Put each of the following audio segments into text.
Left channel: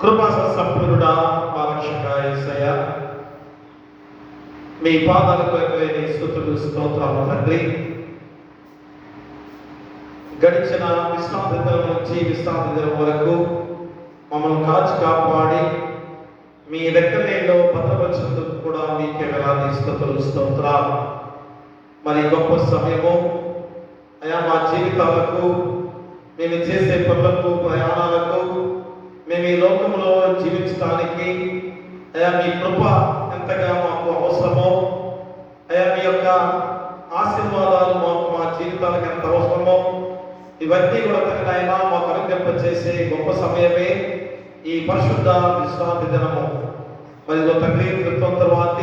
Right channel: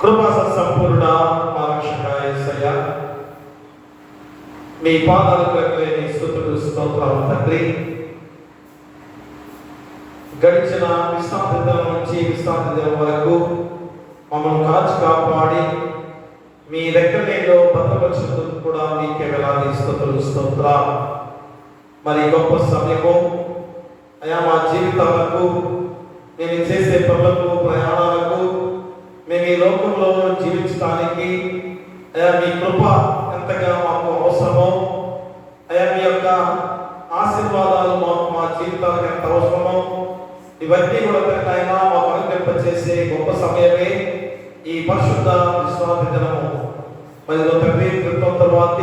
కృపా సంపూర్ణుడా పాలక్షగా యేసయ్యా, మీ పాదాలకు ఎక్కలేని స్తుతులు స్తోత్రాలు తండ్రి. గడిచిన విశ్రాంతి దినం నుంచి విశ్రాంతి దినం వరకు మమ్మల్ని కాచి కాపాడి మీ రెక్కలేలో భద్రపరిచినందుకు కూడా మీకే వేలాది స్తుతులు స్తోత్రాలు. మరి గొప్ప సమయము అయా మా జీవితాలకు, మేము చేసే పనులకు, ప్రయాణాలకు, మేము ఈ లోకంలో జీవించడానికి అయా మీ కృప ఎంతగా మాకు అవసరమో, అయా మీ యొక్క ఆశీర్వాదాలు మా జీవితాలకు ఎంత అవసరమో ఇవన్నీ కూడా ఆయన మాకు అనుగ్రహింపచేసే గొప్ప సమయమే ఈ పరిశుద్ధ విశ్రాంతి దినము. మరి తండ్రి క్రితం తర్వాత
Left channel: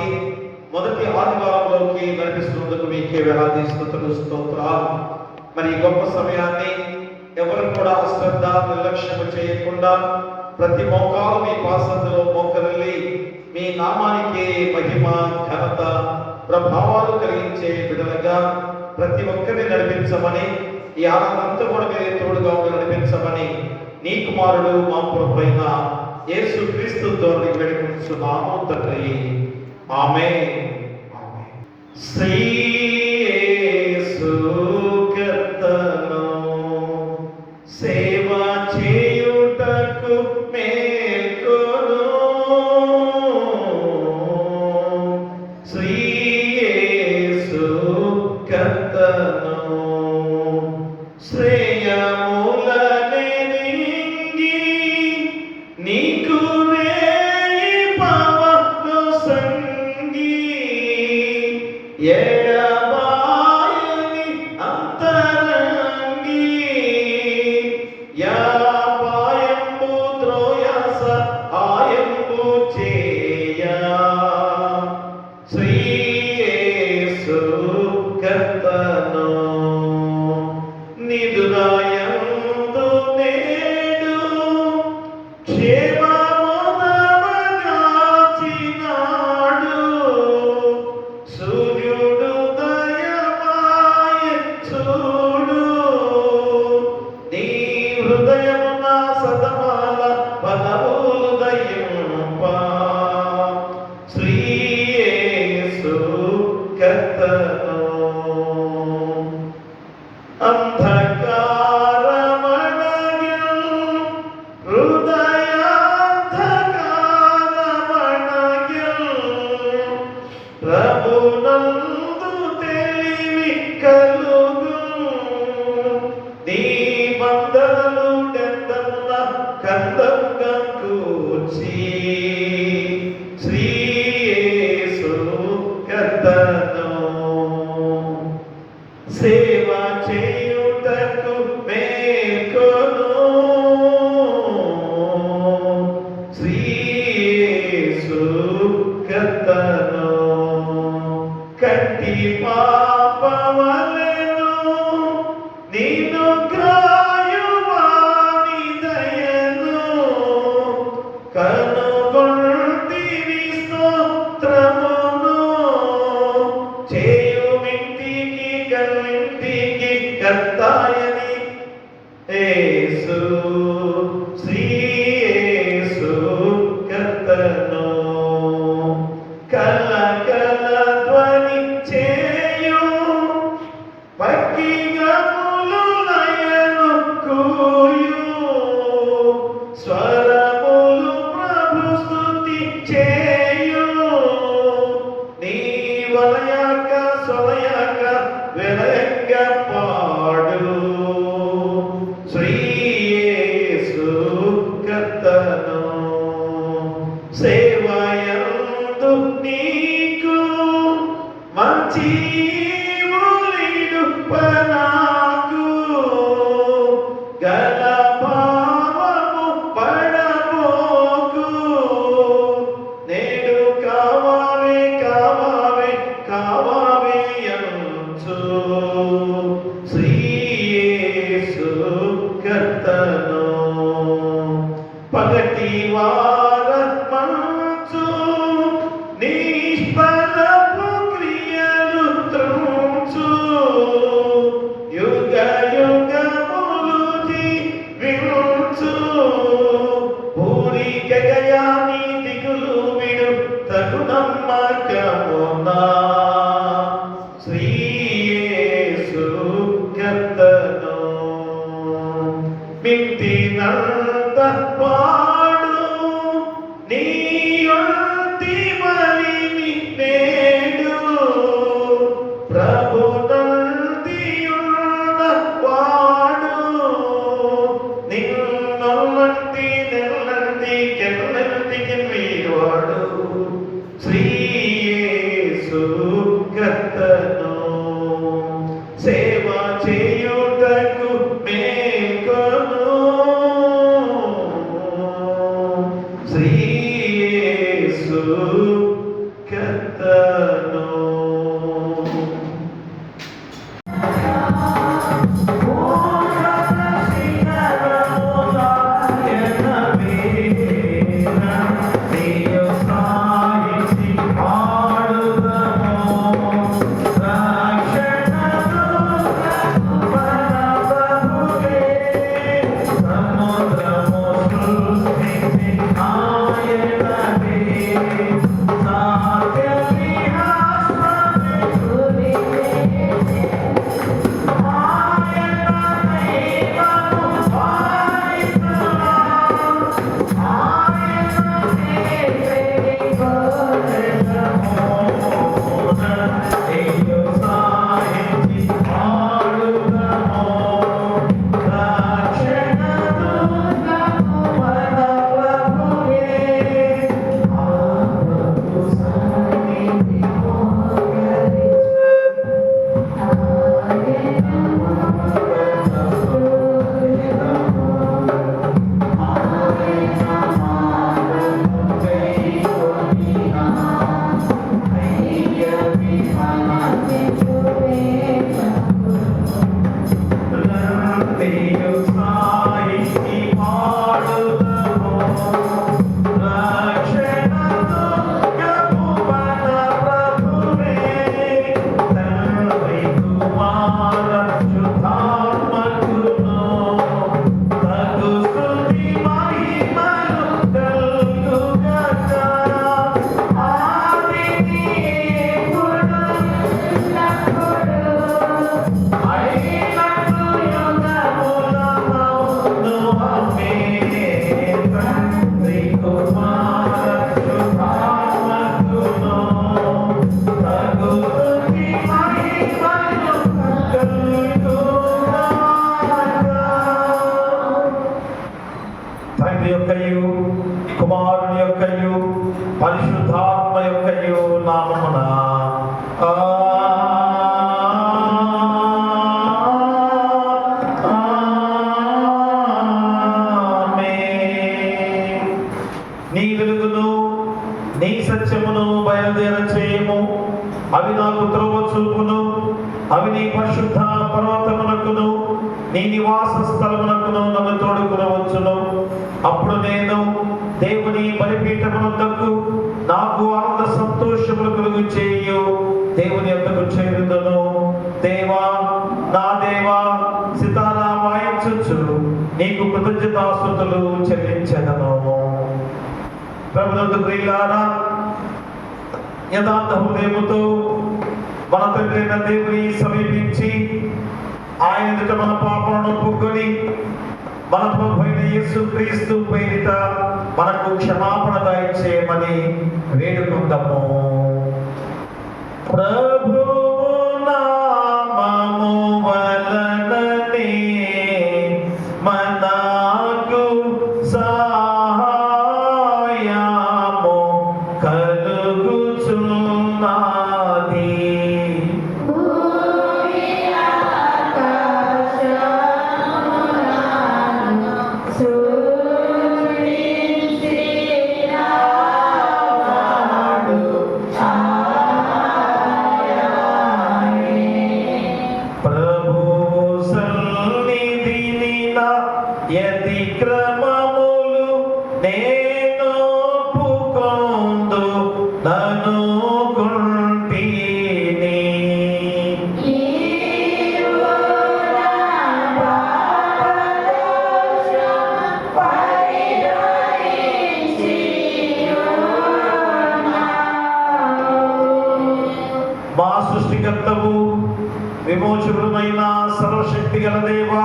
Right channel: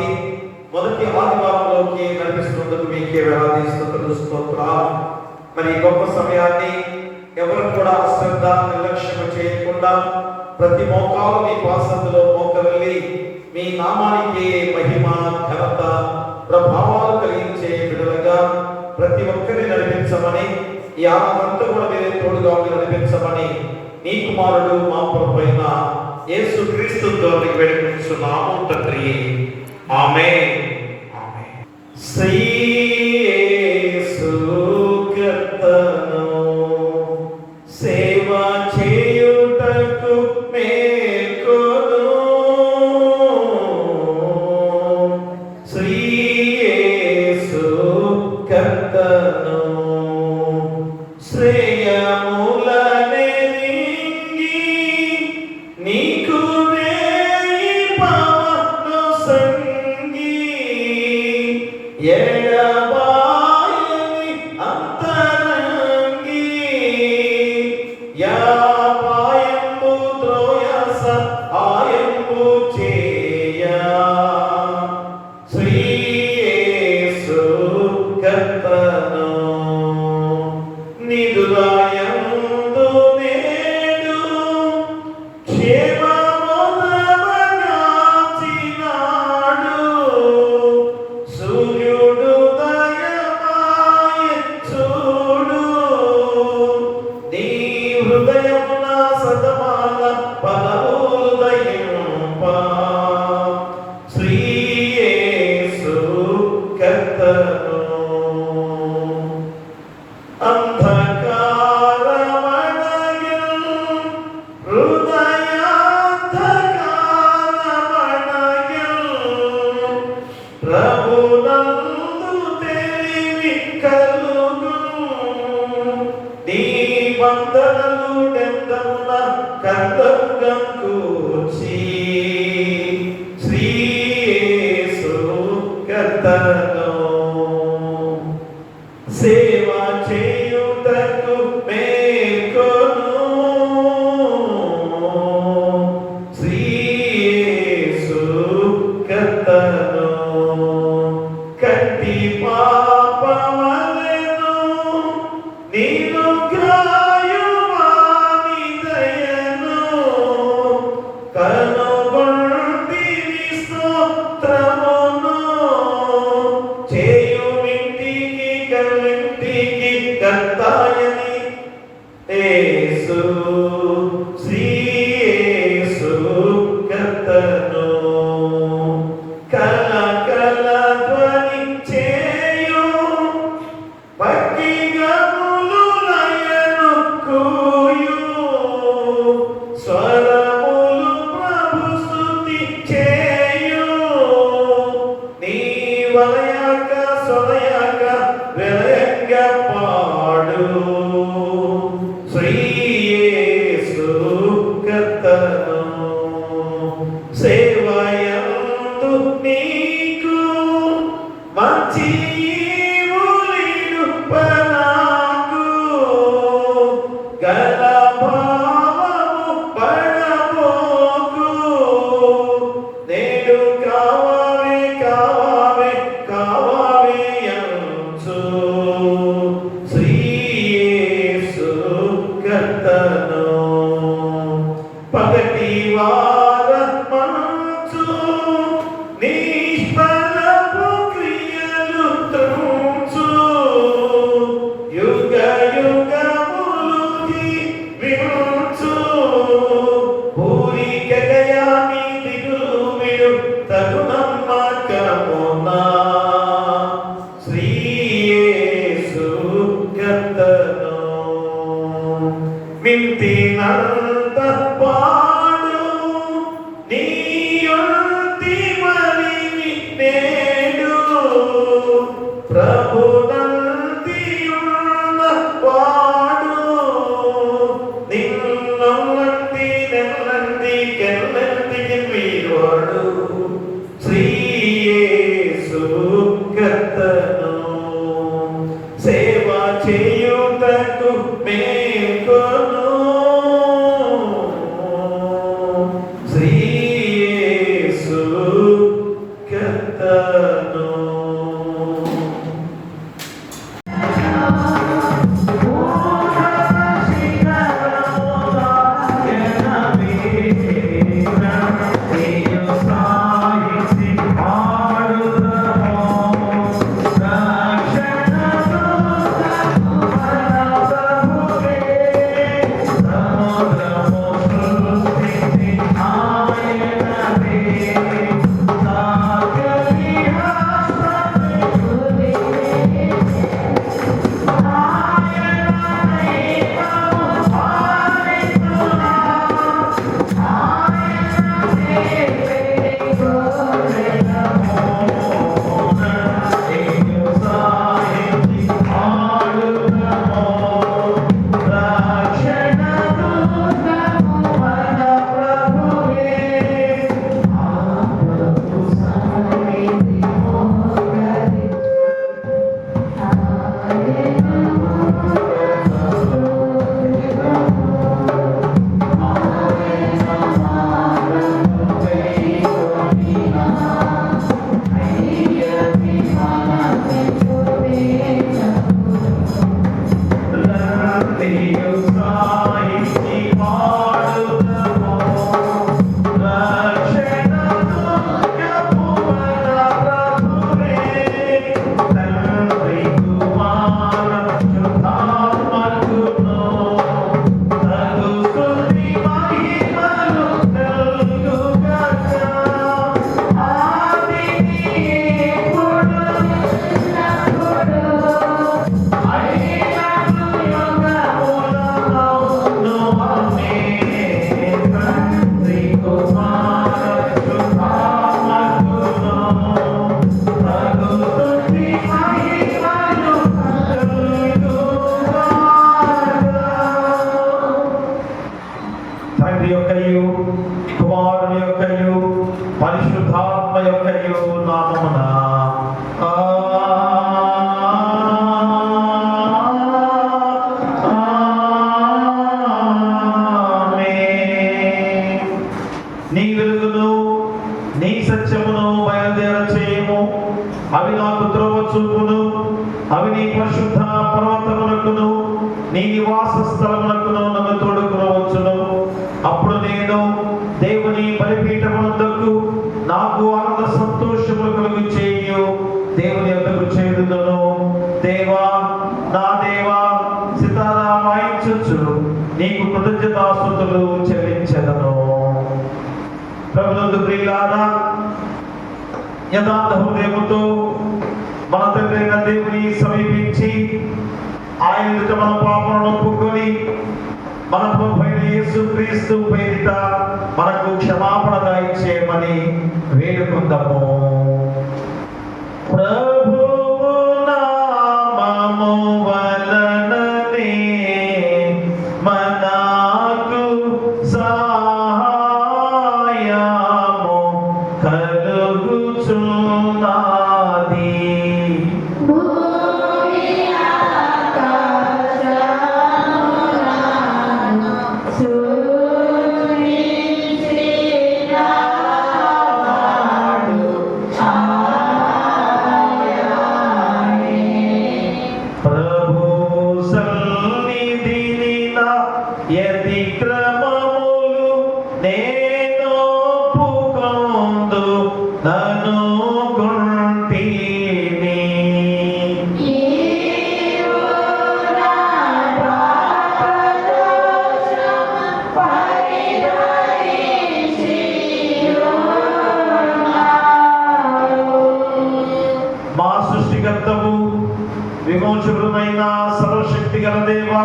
మొదటి ఆదివారంలోకి నడిపిస్తున్నందుకు మీకే వేలాది స్తుతులు స్తోత్రాలు. మరి ఈ గొప్ప సమయాన్ని ఎవరు కూడా అశ్రద్ధ నిర్లక్ష్యం చేయకుండా ప్రతి మోకాలు మీ పాసందులో మోకరిల్లి మీ నామానికి మహిమ, ఘనత, ప్రభావాలు కలిగించే బిడ్డలుగా ప్రతి ఒక్కరిని నడిపించమని, ఈ ఆనందంతో కూడా మీరే తోడుగా నడిపించమని నీ కుమారుడు మా ప్రభువైన యేసు క్రీస్తు ద్వారా వేడుకుంటున్నాము తండ్రి. ఆమేన్. సేవ చేయుటకు మేల్కొను, శ్రీ యేసు కర్తను శ్రేయములనే రింగి నీకు వేయి పవను సంగి సేవ చేయుటకు మేల్కొను, శ్రీ యేసు కర్తను కట్టి పాపవలెను నిన్ను గ్రాయువాని దయను కనుగొంటిని స్తోత్రమును కర్తాయని యేసు శ్రీ యేసు కర్తను కల కల ధ్వని చేయు భక్తిగములు లయను కూయు స్వరములు ప్రభు స్తుతి చేయు నీ వలయక సొలయక వెలయంగ పాడు శ్రీ యేసు కర్తను సేవయందు నీకు మంచి ఈవులీడు పనాకు గల భావము పడబోకు నేడు కావావే కావావే కావావే అంచు శ్రీ యేసు కర్తను పగటి వార మంచు నిష్ఫలపు క్రియలు త్రుంచు యుగ యుగములు జీవించు పూరిక కెన్నటికి మీవాడు శ్రీ యేసు కర్తను సేవ చేయుటకు మేల్కొను శ్రీ యేసు కర్తను. తండ్రి యొక్కయు కుమారుని యొక్కయు పరిశుద్ధాత్మ యొక్కయు నామమున నీ వెలుగును నీ సత్యమును బయలుదేర చేయము. అవి నాకు త్రోవ చూపును. అవి నీ పరిశుద్ధ పర్వతమునకును నీ నివాస స్థలమునకును నన్ను తోడుకునవచ్చును. అప్పుడు నేను దేవుని బలిపీఠమునకు నాకు ఆనంద సంతోషములు కలుగు చేయు దేవుని యొద్దకు చేరుదును. దేవా నా దేవా సితారా వాయించుచు నీకు కృతజ్ఞతాస్తుతులు చెల్లించెదను. ప్రభునందు ప్రియులారా, యథార్థ హృదయముతో మన తండ్రి అయిన దేవుని సమీపించి ఆయన ఎదుట మన పాపములను ఒప్పుకొని మన ప్రభువైన యేసుక్రీస్తు పేరిట మనకు క్షమాపణ దయచేయమని వేడుకుందాము. ప్రభువు నామము వలననే మనకు సహాయము కలుగుచున్నది. మా సృష్టికర్తవు విమోచకుడైన సర్వశక్తి గల దేవా,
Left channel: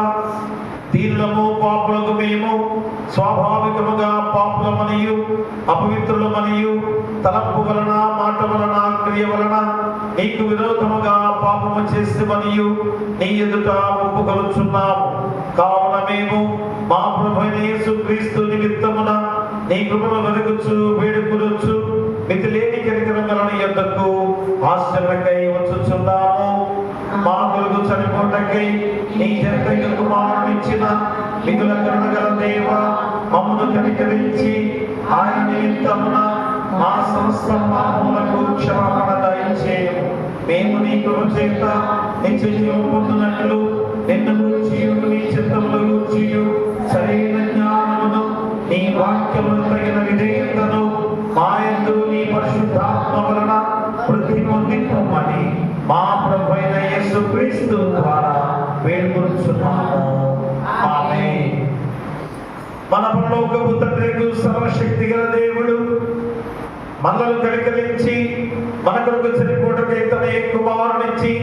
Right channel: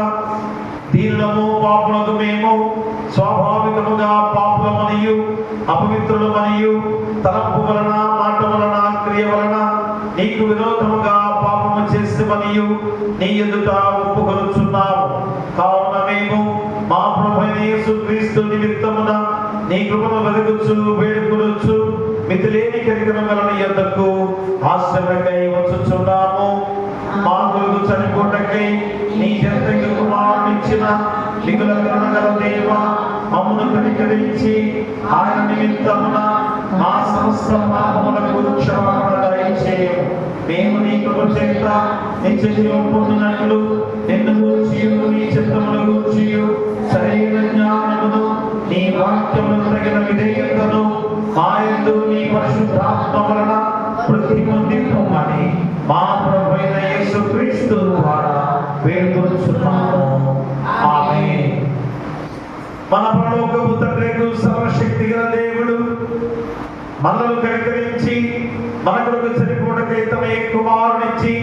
దీనులము పాపులకు మేము స్వాభావికముగా పాపులమనియు అపవిత్రులమనియు తలంపు వలన మాట వలన క్రియ వలన నీకు విరోధముగా పాపము చేసేమనియు నీ ఎదుట ఒప్పుకొనుచున్నాము. కావున మేము మా ప్రభువైన యేసుక్రీస్తు నిమిత్తమున నీ కృపను వెదగొచ్చు వేడుకొనొచ్చు మితిలేని కనికరం వలన నీ యొద్దకు ఆశ్రయకై వచ్చుచున్నాము. మా కొరకు చనిపోటకై నీ జనతయ్య కుమారునిచ్చిన మిగుల కరుణ గల దేవ, మమ్మను కనికరించి ఆయన నిమిత్తమున మా సమస్త పాపములకు క్షమాపణ దయచేయము. మేము నీ కృప చేత నిత్య జీవం పొందినట్లు నిన్ను గూర్చియు నీ చిత్తమును గూర్చియు సరైన జ్ఞానమును నీ వాక్యమును తగిన విధేయతను మాయందు నీ పరిశుద్ధాత్మ వలన వృద్ధి పొందింపమని మా ప్రభువైన యేసుక్రీస్తు ద్వారా వేడుకొనుచున్నాము. ఆమేన్. మన పరలోకపు తండ్రి సర్వశక్తి గల దేవుడు మనల్ని కనికరించి మన కొరకు చనిపోవటకై తన కుమారునిచ్చి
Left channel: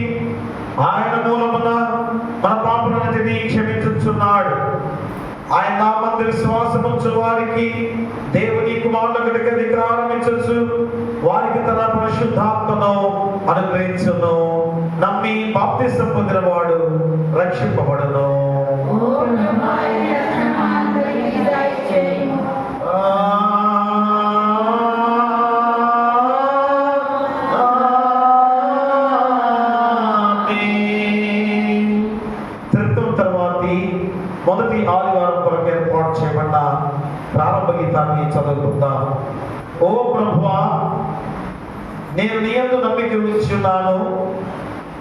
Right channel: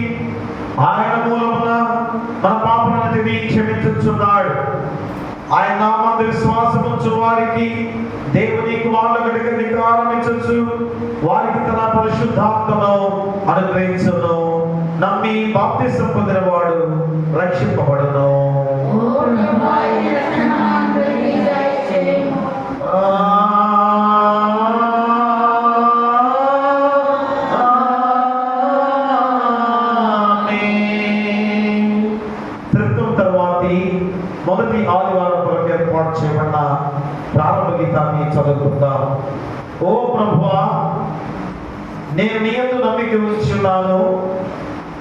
ఆయన మూలమున మన పాపములన్నిటినీ క్షమించుచున్నాడు. ఆయన నామందు విశ్వాసముంచు వారికి దేవుని కుమారుల కనుక అధికారం ఇచ్చొచ్చు, వారికి తన పరిశుద్ధాత్మను అనుగ్రహించును. నమ్మి బాప్తిసం పొందిన వాడు రక్షింపబడును. మొదటి ఆదివారం కొరకు ఏర్పాటు చేయబడిన ప్రారంభ గీతాన్ని చదువుకుందాం. ఓ ప్రభువా, నేను నీ యందు నమ్మిక ఉంచి ఉన్నాను.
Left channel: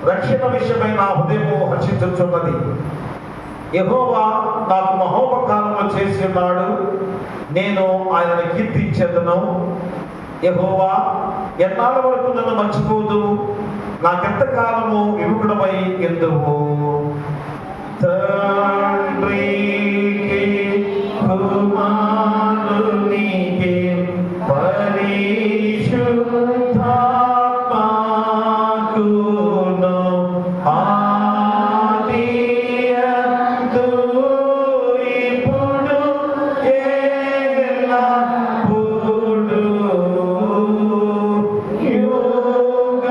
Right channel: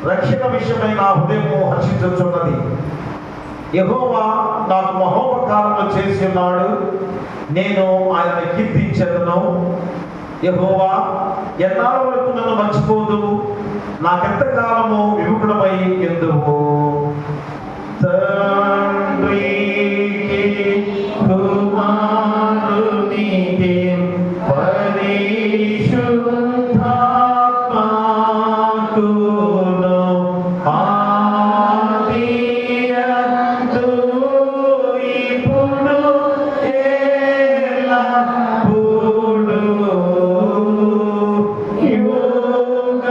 రక్షణ విషయమై నా హృదయము హర్షించుచున్నది. యెహోవా నాకు మహోపకారములు చేసి ఉన్నాడు, నేను ఆయనను కీర్తించెదను. యెహోవా ఎన్నాళ్ళ వరకు నన్ను మర్చిపోదు, నాకెంత కాలము విముఖుడమై ఎందువు. తండ్రికి కుమారునికి పరిశుద్ధాత్మకును ఆదియందు ఇప్పుడు ఎల్లప్పుడూ యుగయుగముల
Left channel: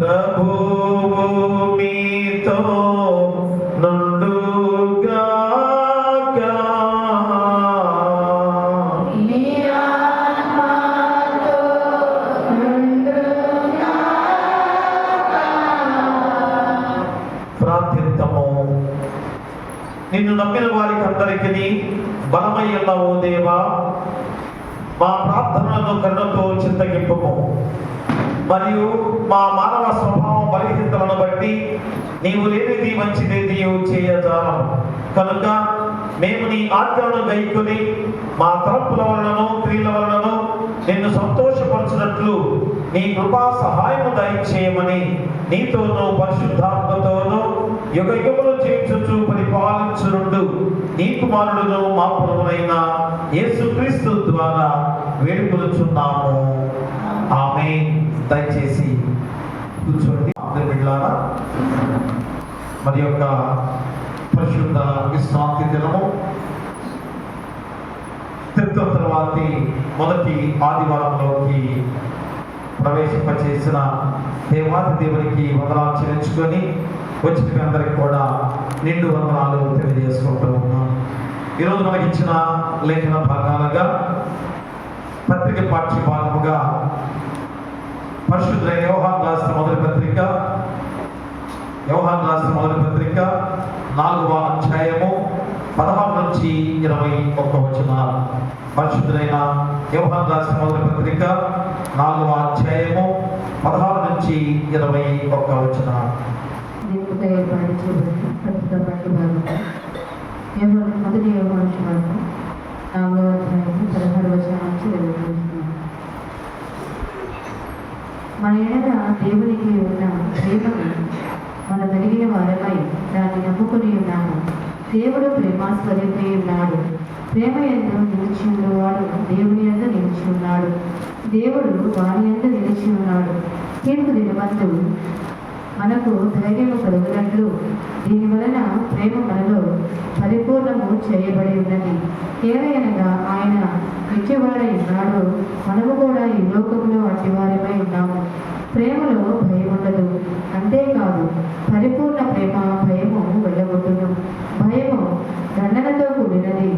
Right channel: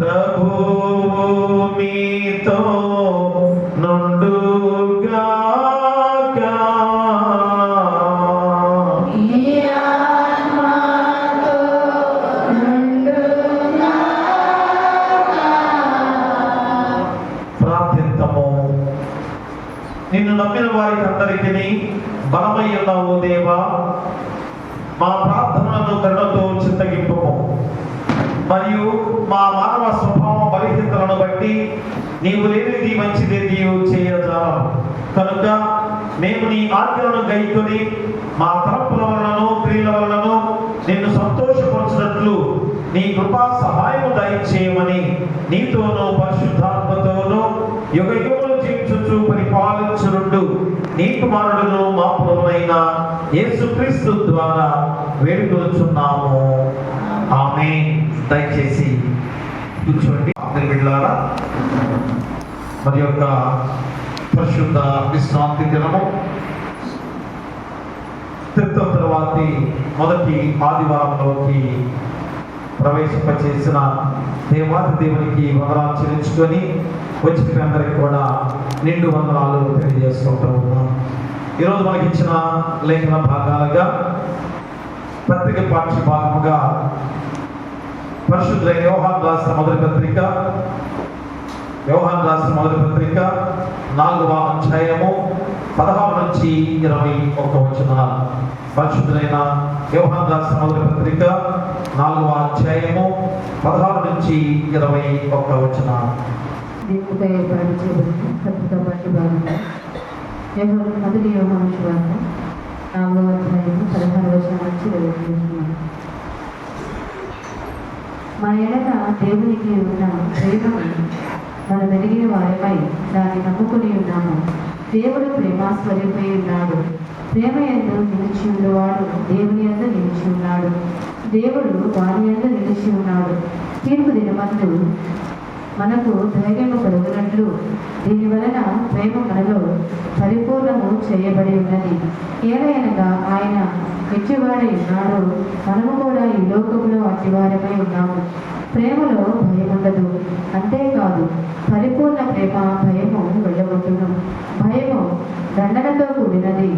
ప్రభువు మీతో నుండుగాక. ప్రార్థిద్దాము. నిన్ను నమ్మిన వారికి అందరికీ బలమయ్యున్న ఓ దేవా, మా ప్రార్థనలను కరుణతో చింతగింపుము. మరియు మా మానవ స్వభావం బలహీనతలను బట్టి నీవు లేనిది మంచిదేది చేయజాలం కనుక మేము నీ ఆజ్ఞలను గైకొని మా తలపుల వలనను క్రియల వలనను నిన్ను సంతోషపరచినట్లు నీ కృపా సహాయము దయచేయమని నీతోనూ పరిశుద్ధాత్మతోనూ యుగయుగములు జీవించుచు పరిపాలించునుండు నీ కుమారుడును మా ప్రభువైన యేసుక్రీస్తు ద్వారా వేడుకొనుచున్నాము. ఆమేన్. దయచేసి కూర్చోండి. బిడ్డలారా, మరి యొక్క పరిశుద్ధ విశ్రాంతి దినము తర్వాతి మొదటి ఆదివారంలోకి ప్రవేశింపచేసిన దేవాది దేవునికి వందనాలు చెల్లించుకొని వచ్చిన అందరికి కూడా నిండు వందనాలు తెలియజేసుకుంటూ ఉన్నాం. ఈరోజు మనకి ఇచ్చిన లేఖన భాగాలుగా పత్రిక పాఠ్య భాగముగా పరిశుద్ధ యోహాను రాసిన మొదటి పత్రిక 4వ అధ్యాయము 16 నుంచి 21 వచనాలు. పరిశుద్ధులైన యోహాను రాసిన మొదటి పత్రిక 4వ అధ్యాయము 16 నుంచి 21 వచనాలు. మొదటి యోహాను సువార్త 4వ అధ్యాయము 16 వచనం నుంచి చదువుతున్నాను. మన ఎడల దేవునికి ఉన్న ప్రేమను మనం వెలిగిన వారమై దాన్ని నమ్ముకొని ఉన్నాము. దేవుడు ప్రేమాస్వరూపై ఉన్నాడు. ప్రేమ యందు నిలిచి ఉన్నవాడు దేవుని యందు నిలిచి ఉన్నాడు, దేవుడు వారి యందు నిలిచి ఉన్నాడు. తీర్పు దినమందు మనకు ధైర్యము కలుగునట్లు దీని వలన ప్రేమ మనలో పరిపూర్ణము చేయబడి ఉన్నది. ఏదైనగా ఆయన ఎట్టివాడై ఉన్నాడో మనము కూడా ఈ లోకంలో అట్టివారమై ఉన్నాము. ప్రేమలో భయం ఉండదు, అంతేకాదు పరిపూర్ణ ప్రేమ భయము వెళ్ళగొట్టును. భయము దండనతో కూడినది.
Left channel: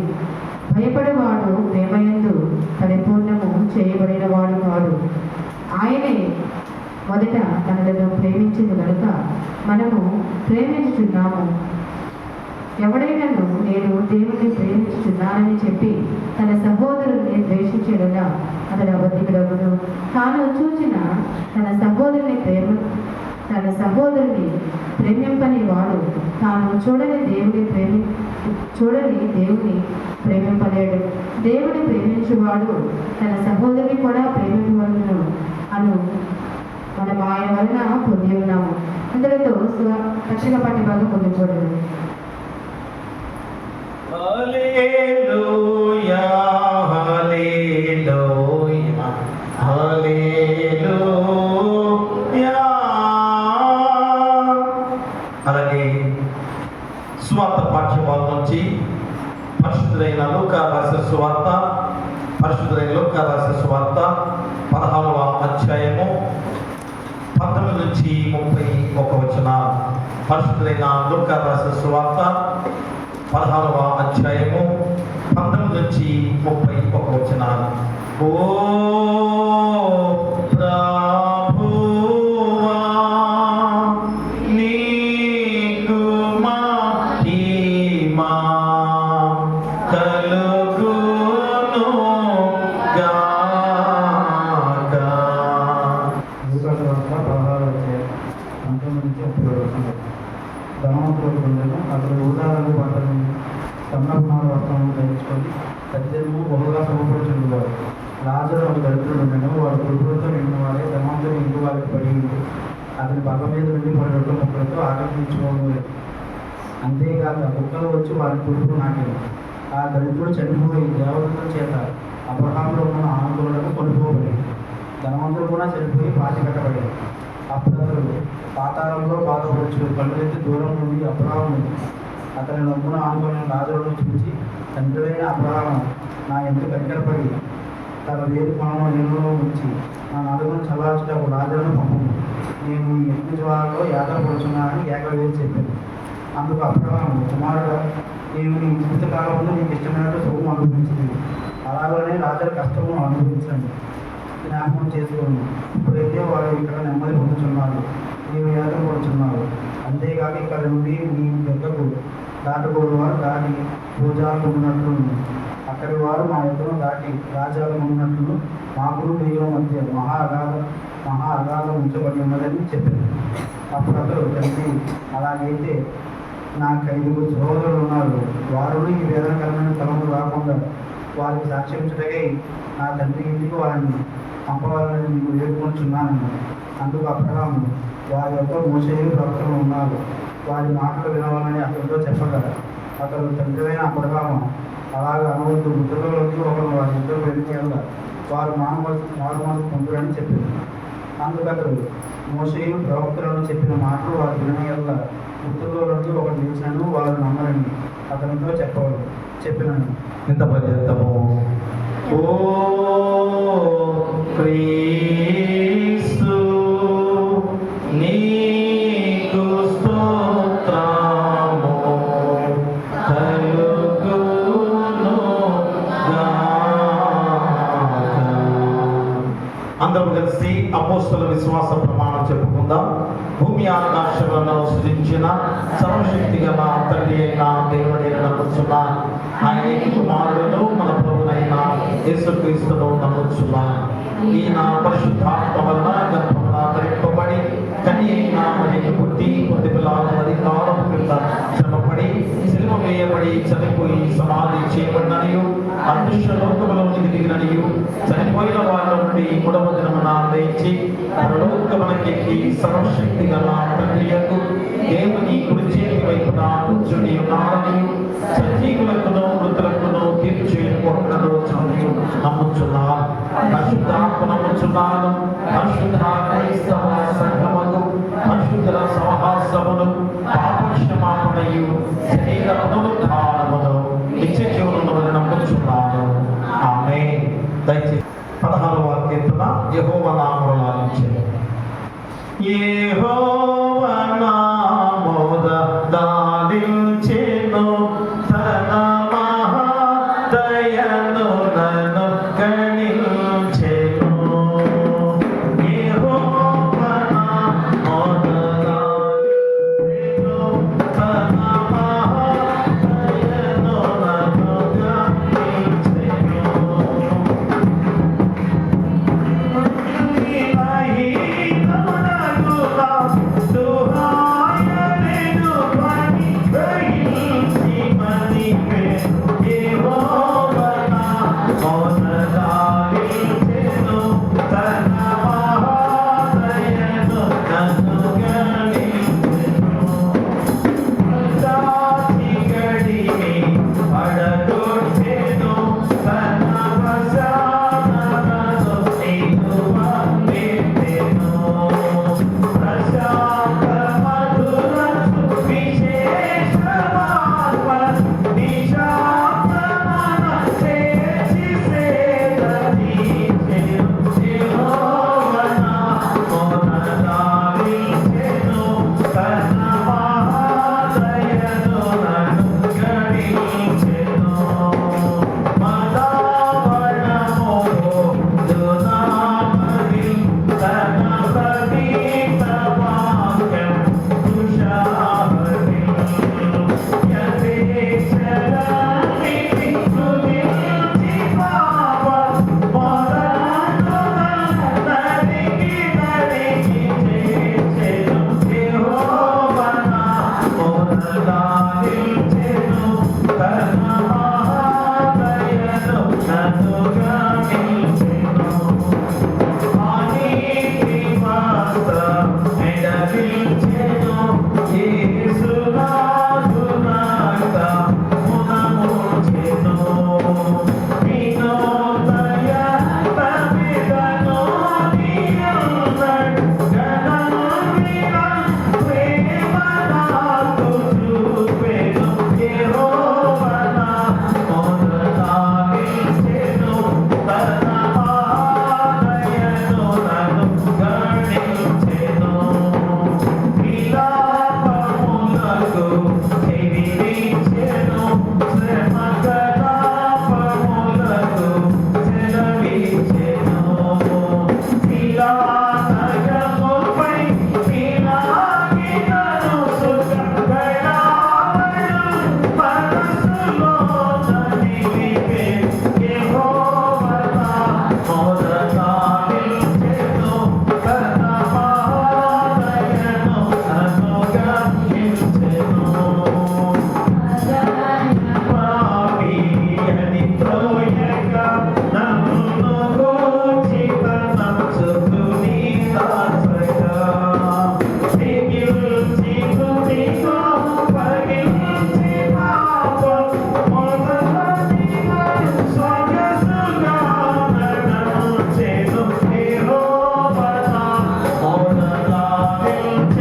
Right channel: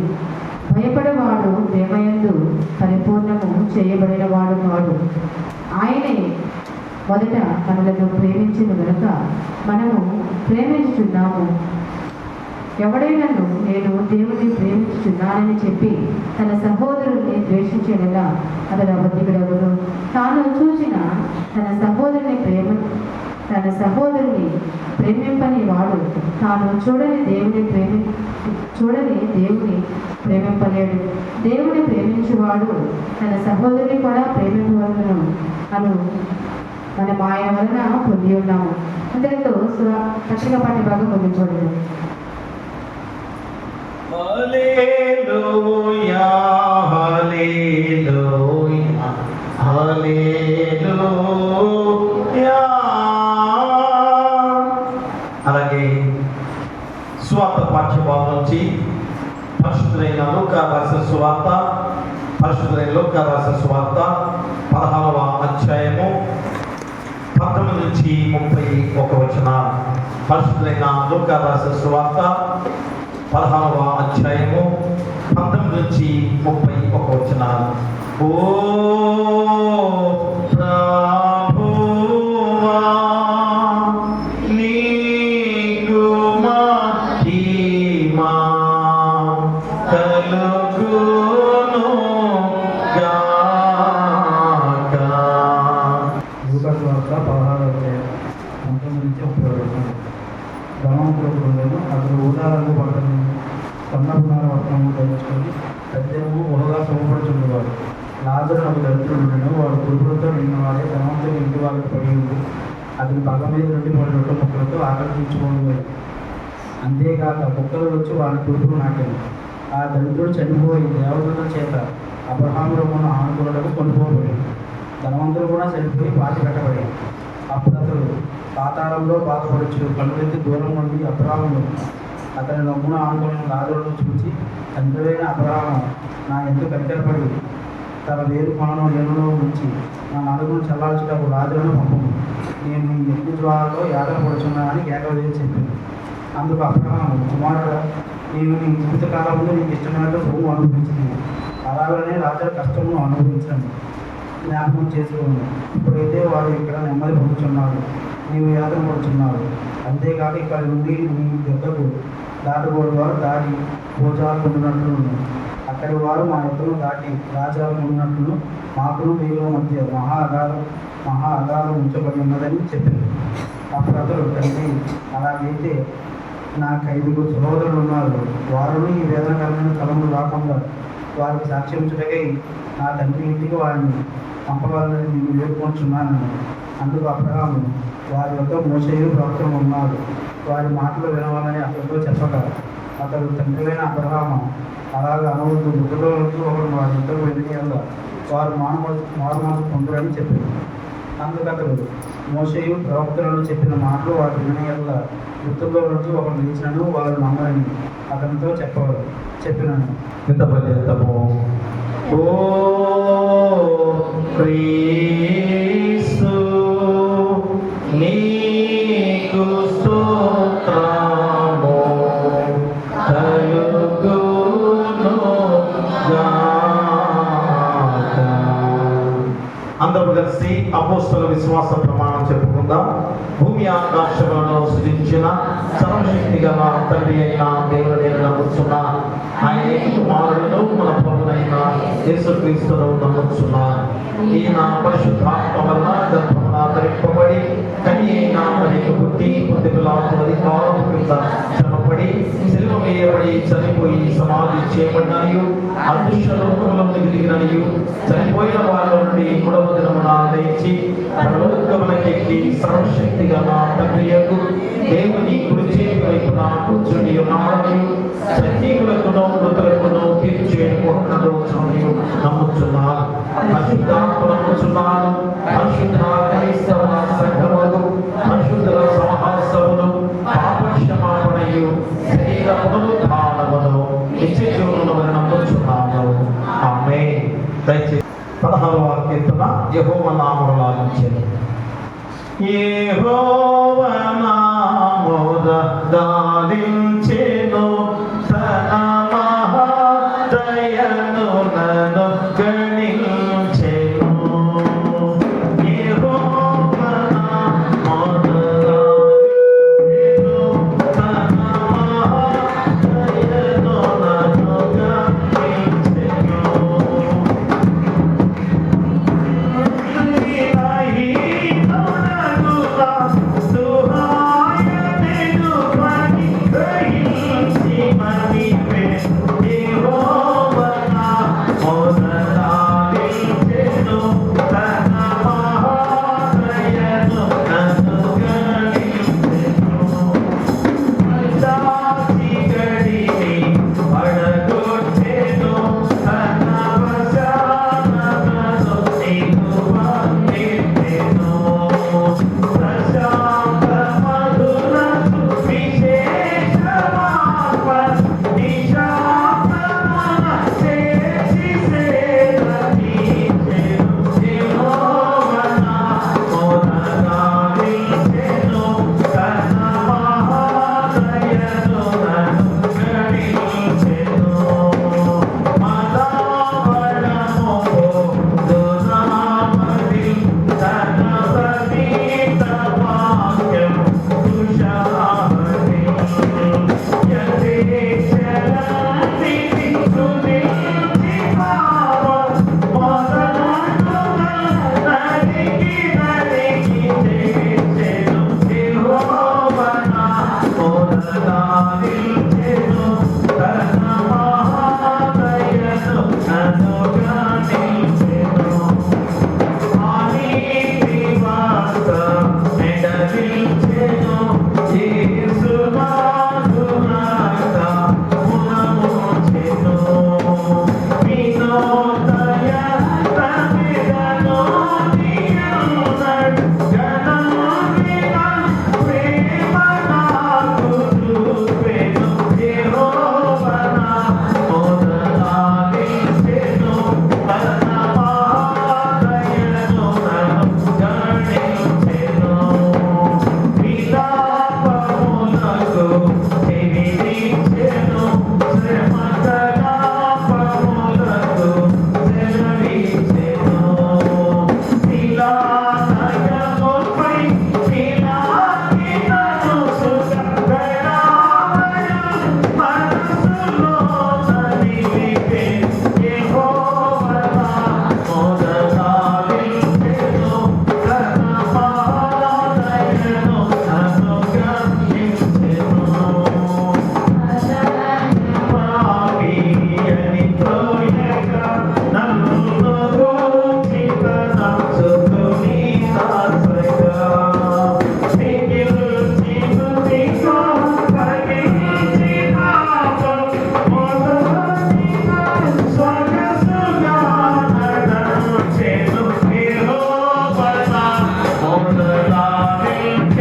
భయపడేవాడు ప్రేమయందు పరిపూర్ణము చేయబడిన వాడు కాడు. ఆయనే మొదట మనలను ప్రేమించిన కనుక మనము ప్రేమించుతున్నాము. ఎవడైనాను నేను దేవుణ్ణి ప్రేమించుతున్నానని చెప్పి తన సహోదరుని ద్వేషించడగా అతడు అబద్ధికుడగును. తాను చూసిన తన సహోదరుని ప్రేమింపని వాడు తాను చూడని దేవుని ప్రేమింపలేడు. దేవుని ప్రేమించువాడు తన సహోదరుని కూడా ప్రేమింపవలను అను మనం ఆయన వలన పొంది ఉన్నాము. అందరితో రక్షణ పట్టి భాగం పొందిపోలేదు. హల్లెలూయా హల్లెలూయా హల్లెలూయా. అలాగే సువార్త పాఠ్యభాగం నుంచి పరిశుద్ధులైన లూకా రాసిన సువార్త 16వ అధ్యాయము 19 నుంచి 31 వచనాలు. పరిశుద్ధులైన లూకా రాసిన సువార్త 16వ అధ్యాయము 19 నుంచి 31 వచనాలు. ఓ ప్రభువా నీకు మహిమ కలుగును గాక. లూకా సువార్త 16వ అధ్యాయం 19 నుంచి 30 వరకు. ధనవంతుడు అతను ఊదాలను పట్టణం సన్నపునార వస్త్రము ధరించుకొని సత్యము ఒకగా శుభపడుచుండేవాడు. లాజరు అవి దరిద్రుడుండెను. వాడు కుటుంబంతో నిండిన వాడే ధనవంతుని ఇంటి వాళ్ళకి పడి ఉంది. అతని పగ మీద నుండి పడి రొట్టె ముక్కలతో ఆకర్షించుకోలేదు. అంతేకాక కుక్కలు వచ్చి వాడి కుటుంబం నాటింది. ఆ దరిద్రుడు చనిపోయి దేవతల చేత అబ్రహాములను ఆనందులకు కొనుక్కోబడింది. ధనవంతుడు కూడా చనిపోయి పాతి కట్టబడింది. అప్పుడు అతడు పాతాళంలో బాధపడచ్చు కళ్ళెత్తి దూరం నుండి అబ్రహాము అతని నమ్మున ఆనుకున్న లాజరును చూచి, తండ్రివైన అబ్రహాము, నా ఎందుకు కనికరపడి తన వేరు కొనను నీళ్ళలో ఉంచి నా నలుగును చల్లార్చుటకు లాజరును పంపము. నేను ఈ యజ్ఞ జ్వాలలో యాగపడుచున్నా అని కేకలు వేసి చెప్పింది. అందుకు అబ్రహాము, కుమారుడు, నేను నీ జీవిత కాలంలో నీకు ఇష్టమైనట్టు సొమ్ము అనుభవించింది, అలాగనే రాజుల కష్టము అనుభవించండి జ్ఞాపకం చేసుకోండి. ఇప్పుడైతే వాడు ఇక్కడ నెమ్మది పొందుతున్నాడు, నీవు యాత్ర పడుచున్నావు. అంతేకాక ఇక్కడ నుండి నీ దగ్గరకు దాటకూడదు వారు దాటి భోజాలు ఉండినట్లు, అక్కడి వారు మా యొక్కను దాటి రాజాలు ఉండినట్లు మాకును నీలో మధ్య మహా అగాధం ఉంచబడి ఉన్నదని చెప్పింది. అప్పుడు అతడు, తండ్రి, అలాగైతే నాకు 5 సహోదరులు ఉన్నారు, వారును ఈ వేదనకరమైన తలములు రాకుండా వారికి సాక్ష్యించుటకై నా తండ్రి ఇంటికి వారిని పంపవాలని నేను వేడుకుంటున్నాను. అందుకు అబ్రహాము, వారి యొక్క మోషేయు ప్రవక్తలు ఉన్నారు, వారి మాటలు వినవాలని అతడితో చెప్పగా, అతడు, తండ్రి అయిన అబ్రహాము, అలాగా అనవద్దు, మృతులలోకి ఒకరు వారి ఇద్దరు వెళ్ళిన వారు మారుమాసు పొందురని చెప్పింది. అందుకు అతడు, మోషేయు ప్రవక్తలను చెప్పిన మాటలు వారు వినని వల్ల మృతుల్లో నుండి ఒకరు లేచినను వారు నమ్మరని అతనితో చెప్పినాను. ఇంత పర్యంతము ఓ క్రీస్తు నీకు స్తోత్రము కలుగును గాక. అందరూ కలిసి అపోస్తల విశ్వాస ప్రమాణం చెప్పుకుందాం. భూమి ఆకాశములను సృజించిన సర్వశక్తి గల తండ్రి అయిన దేవుడైన నమ్ముచున్న ఆయన కుమారుడు మన ప్రభువైన యేసుక్రీస్తును నమ్ముచున్నా. ఈయన పరిశుద్ధాత్మ వలన గర్భమున ధరింపబడి కన్య అయిన మరియకు పుట్టి 10 కాలం క్రింద శ్రమపడి సిలువ వేయబడి చనిపోయి సమాధి చేయబడిననియు అదృశ్యలోకములో దిగిననియు చనిపోయిన వారి నుండి 3వ దినమున లేచి పరలోకములకెక్కి సర్వశక్తి గల తండ్రియకు దేవుని కుడి చేతి వైపున కూర్చుని ఉన్నాడని సజీవులకును మృతులకును తీర్పు చేయకపోవడంలో నమ్ముచున్నాను. పరిశుద్ధాత్మ నమ్ముచున్నాను. పరిశుద్ధ క్రైస్తవ సంఘములు, పరిశుద్ధ సహవాసములు, పాపక్షమాపణయు, శరీర పునరుద్ధానమును, నిత్య జీవమును నమ్ముచున్నాను. ఆమేన్. దయచేసి 16వ కీర్తన యెహోవా నామమును ఆలకించండి. యెహోవా నామమున దాలించెను తన మహాదయను నన్ను కరుణించెను. యెహోవా నామమున దాలించెను తన మహాదయను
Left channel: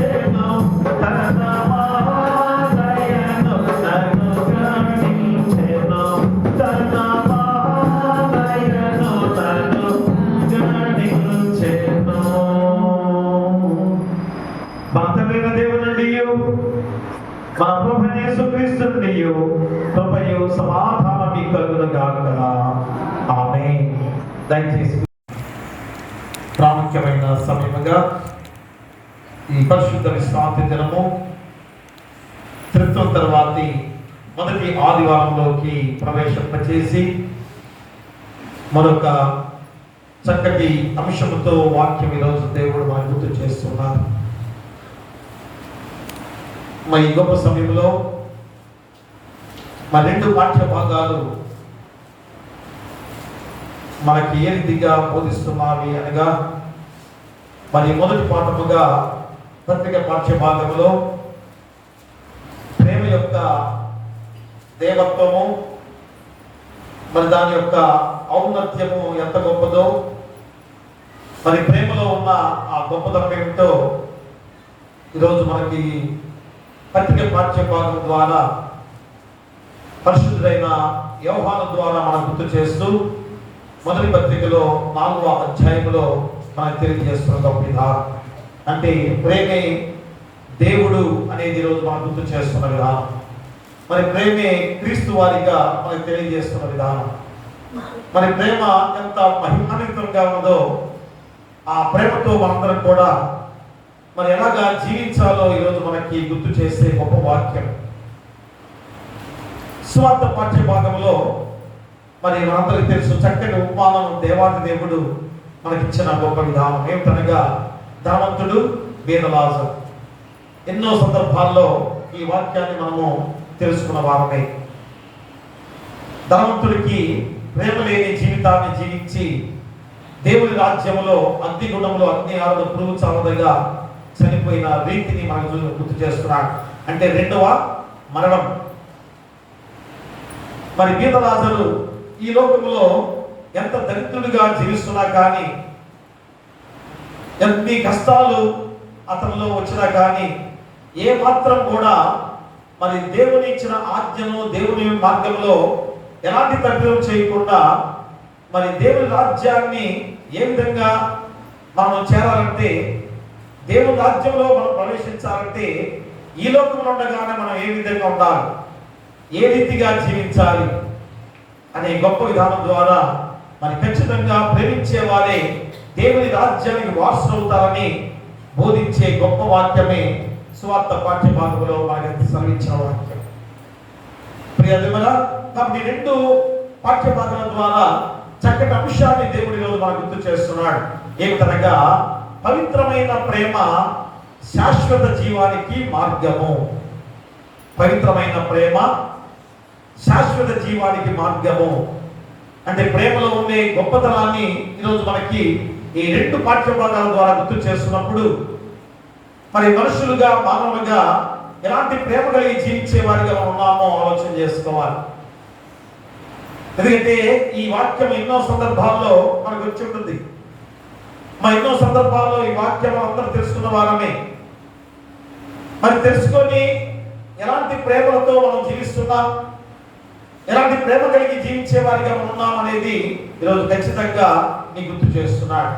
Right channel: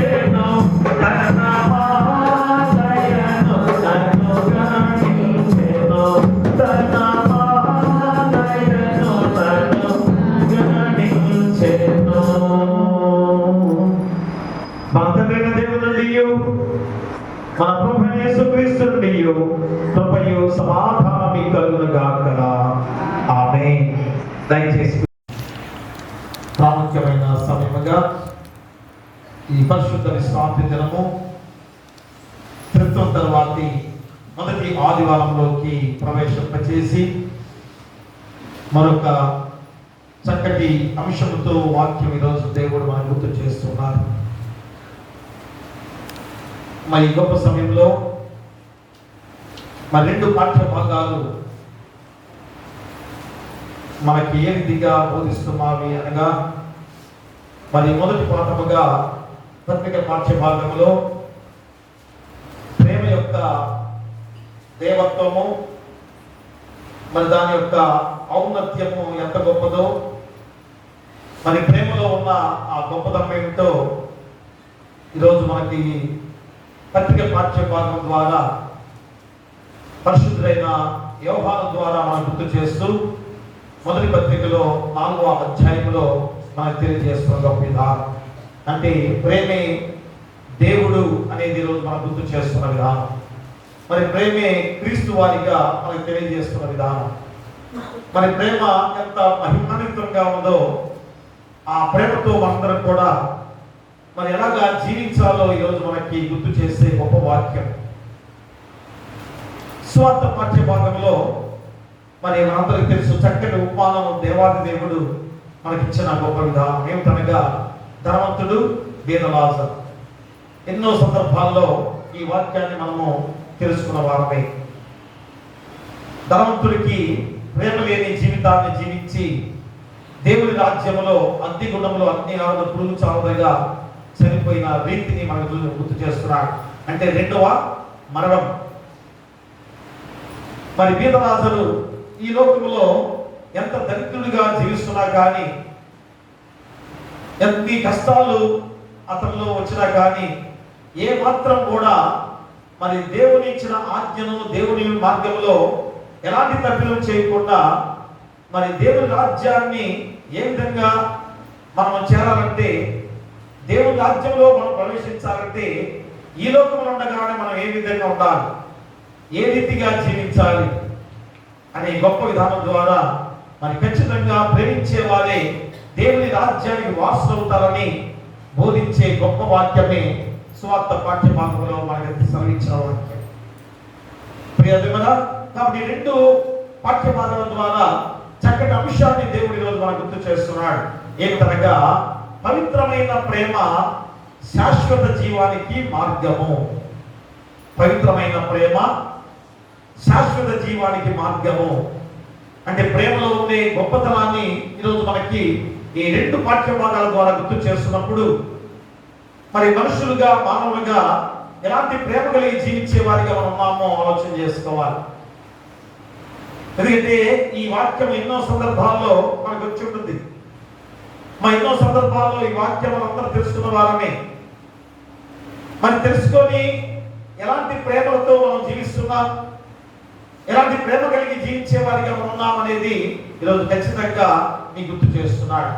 గణించెను తన మహాదయను నన్ను గణించెను తన మహాదయను నన్ను గణించెను. మన తండ్రైన దేవుని నుండియు మన ప్రభువైన యేసుక్రీస్తు నుండియు కృపయు సమాధానము కలుగును గాక. ఆమేన్. దయచేసి ప్రాముఖ్యమైన సమయముగా ఈ పరిశుద్ధ విశ్రాంతి దినము త్రిత్వం తర్వాతి మొదటి ఆదివారంలోకి ప్రవేశింపచేసి మరొక చక్కటి అంశముతో వాక్యం ఈరోజు దేవుడు మనకు గుర్తు చేస్తున్నారు. మరి ఈ గొప్ప సమయంలో మరి రెండు పాఠ్య భాగాలు మనకి ఏ రీతిగా బోధిస్తున్నావి అనగా, మరి మొదటి పాఠముగా పత్రిక పాఠ్య భాగంలో ప్రేమ యొక్క దేవత్వము, మరి దాని యొక్క ఔన్నత్యము ఎంత గొప్పదో, మరి ప్రేమలో ఉన్న ఆ గొప్పతనం ఏమిటో ఈరోజు మనకి పత్రిక పాఠ్య భాగం ద్వారా పరిశుద్ధుడైన యోహాను ద్వారా మనం గుర్తు చేస్తూ మొదటి పత్రికలో 4వ అధ్యాయంలో మనకు తెలియజేస్తున్న గొప్ప విధానం అంటే ప్రేమే దేవుడు అనేది ఈరోజు మనం గుర్తు చేస్తున్న విధానం. మరి ప్రేమే క్రీస్తు వారిగా మనకు తెలియజేస్తున్న విధానం. మరి ప్రేమ ఎంత మహిమాన్వితంగా ఉందో ఆ ప్రేమతో మనందరం కూడా మరి ఎలాగా జీవించాలో ఈరోజు మనకి గుర్తు చేసే గొప్ప వాక్యం. స్వార్థ పాఠ్య భాగంలో మరి మనందరికీ తెలుసు చక్కటి ఉపమానం దేవాది దేవుడు మనకిచ్చిన గొప్ప విధానం ఏమిటనగా ధనవంతుడు బీదలాజరు. ఎన్నో సందర్భాల్లో ఈ వాక్యాన్ని మనము తెలుసుకున్న వారమే. ధనవంతుడికి ప్రేమ లేని జీవితాన్ని జీవించి దేవుని రాజ్యంలో అగ్ని గుణంలో అగ్ని ఆరదు పురుగు చావదగా చనిపోయిన రీతిని మనకు గుర్తు చేస్తున్నాడు. అంటే రెండవ మరణం. మరి బీదలాజరు ఈ లోకంలో ఎంత దరిద్రుడిగా జీవిస్తున్నా కానీ, ఎన్ని కష్టాలు అతనిలో వచ్చినా కానీ ఏ మాత్రం కూడా మరి దేవుని ఇచ్చిన ఆజ్ఞను దేవుని మార్గంలో ఎలాంటి తప్పిదం చేయకుండా మరి దేవుని రాజ్యాన్ని ఏ విధంగా మనం చేరాలంటే, దేవుని రాజ్యంలో మనం ప్రవేశించాలంటే ఈ లోకంలో ఉండగానే మనం ఏ విధంగా ఉండాలి, ఏ రీతిగా జీవించాలి అనే గొప్ప విధానం ద్వారా మరి ఖచ్చితంగా ప్రేమించే వారే దేవుని రాజ్యానికి వారసులు అవుతారని బోధించే గొప్ప వాక్యమే సువార్త పాఠ్య భాగంలో మనకి సెలవిచ్చిన వాక్యం. ప్రియదేవుడా, కాబట్టి రెండు పాఠ్య భాగాల ద్వారా చక్కటి అంశాన్ని దేవుడు ఈరోజు మనకు గుర్తు చేస్తున్నాడు. ఏమిటనగా పవిత్రమైన ప్రేమ శాశ్వత జీవానికి మార్గము. పవిత్రమైన ప్రేమ శాశ్వత జీవానికి మార్గము అంటే ప్రేమలో ఉండే గొప్పతనాన్ని ఈరోజు మనకి ఈ రెండు పాఠ్య భాగాల ద్వారా గుర్తు చేస్తున్నప్పుడు మరి మనుషులుగా మానవులుగా ఎలాంటి ప్రేమ కలిగి జీవించే వారిగా మనం ఉన్నామో ఆలోచన చేసుకోవాలి. ఎందుకంటే ఈ వాక్యం ఎన్నో సందర్భాల్లో మనకు వచ్చి ఉంటుంది. ఎన్నో సందర్భాల్లో ఈ వాక్యం అందరూ తెలుసుకున్న వారమే. మరి తెలుసుకొని ఎలాంటి ప్రేమలతో మనం జీవిస్తున్నాం, ఎలాంటి ప్రేమ కలిగి జీవించే వారిగా మనం ఉన్నాం అనేది ఈరోజు ఖచ్చితంగా నీకు గుర్తు చేస్తున్నాడు.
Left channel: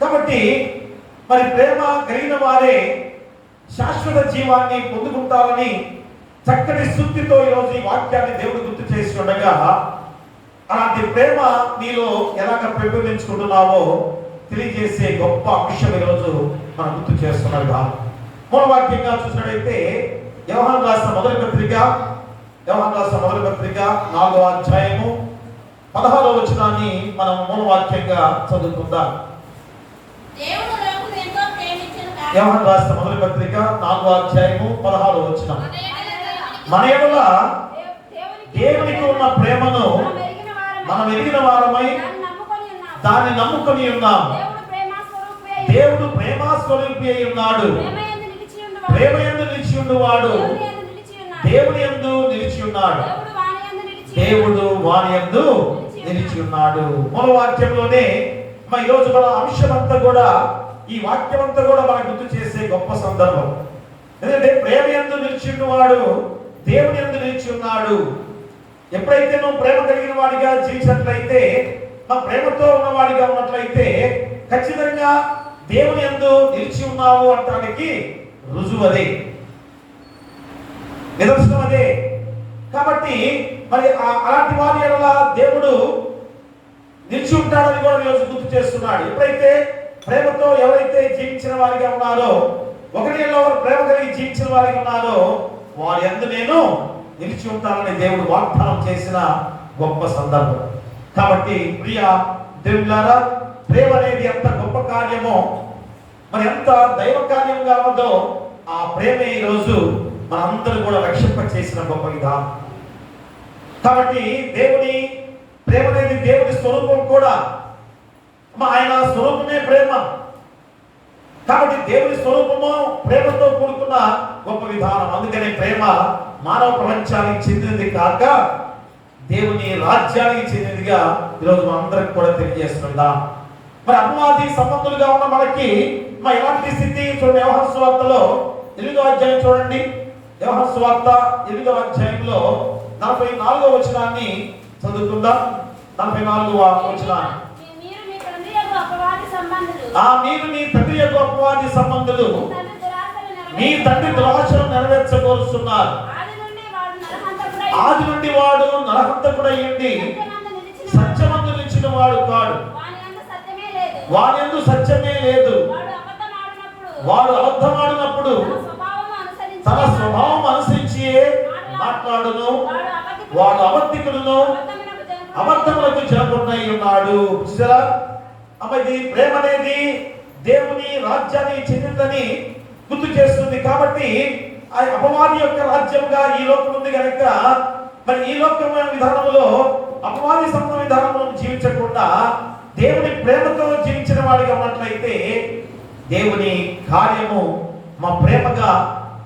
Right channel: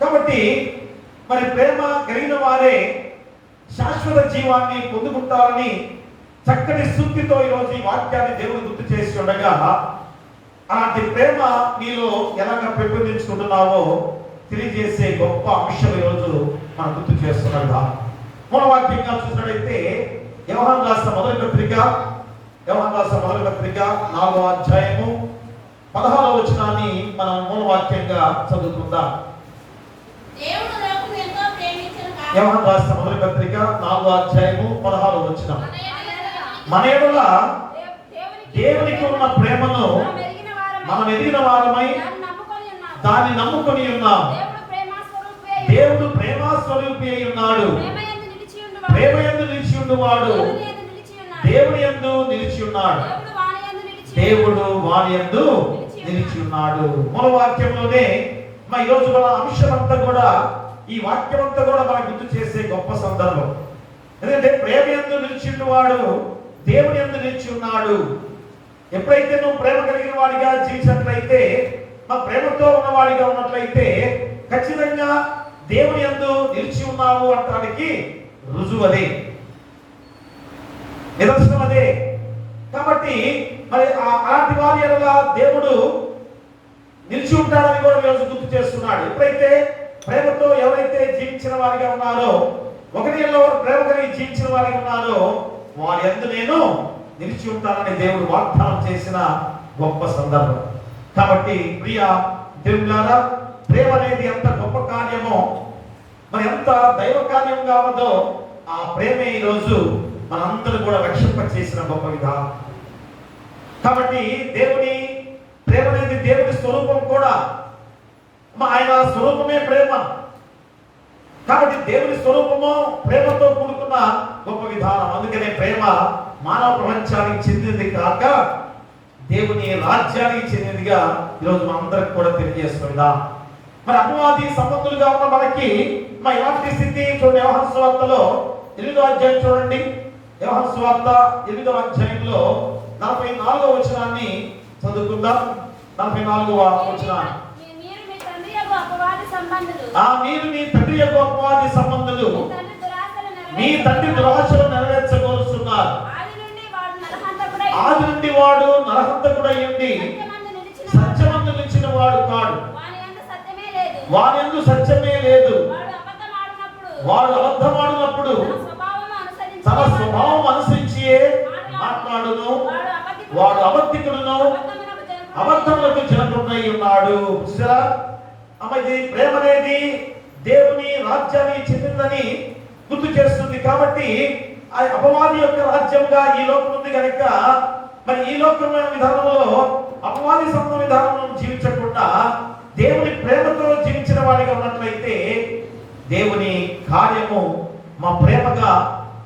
కాబట్టి మరి ప్రేమ కలిగిన వారే శాశ్వత జీవాన్ని పొందుకుంటారని చక్కటి శుద్ధితో ఈరోజు ఈ వాక్యాన్ని దేవుడు గుర్తు చేసి ఉండగా, అలాంటి ప్రేమ నీలో ఎలాగ పెంపొందించుకుంటున్నావో తెలియజేసే గొప్ప అంశం ఈరోజు మనం గుర్తు చేస్తున్నారు. మూలవాక్యంగా చూసినట్లయితే యోహాను రాసిన మొదటి పత్రిక 4వ అధ్యాయము 16వ వచనాన్ని మనం మూలవాక్యంగా చదువుకుందాం. యోహాను రాసిన మొదటి పత్రిక 4వ అధ్యాయము 16వ వచనం. మన యెడల దేవునికి ఉన్న ప్రేమను మనం ఎరిగిన వారమై దాన్ని నమ్ముకొని ఉన్నాం. దేవుడు ప్రేమ స్వరూపి అయి ఉన్నాడు. ప్రేమ యందు నిలిచి ఉండువాడు దేవుని యందు నిలిచి ఉన్నాడు. దేవుడు వాని యందు నిలిచి ఉన్నాడు. మన వాక్యంలోనే ఈ రోజు మన అంశం అంతా కూడా ఈ వాక్యం అంతా కూడా మనకు గుర్తు చేసే గొప్ప సందర్భం. ఎందుకంటే ప్రేమ యందు నిలిచి ఉన్నవాడు దేవుని యందు నిలిచి ఉన్నాడు. ఎప్పుడైతే నువ్వు ప్రేమ కలిగిన వాడిగా జీవించినట్లయితే, మా ప్రేమతో ఉన్నవాడిగా ఉన్నట్లయితే ఖచ్చితంగా దేవుని యందు నిలిచి ఉన్నావు అనడానికి రుజువు అదే, నిదర్శనం అదే. కాబట్టి మరి అలాంటి వారి ఎడల దేవుడు నిలిచి ఉంటాడని కూడా ఈరోజు గుర్తు చేస్తున్నాడు. ఎప్పుడైతే ప్రేమతో ఎవరైతే జీవించిన వారిగా ఉన్నారో, ఒకరి ఎవరు ప్రేమ కలిగి జీవించిన వారిగా ఉన్నారో వారి యందు నేను నిలిచి ఉంటానని దేవుడు వాగ్దానం చేసిన గొప్ప సందర్భం. కాబట్టి ప్రియ దేవులారా, ప్రేమ అనేది ఎంత గొప్ప కార్యమో, మరి ఎంత దైవ కార్యం కావదో ఆ ప్రేమే ఈరోజు మనందరూ కూడా రక్షింప చేసిన గొప్ప విధానం. కాబట్టి దేవుని ప్రేమ అనేది దేవుని స్వరూపం కూడా, ఆయన స్వరూపమే ప్రేమ. కాబట్టి దేవుని స్వరూపము ప్రేమతో కూడుకున్న గొప్ప విధానం. అందుకనే ప్రేమ మానవ ప్రపంచానికి చెందినది కాక దేవుని రాజ్యానికి చెందినదిగా ఈరోజు మనందరికి కూడా తెలియజేస్తుందా. మరి అపవాది సంబంధులుగా ఉన్న మనకి ఎలాంటి స్థితి చూడండి. యోహాను సువార్తలో 8వ అధ్యాయం చూడండి. యోహాను సువార్త 8వ అధ్యాయంలో 44వ వచనాన్ని చదువుకుందాం. 44వ వచనాన్ని. మీరు మీ తండ్రి యొక్క అపవాది సంబంధులు మీ తండ్రి దురాశలు నెరవేర్చగోరుస్తున్నారు. ఆది నుండి వాడు నరహంతకుడై ఉండి సత్యమందు నిలిచిన వాడు కాడు, వాని యందు సత్యమే లేదు. వాడు అబద్ధమాడినప్పుడు తన స్వభావం అనుసరించి మాట్లాడును, వాడు అబద్ధికుడును అబద్ధములకు జనకుడై ఉన్నాడు. ఇది ప్రేమ అనేది దేవుని రాజ్యానికి చెందిందని గుర్తు చేస్తుంది. కాబట్టి ఆ అపవాది యొక్క రాజ్యంగా ఈ లోకం ఉంది కనుక మరి ఈ లోకమైన విధానంలో అపవాది సంబంధ విధానంలో జీవించకుండా దేవుని ప్రేమతో జీవించిన వాడిగా ఉన్నట్లయితే దేవుని కార్యము మా ప్రేమగా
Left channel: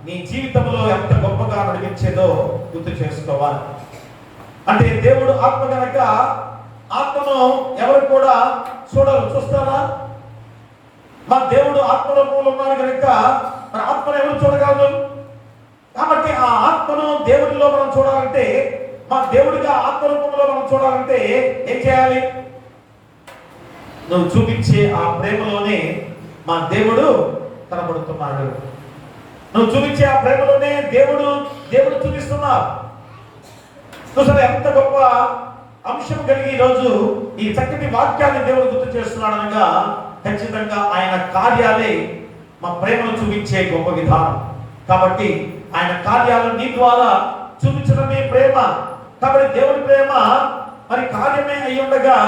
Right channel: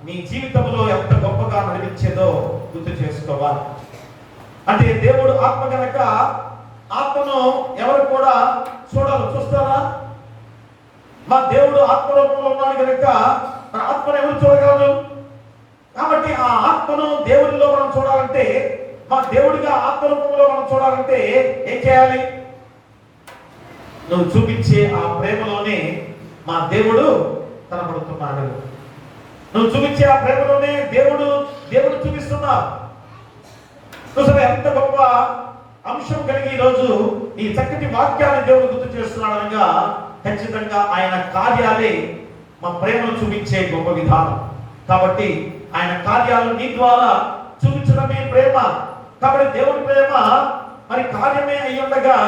నీ జీవితంలో ఎంత గొప్పగా నడిపించేదో గుర్తు చేసుకోవాలి. అంటే దేవుడు ఆత్మ కనుక ఆత్మను ఎవరు కూడా చూడరు. చూస్తారా? మా దేవుడు ఆత్మరూపంలో ఉన్నాడు కనుక మన ఆత్మను ఎవరు చూడగలరు? కాబట్టి ఆ ఆత్మను దేవుడిలో మనం చూడాలంటే, మా దేవుడిగా ఆత్మరూపంలో మనం చూడాలంటే ఏం చేయాలి? నువ్వు చూపించే ఆ ప్రేమలోనే మా దేవుడు కనబడుతున్నాడు. నువ్వు చూపించే ఆ ప్రేమలోనే దేవుడు చూపిస్తున్నావు. చూసారా ఎంత గొప్ప అంశం కలిగి ఈరోజు ఈ చక్కటి వాక్యాన్ని దేవుడు గుర్తు చేస్తున్నాడు అనగా ఖచ్చితంగా ఆయన కార్యాలే మా ప్రేమను చూపించే గొప్ప విధానం. కాబట్టి ఆయన కార్యాలు నీ ద్వారా చూపించడమే ప్రేమ. కాబట్టి దేవుడి ప్రేమ మరి కార్యమే అయి ఉండగా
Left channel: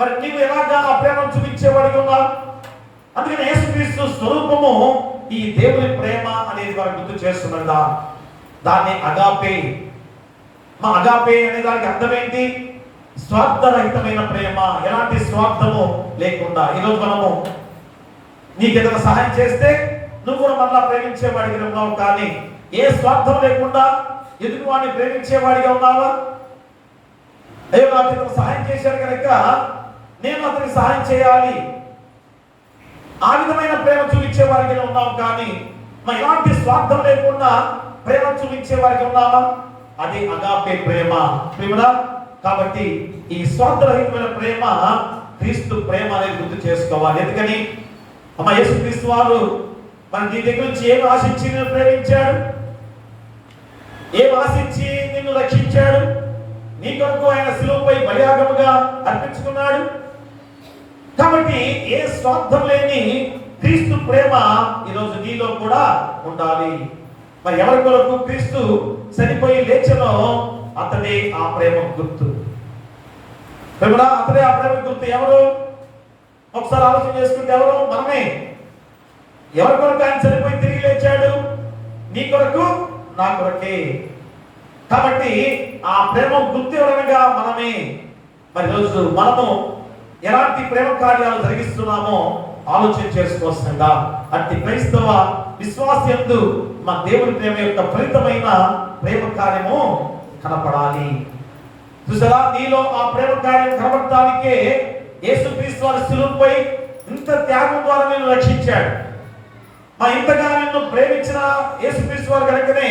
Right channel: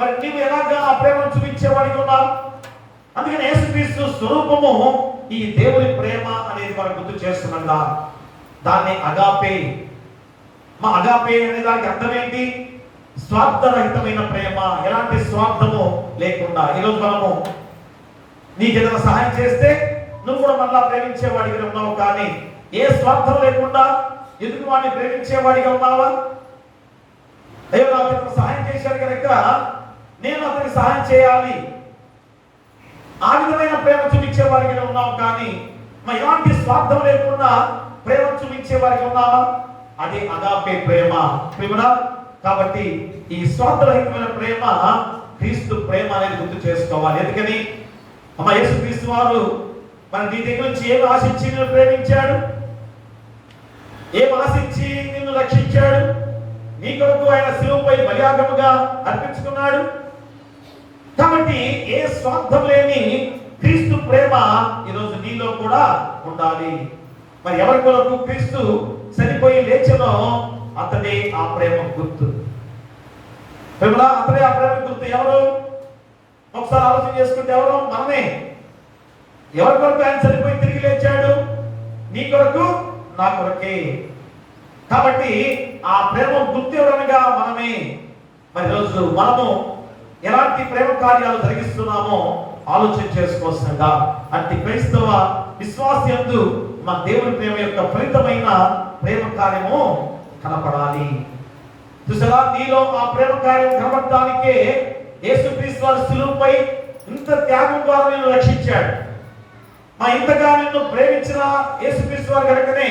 మరి నీవు ఎలాగా ఆ ప్రేమను చూపించేవాడిగా ఉన్నావు? అందుకని యేసుక్రీస్తు స్వరూపము ఈ దేవుని ప్రేమ అనేది మనం గుర్తు చేస్తున్నదా. దాన్ని అగాపే. మా అగాపే అనే దానికి అర్థం ఏంటి? స్వార్థరహితమైన ప్రేమ, ఎలాంటి స్వార్థము లేకుండా. ఈరోజు మనము నీకు ఏదైనా సహాయం చేస్తే నువ్వు కూడా మళ్ళా ప్రేమించేవాడిగా ఉన్నావు, కానీ ఏ స్వార్థం లేకుండా ఎదుటి వాడిని ప్రేమించేవాడిగా ఉన్నావా? అయ్యో నాకు ఇతను సహాయం చేశారు కనుక నేను అతనికి సహాయం చేయాలి, ఆ విధమైన ప్రేమ చూపించేవాడిగా ఉన్నావు, కానీ మరి ఎలాంటి స్వార్థం లేకుండా ప్రేమ చూపించేవాడిగా ఉన్నావా? అది అగాపే ప్రేమ. ప్రేమనా? కాబట్టి ఈ స్వార్థరహితమైన ప్రేమ క్రీస్తు ప్రేమ అనేది గుర్తు చేసుకోవాలి. ఎందుకని యేసుక్రీస్తు వారు మన నీ దగ్గర నుంచి ఏం ఆశించి నిన్ను ప్రేమించాడు? ఏం ఆశించి నిన్ను రక్షించాడు? నీ కొరకు ఆయన శిలువపై బలియాగముగా అర్పించుకున్నాడు. కాబట్టి ఏ స్వార్థం లేని క్రీస్తు ప్రేమ ఈరోజు నీలో కూడా ఉండాలి. మరి ఎవరి కొరకు క్రీస్తు చనిపోయి లేచనో అతడే ఆ ప్రేమ గుర్తు. అతడే ఆ ప్రేమ గుర్తు. ఎవరు? ఒకసారి ఆలోచన చేసుకుంటే ఎవరు? మనమే. ఎవరి కొరకు ఆయన చనిపోయి తిరిగి లేచాడు? నీ కొరకు, నా కొరకే. కాబట్టి ఆ ప్రేమ గుర్తు ఎవరనగా మనమే. మరి రోజు మనము ఎలాంటి ప్రేమ కార్యాలు జరిగిస్తున్నామో ఆలోచన చేసుకోవచ్చుగా. అట్టి క్రైస్తవ విశ్వాసయందు మా దేవుని ప్రేమ యొక్క ఫలితమైన ప్రేమ కార్యము కనపడాలి. చూసారా? నీలో ఆ ప్రేమ కార్యం కనబడటానికే యేసుక్రీస్తు వారి శిలువపై ఇంత త్యాగం ద్వారా నిన్ను రక్షించాడు. ఇంతగా నిన్ను ప్రేమించిన యేసుక్రీస్తు వారు కనుకనే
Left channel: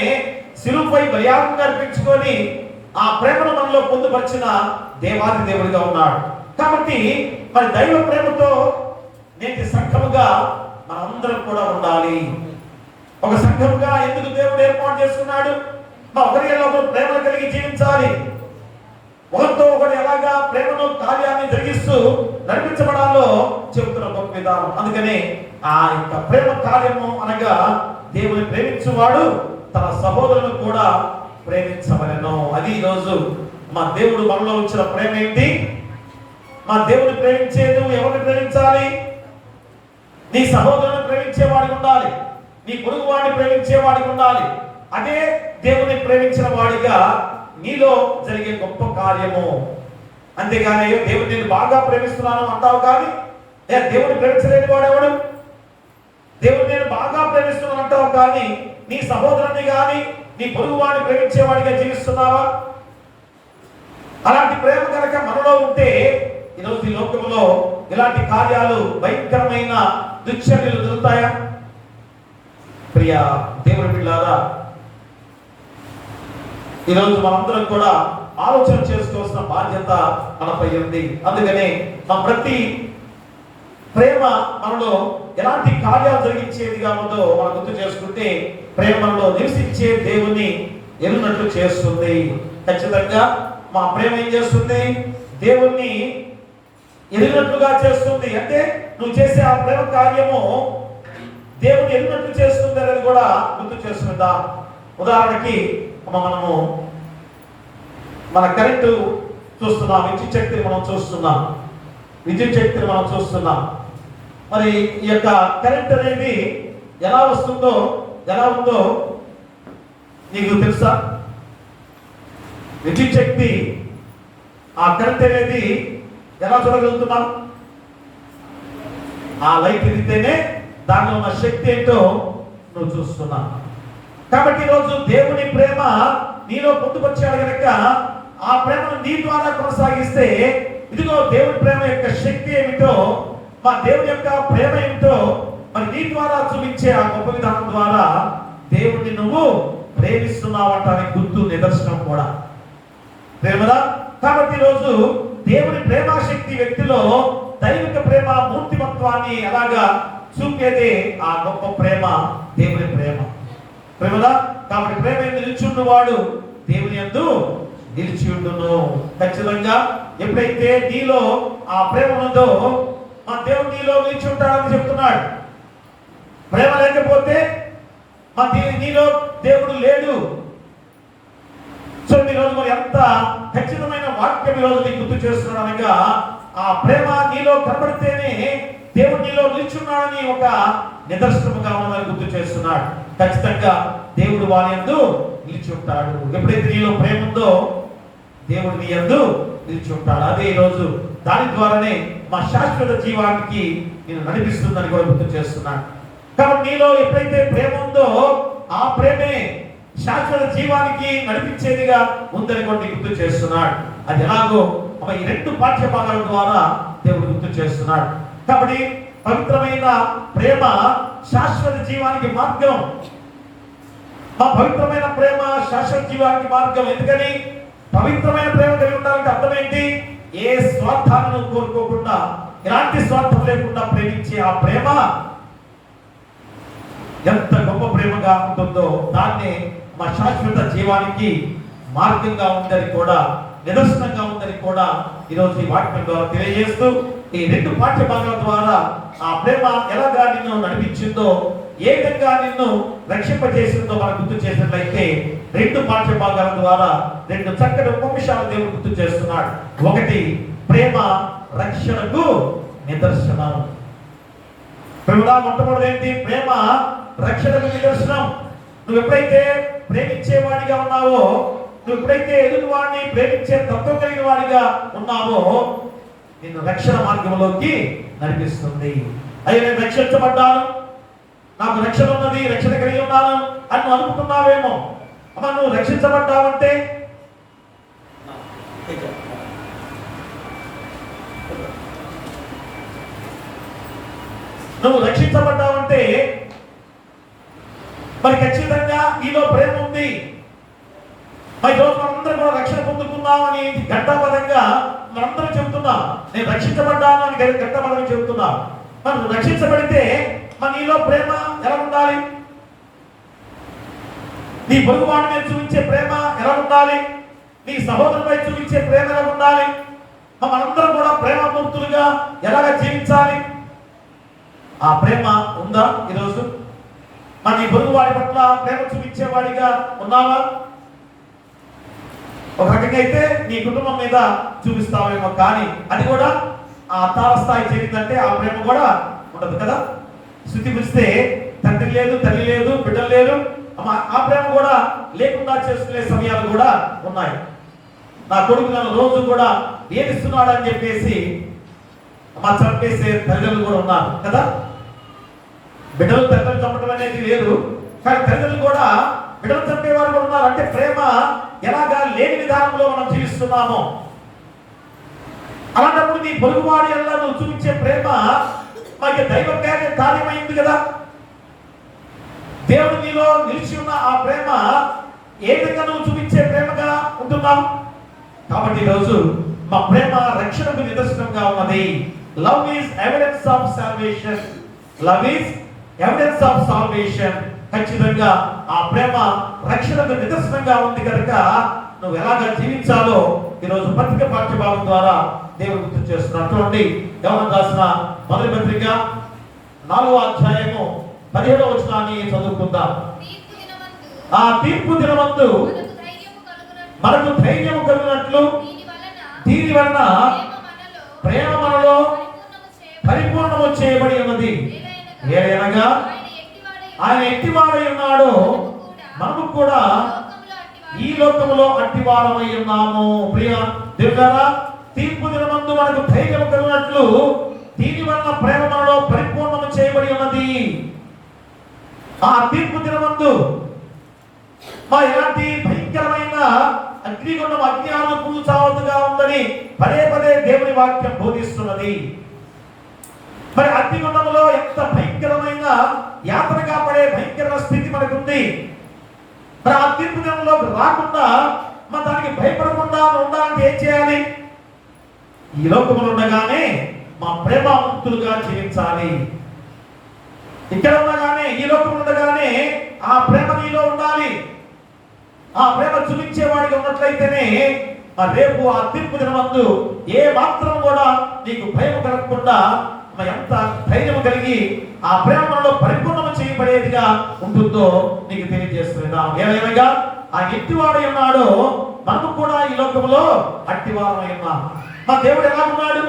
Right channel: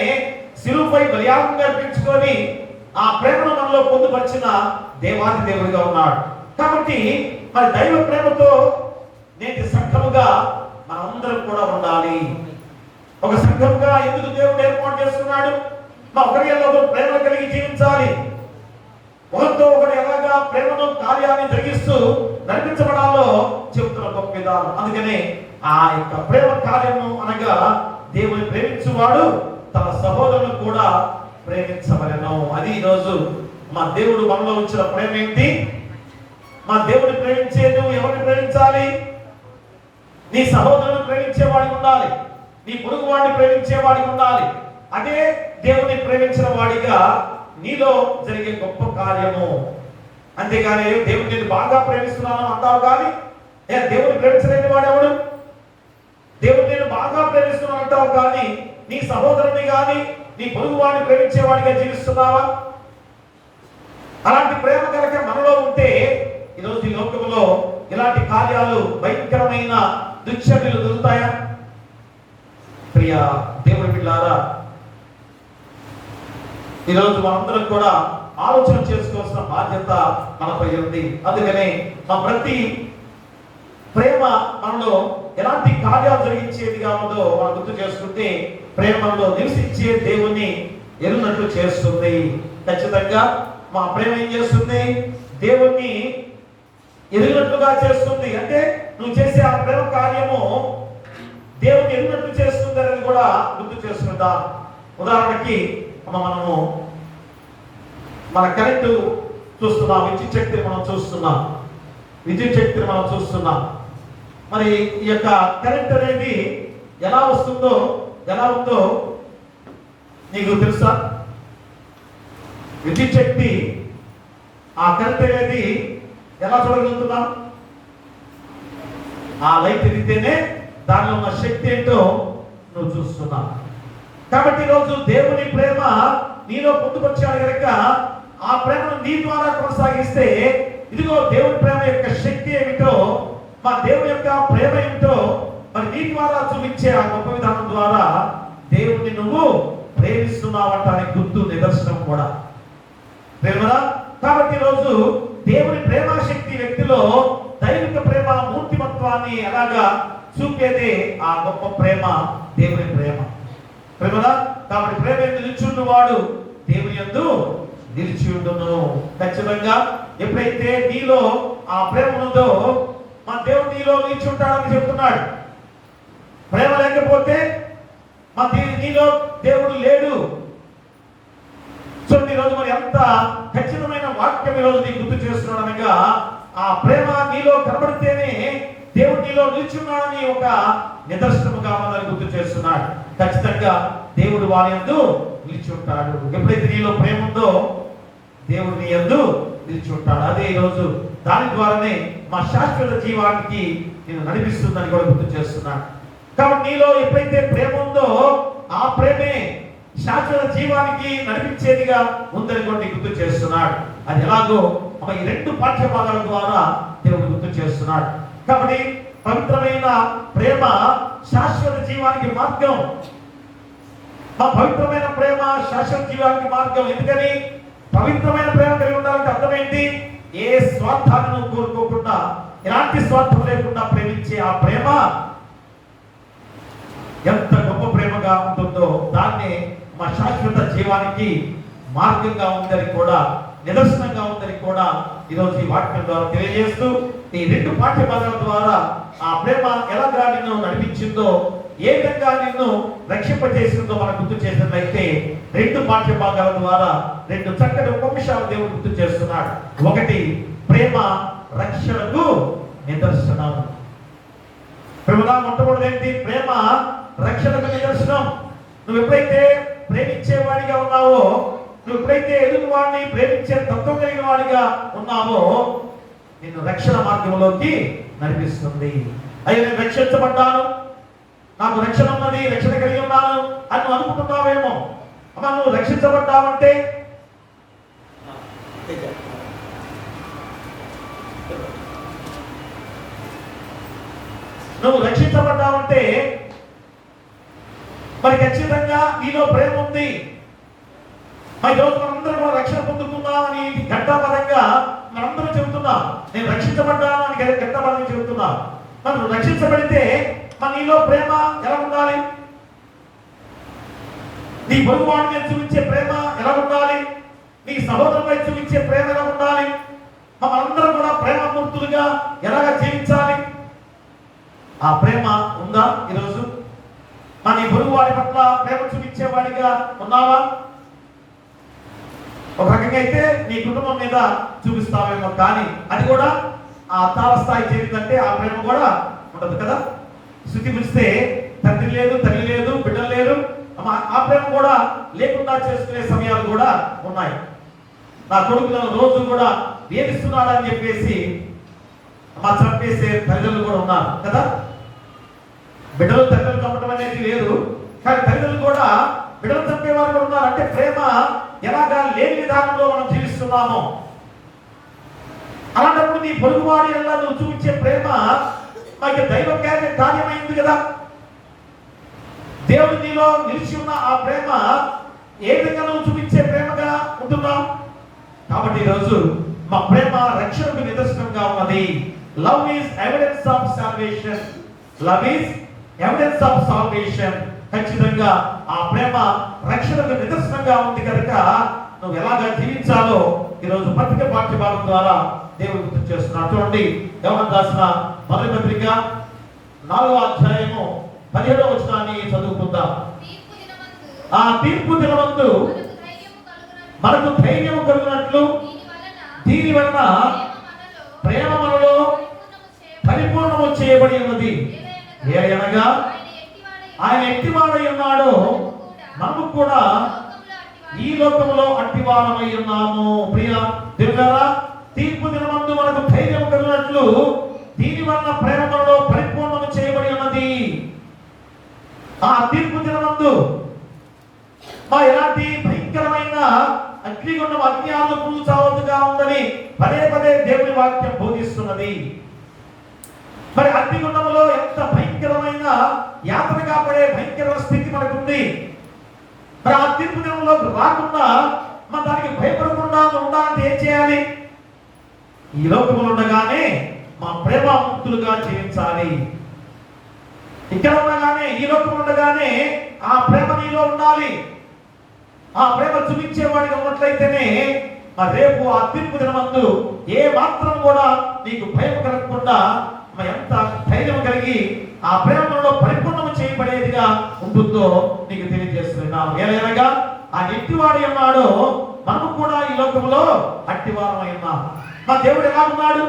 శిలువపై బలియాగంగా అర్పించుకొని ఆ ప్రేమను మనలో పొందుపరిచిన దేవాది దేవుడిగా ఉన్నాడు. కాబట్టి మరి దైవ ప్రేమతో నేటి సంఘముగా మనందరం కూడా ఉండాలి. ఒక సంఘముగా ఎందుకు దేవుడు ఏర్పాటు చేస్తున్నాడు? ఒకరిలో ఒకరు ప్రేమ కలిగి జీవించాలి. ఒకరితో ఒకరు ఎలాగా ప్రేమను కార్యాన్ని జరిగిస్తూ నడిపించబడాలో చెబుతున్న గొప్ప విధానం. అందుకనే ఆ యొక్క ప్రేమ కార్యము అనగా దేవుని ప్రేమించువాడు తన సహోదరులను కూడా ప్రేమించవలెను. అది ఈరోజు మా దేవుడు మనలో ఉంచిన ప్రేమ ఏంటి? మా దేవుని ప్రేమించే నువ్వు ఎవరిని ప్రేమించాలి? నీ సహోదరుని ప్రేమించేవాడికి ఉండాలి, నీ పొరుగు వాడిని ప్రేమించేవాడికి ఉండాలి. అదే దేవుని ప్రేమించిన వాడిగా నీలో జరిగే గొప్ప కార్యము. అంతేగాని దేవుడు నేను బాగా ప్రేమిస్తున్నాను అంటావు కానీ దేవుడు ప్రేమించలేని వాడెవడు? దేవుడు నేను బాగా ప్రేమిస్తున్నాను అంటావు కానీ నీ సహోదరుని కానీ నీ పొరుగు వాడిని ప్రేమించేవాడిగా జీవిస్తున్నావా? అలాంటి ప్రేమ కనుక మనలో ఉంటే ఈరోజు ఈ లోకంలో ఇలాంటి కార్యాలు భయంకరమైన దుశ్చర్యలు జరుగుతాయా? ప్రియ దేవుడి పిల్లారా, ఈరోజు మనందరం కూడా ఆలోచన చేసుకోవాల్సిన బాధ్యత మనపై ఉంది. అందుకనే మన ప్రతి ప్రేమ మనలో ఎలాంటి కార్యాలు జరిగించేదిగా ఉందో మనం గుర్తు చేసుకుంటే ప్రేమలో నివసించే దేవుని ఎరున్నట్లు చేస్తుంది. ఖచ్చితంగా మా ప్రేమ ఏం చేస్తుంది? దేవుణ్ణి ఎరిగినట్లుగా చేస్తుంది. అంటే నువ్వు చేసే ఆ ప్రేమ కార్యము దేవుని ఎరిగినట్లు చేస్తుంది అనేది కూడా గుర్తు చేసుకుందాం. ఉదాహరణకి మనము మన కరెంటు చూస్తున్నాం, విద్యుత్ శక్తిని మనం చూస్తున్నాం. మరి ఈ యొక్క కరెంట్ అనేది ఎలా వస్తుందో ఎలా ఉందో నీకు తెలుసా? విద్యుత్ శక్తి ఆ కరెంట్ అనేది ఎలా చూడగలుగుతున్నాం? ఆ లైట్ ఎదిగితేనే దానిలో ఉన్న శక్తి ఏంటో నువ్వు చూస్తున్నావు. కాబట్టి ఈరోజు దేవుని ప్రేమ నీలో పొందుపరిచాడు కనుక ఆ ప్రేమను నీ ద్వారా కొనసాగిస్తే ఇదిగో దేవుని ప్రేమ యొక్క శక్తి ఏమిటో, మా దేవుని యొక్క ప్రేమ ఏమిటో మరి నీ ద్వారా చూపించే ఆ గొప్ప విధానం ద్వారా దేవుణ్ణి నువ్వు ప్రేమిస్తున్నావు అంటానికి గుర్తు నిదర్శనం కూడా ప్రేమదా. కాబట్టి ఈరోజు దేవుని ప్రేమాశక్తి వ్యక్తిలో దైవిక ప్రేమ మూర్తిమత్వాన్ని ఎలాగా చూపేదే ఆ గొప్ప ప్రేమ దేవుని ప్రేమదా. కాబట్టి ప్రేమ ఎందు నిలిచి వాడు దేవుని యందు నిలిచి ఉండును. ఖచ్చితంగా ఎప్పుడైతే నీలో ఆ ప్రేమ ఉందో మా దేవుడు నీలో నిలిచి ఉంటాడని చెప్తున్నాడు. ప్రేమ లేకపోతే మా నీలో దేవుడు లేడు. సో ఈరోజు మరి ఎంత ఖచ్చితమైన వాక్యం ఈరోజు నీకు గుర్తు చేస్తున్నాడు అనగా ఆ ప్రేమ నీలో కనబడితేనే దేవుడు నీలో నిల్చున్నాడని ఒక నిదర్శనముగా మనల్ని గుర్తు చేస్తున్నాడు. ఖచ్చితంగా దేవుడు వారి యందు నిలిచి ఉంటాడు. ఎప్పుడైతే నీలో ప్రేమ ఉందో దేవుడు నీ యందు నిలిచి ఉంటాడు. అదే ఈరోజు దాని ద్వారానే మా శాశ్వత జీవానికి నేను నడిపిస్తుందని కూడా గుర్తు చేస్తున్నాడు. కాబట్టి నీలో ఎప్పుడైతే ప్రేమ ఉందో ఆ ప్రేమే శాశ్వత జీవానికి నడిపించేదిగా ఉందని కూడా గుర్తు చేస్తున్నాడు. అది ఎలాగో ఈ రెండు పాఠ్య భాగాల ద్వారా దేవుడు గుర్తు చేస్తున్నాడు. కాబట్టి పవిత్రమైన ప్రేమ శాశ్వత జీవానికి మార్గం. ఆ పవిత్రమైన ప్రేమ శాశ్వత జీవానికి మార్గం. ఎందుకని పవిత్రమైన ప్రేమ కలిగి ఉండాలంటే అర్థం ఏంటి? ఏ స్వార్థాలను కోరుకోకుండా ఎలాంటి స్వార్థం లేకుండా ప్రేమించే ఆ ప్రేమ ఎంత గొప్ప ప్రేమగా ఉంటుందో దాన్ని మా శాశ్వత జీవానికి మార్గంగా ఉందని కూడా నిదర్శనంగా ఉందని కూడా ఈరోజు ఈ వాక్యం ద్వారా తెలియజేస్తూ ఈ రెండు పాఠ్య భాగాల ద్వారా ఆ ప్రేమ ఎలాగా నిన్ను నడిపించిందో ఏ విధంగా నిన్ను రక్షింపజేసిందో మనం గుర్తు చేసినట్లయితే రెండు పాఠ్య భాగాల ద్వారా రెండు చక్కటి ఉపవిషయాలు దేవుడు గుర్తు చేస్తున్నాడు. ఒకటి ప్రేమ రక్షణకు నిదర్శనం. ప్రేమ మొట్టమొదటి ఏంటి? ప్రేమ రక్షణకు నిదర్శనం. నువ్వు ఎప్పుడైతే ప్రేమించేవాడిగా ఉన్నావో, నువ్వు ఎప్పుడైతే ఎదుగువాడిని ప్రేమించే తత్వం కలిగిన వాడిగా ఉన్నావో నిన్ను రక్షణ మార్గంలోకి నడిపిస్తుంది. అయ్యో నేను రక్షించబడ్డాను, నాకు రక్షణ ఉన్నది, రక్షణ కలిగి ఉన్నాను అని నువ్వు అనుకుంటున్నావేమో. అమ్మ నువ్వు రక్షించబడ్డావంటే నువ్వు రక్షించబడ్డావంటే మరి ఖచ్చితంగా నీలో ప్రేమ ఉంది. మరి రోజు మనందరం కూడా రక్షణ పొందుకున్నామని ఘంటాపరంగా మనందరం చెబుతున్నాం. నేను రక్షించబడ్డాను అని ఘంటాపరంగా చెబుతున్నాం. మనం రక్షించబడితే మన నీలో ప్రేమ ఎలా ఉండాలి? నీ పొరుగువాడి మీద చూపించే ప్రేమ ఎలా ఉండాలి? నీ సహోదరుపై చూపించే ప్రేమ ఎలా ఉండాలి? మనందరం కూడా ప్రేమమూర్తులుగా ఎలాగ జీవించాలి? ఆ ప్రేమ ఉందా ఈరోజు? మన నీ పొరుగువాడి పట్ల ప్రేమ చూపించేవాడిగా ఉన్నావా? ఒక రకంగా అయితే నీ కుటుంబం మీద చూపిస్తావేమో, కానీ అది కూడా ఆ తారస్థాయి చేరిందంటే ఆ ప్రేమ కూడా ఉండదు కదా. శృతి పిలిస్తే తండ్రి లేదు, తల్లి లేదు, బిడ్డలు లేదు, ఆ ప్రేమ కూడా లేకుండా చేసుకునే సమయాలు కూడా ఉన్నాయి. నా కొడుకులను రోజు కూడా ఏమిస్తున్నాడు అని చెప్పేసి చంపేసే తల్లిదండ్రులు కూడా ఉన్నారు కదా. బిడ్డలు తల్లిదండ్రులు చంపడం అనేది లేదు, కానీ తల్లిదండ్రులు కూడా బిడ్డలు చంపేవారు కూడా ఉన్నారు. అంటే ప్రేమ ఎలాగా లేని విధానంలో మనం జీవిస్తున్నామో, అలాంటప్పుడు నీ పొరుగువాడి ఎలా నువ్వు చూపించే ప్రేమ మనకి దైవ కార్యమైంది కదా. దేవుడు నీలో నిలిచి ఉన్న ఆ ప్రేమ ఏ విధంగా నువ్వు చూపించే ప్రేమగా ఉంటున్నావు. కాబట్టి ఈరోజు మా ప్రేమ రక్షణకు నిదర్శనంగా ఉన్నది. Love is evidence of salvation. Love is evidence of salvation. ఖచ్చితంగా ఆ ప్రేమ రక్షణకు నిదర్శనంగా ఉంది కనుక నువ్వు ఎలాగా జీవించాలో ఈరోజు పత్రిక పాఠ్య భాగం ద్వారా దేవుడు గుర్తు చేస్తున్నాడు. చూడండి, యోహాను రాసిన మొదటి పత్రిక 4వ అధ్యాయము 17వ వచనాన్ని చదువుకుందాం. ఆ తీర్పు దినమందు మనకు ధైర్యము కలుగునట్లు దీని వలన ప్రేమ మనలో పరిపూర్ణము చేయబడి ఉన్నది. ఏలయనగా ఆయన ఎట్టివాడై ఉన్నాడో మనము కూడా ఈ లోకములో అట్టివారమై ఉన్నాము. ప్రియ దేవుడా, తీర్పు దినమందు మనకు ధైర్యం కలిగినట్లు దీని వలన ప్రేమ మనలో పరిపూర్ణము చేయబడి ఉన్నది. ఆ తీర్పు దినమందు ఎలాంటి భయంకరమైన అగ్నిగుండం అజ్ఞానం పూల్చావద్దుగా ఉందని పదే పదే దేవుని వాక్యం బోధిస్తున్నది. మరి అగ్నిగుండంలో ఎంత భయంకరమైన యాత్రగా పడే భయంకరమైన స్థితి మనకుంది. మరి ఆ తీర్పు దినంలో రాకుండా మన దానికి భయపడకుండా ఉండాలంటే ఏం చేయాలి? ఈ లోకములు ఉండగానే మా ప్రేమ ముక్తులుగా జీవించాలి. ఇక్కడ ఉండగానే ఈ లోకం ఉండగానే ఆ ప్రేమ నీలో ఉండాలి. ఆ ప్రేమ చూపించేవాడిగా ఉన్నట్లయితేనే రేపు ఆ తీర్పు దినమందు ఏ మాత్రం కూడా నీకు భయం కలగకుండా ఎంత ధైర్యం కలిగి ఆ ప్రేమలో పరిపూర్ణం చేయబడేదిగా ఉంటుందో నీకు తెలియజేస్తున్నాం. ఏమైనా ఆ ఎట్టివాడు ఉన్నాడో మనము కూడా ఈ లోకంలో అట్టివారమై ఉన్నాం. మా దేవుడు ఎలా ఉన్నాడు?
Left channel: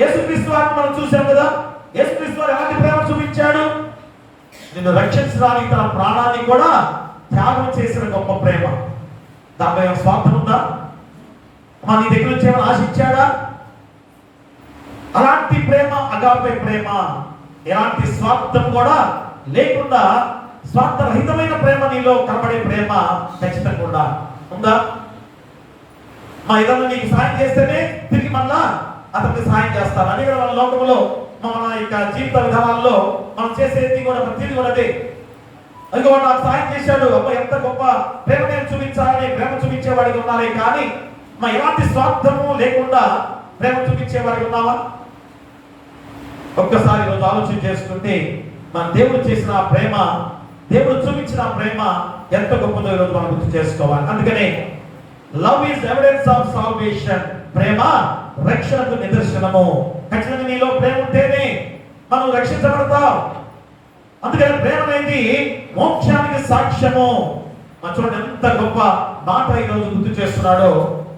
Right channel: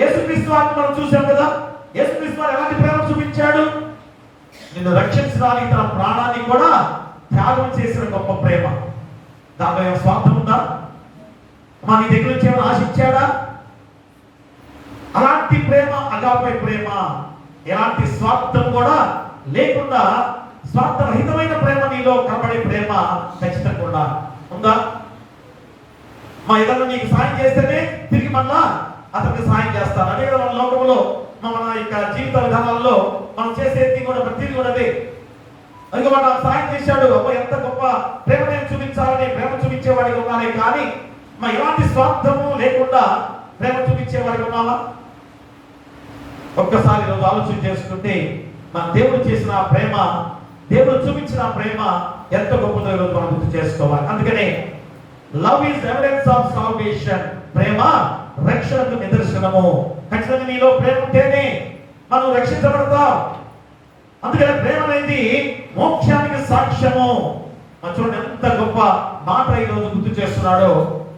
యేసుక్రీస్తు వారిని మనం చూసాం కదా. యేసుక్రీస్తు వారు ఎలాంటి ప్రేమ చూపించాడు? నిన్ను రక్షించడానికి తన ప్రాణాన్ని కూడా త్యాగం చేసిన గొప్ప ప్రేమ. దాంట్లో ఏమైనా స్వార్థం ఉందా? మా నీ దగ్గర నుంచి ఏమైనా ఆశించాడా? అలాంటి ప్రేమ అగాపే ప్రేమ, ఎలాంటి స్వార్థం కూడా లేకుండా స్వార్థరహితమైన ప్రేమ నీలో కనబడే ప్రేమ ఖచ్చితంగా ఉందా? మా ఇతరులు నీకు సాయం చేస్తేనే తిరిగి మళ్ళా అతనికి సాయం చేస్తాను. అదే మన లోకంలో మన యొక్క జీవిత విధానాల్లో మనం చేసేది కూడా ప్రతిదీ కూడా అదే. అందుకే వాడు నాకు సాయం చేశాడు, అబ్బా ఎంత గొప్ప ప్రేమ నేను చూపించాలని ప్రేమ చూపించేవాడికి ఉండాలి. కానీ మా ఎలాంటి స్వార్థము లేకుండా ప్రేమ చూపించేవాడికి ఉన్నావా? ఒక్కసారి ఈరోజు ఆలోచన చేసుకుంటే మన దేవుడు చేసిన ప్రేమ, దేవుడు చూపించిన ప్రేమ ఎంత గొప్పదో ఈరోజు మనం గుర్తు చేసుకోవాలి. అందుకనే love is evidence of salvation. ప్రేమ రక్షణకు నిదర్శనము. ఖచ్చితంగా నీలో ప్రేమ ఉంటేనే మనం రక్షించబడతాం. అందుకని ప్రేమ అనేది మోక్షానికి సాక్ష్యము. చూడండి ఎంత గొప్ప మాట ఈరోజు గుర్తు చేస్తున్నాడో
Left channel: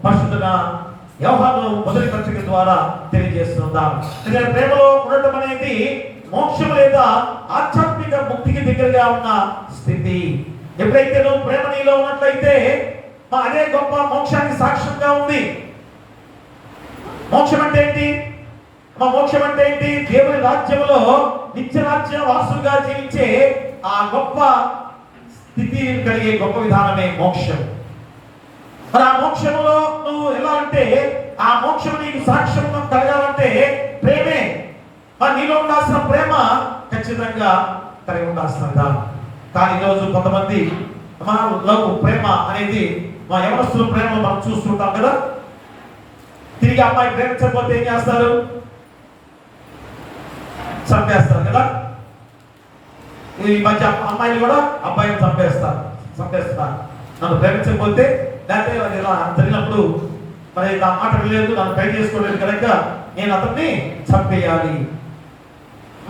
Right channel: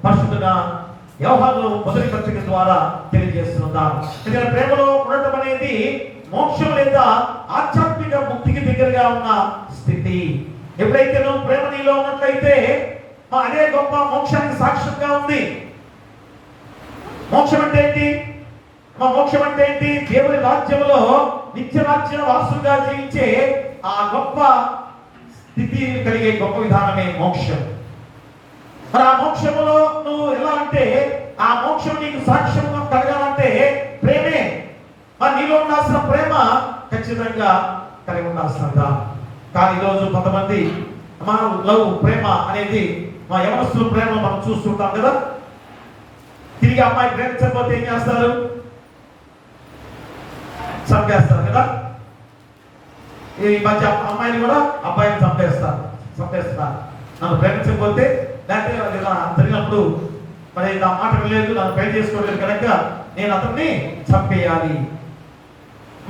పరిశుద్ధ యోహాను మొదటి పత్రిక ద్వారా తెలియజేస్తున్నాం. ప్రేమలో ఉండటం అనేది మోక్షం లేదా ఆధ్యాత్మిక ముక్తికి దగ్గరగా ఉన్న స్థితి. ఎప్పుడైతే నువ్వు ప్రేమ నీలో ఉన్నట్లయితే అదే గొప్ప మోక్షానికి సాక్ష్యంగా ఉంది. మోక్షం అంటే ఏంటి? మోక్షం అంటే ఏంటి? దేవుని రాజ్యంలో నిత్య రాజ్య వారసులుగా జీవించే ఆ గొప్ప స్థితి కలిగే గొప్ప విధానమే మోక్షం. మరి ఆ మోక్షంలో నువ్వు ఎలా అంటే ఆ మోక్షం నీకు సాక్ష్యం కలగాలంటే ప్రేమే. మరి నీలో ఉండాల్సిన ప్రేమ ఖచ్చితంగా కలిగి ఉండాల్సినదా. కానీ ఈరోజు కొంతమంది మా లవ్ ప్రేమ అనేది మా యవనస్తుల ప్రేమ మనం చూస్తుంటాం కదా. తిరిగి అమ్మాయి ప్రేమించకపోతే ఏం చేస్తారు? చంపేస్తారు కదా. ఈ మధ్య అమ్మాయిని కూడా అబ్బాయిని చంపేస్తారు. నన్ను ప్రేమించకపోతే లేకపోతే జరిగినప్పుడు మరి నా మాట లేదు, నన్ను పెళ్లి చేసుకోలేదు కనుక నేను అతన్ని చంపేయాలి.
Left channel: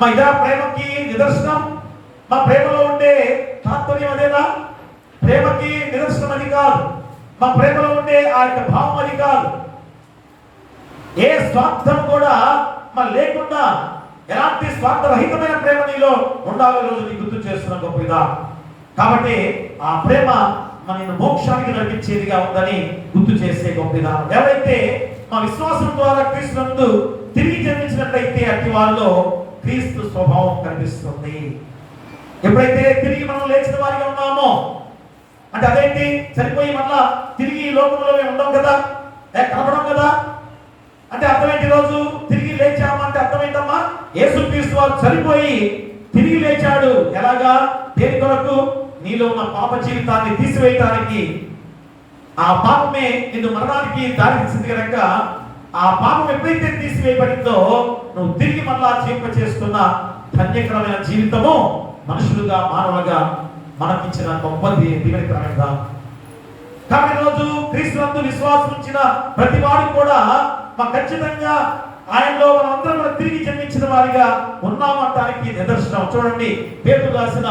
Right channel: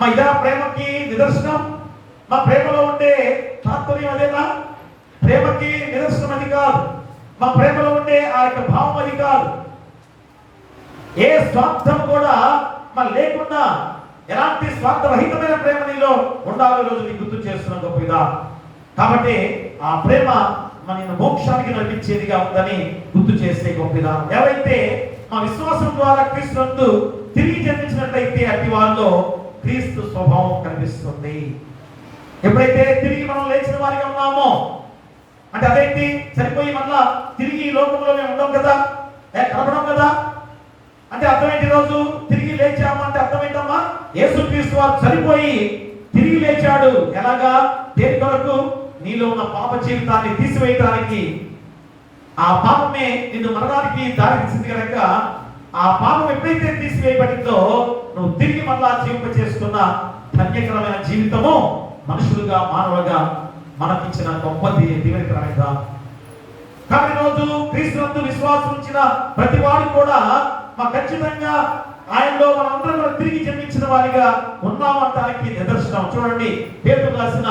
మా ఇదా ప్రేమకి నిదర్శనం? మా ప్రేమలో ఉండే తాత్పర్యం అదేనా? ప్రేమకి నిదర్శనం అది కాదు. మా ప్రేమలో ఉండే ఆ యొక్క భావం అది కాదు. ఏ స్వార్థం కూడా మన లేకుండా ఎలాంటి స్వార్థరహితమైన ప్రేమ నీలో ఉండాలని రోజు నీకు గుర్తు చేస్తున్న గొప్ప విధానం. కాబట్టి ఆ ప్రేమ మన మోక్షానికి నడిపించేదిగా ఉందని గుర్తు చేసే గొప్ప విధానం. ఎవరైతే మా విశ్వాసం ద్వారా క్రీస్తునందు తిరిగి జన్మించినట్లయితే అట్టి వారిలో క్రీస్తు స్వభావం కనిపిస్తుంది. ఎప్పుడైతే తిరిగి మనం లేచిన వారిగా ఉన్నామో అంటే అదేంటి? చనిపోయి మళ్ళా తిరిగి ఈ లోకంలో మేము ఉండం కదా, కనపడం కదా. అంటే అర్థమేంటి? రోజు తిరిగి లేచామంటే అర్థమేంటమ్మా? యేసుక్రీస్తు వారు చనిపోయి తిరిగి లేచాడు. ఎలాగా? దేని కొరకు? నీలో ఉన్న పాప జీవితాన్ని తీసివేయడానికి. ఆ పాపమే నిన్ను మరణానికి దారితీసింది కనుక ఆ పాపం ఎప్పుడైతే తీసివేయబడిందో నువ్వు తిరిగి మళ్ళా జీవింప చేసుకున్న ధన్యకరమైన జీవితము మనుషులుగా మానవులుగా మనకిచ్చిన గొప్ప దీవెనకరమైనదా. కాబట్టి రోజు క్రీస్తునందు విశ్వాసం ఉంచిన ప్రతి వాడు కూడా మా ఖచ్చితంగా ఆయనలో మనందరం కూడా తిరిగి జన్మించిన వారిగా ఉన్నామంటానికి నిదర్శనం. చూడండి, పేతురు రాసిన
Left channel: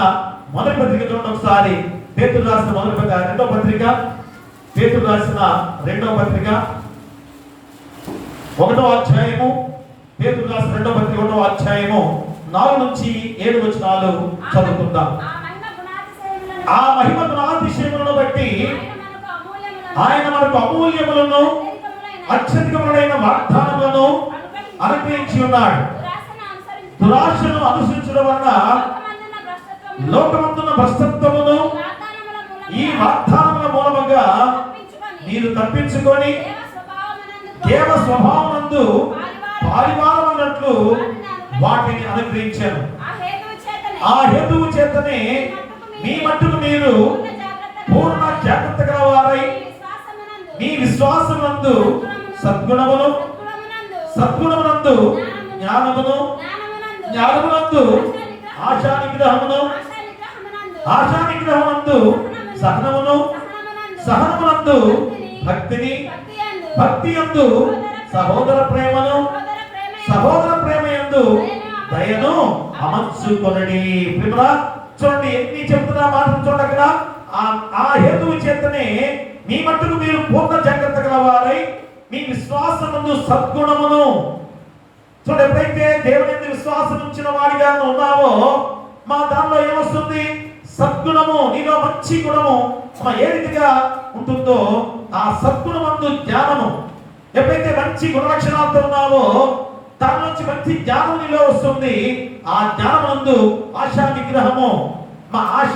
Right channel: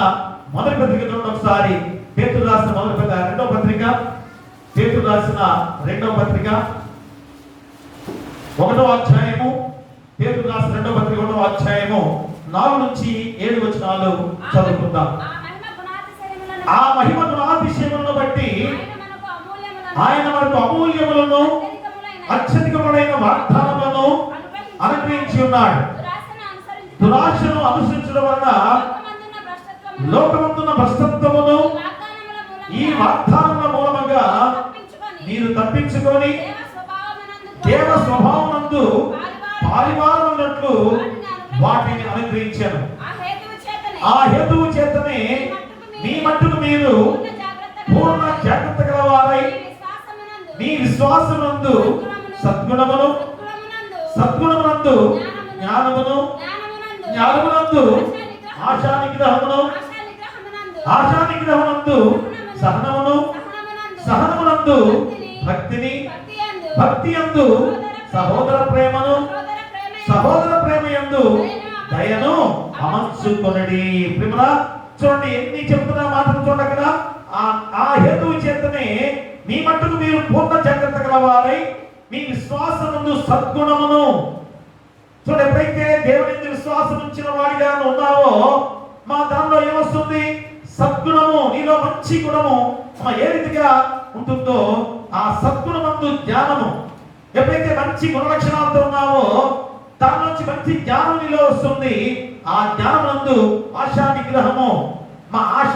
మొదటి పత్రిక చూడండి ఒకసారి. పేతురు రాసిన మొదటి పత్రిక రెండవ పత్రిక 1వ అధ్యాయము. పేతురు రాసిన 2వ పత్రిక 1వ అధ్యాయము 4 నుంచి 7 వచనాలు చదువుకుందాం. ఆ మహిమ గుణాతిశయములను బట్టి ఆయన మనకు అమూల్యములను అత్యధికములైన వాగ్దానములను అనుగ్రహించి ఉన్నాడు. దురాశను అనుసరించడం వలన లోకమందున్న భ్రష్టత్వమును ఈ వాగ్దానముల మూలముగా మీరు తప్పించుకొని దేవ స్వభావమందు పారివారమున్నట్లు వాటిని అనుగ్రహించాను. ఆ హేతువు చేతనే మీ మట్టుకు మీరు పూర్ణ జాగ్రత్త గలవారై మీ విశ్వాసమందు సద్గుణమును జ్ఞానమునందు ఆశానిగ్రహమునందు సహనమునందు భక్తి యందు సహోదర ప్రేమయందు దయను అమర్చుకొనుడి. ప్రేమరా చూడండి ఎన్ని చెప్తున్నా మాత్రం చూడండి అక్కడ. ఆ హేతువు చేతనే మీ మట్టుకు మీరు పూర్ణ జాగ్రత్త గలవారై మీ విశ్వాసమందు సద్గుణమును. చూడండి, ఎప్పుడైతే దేవుని యందు విశ్వాసం ఉంచిన వారిగా ఉన్నావో మా దానిలో ఏమొస్తుంది? సద్గుణము. నీలో మంచి గుణము ఏ రీతిగా ఉంటుందో ఆ సద్గుణమందు జ్ఞానము. ఎప్పుడైతే మంచి గుణ లక్షణాలతో ఉన్నావో దాని నుంచి మంచి జ్ఞానం నీలో వస్తుంది. ఆ జ్ఞానమందు ఆశా నిగ్రహము. మా ఆశ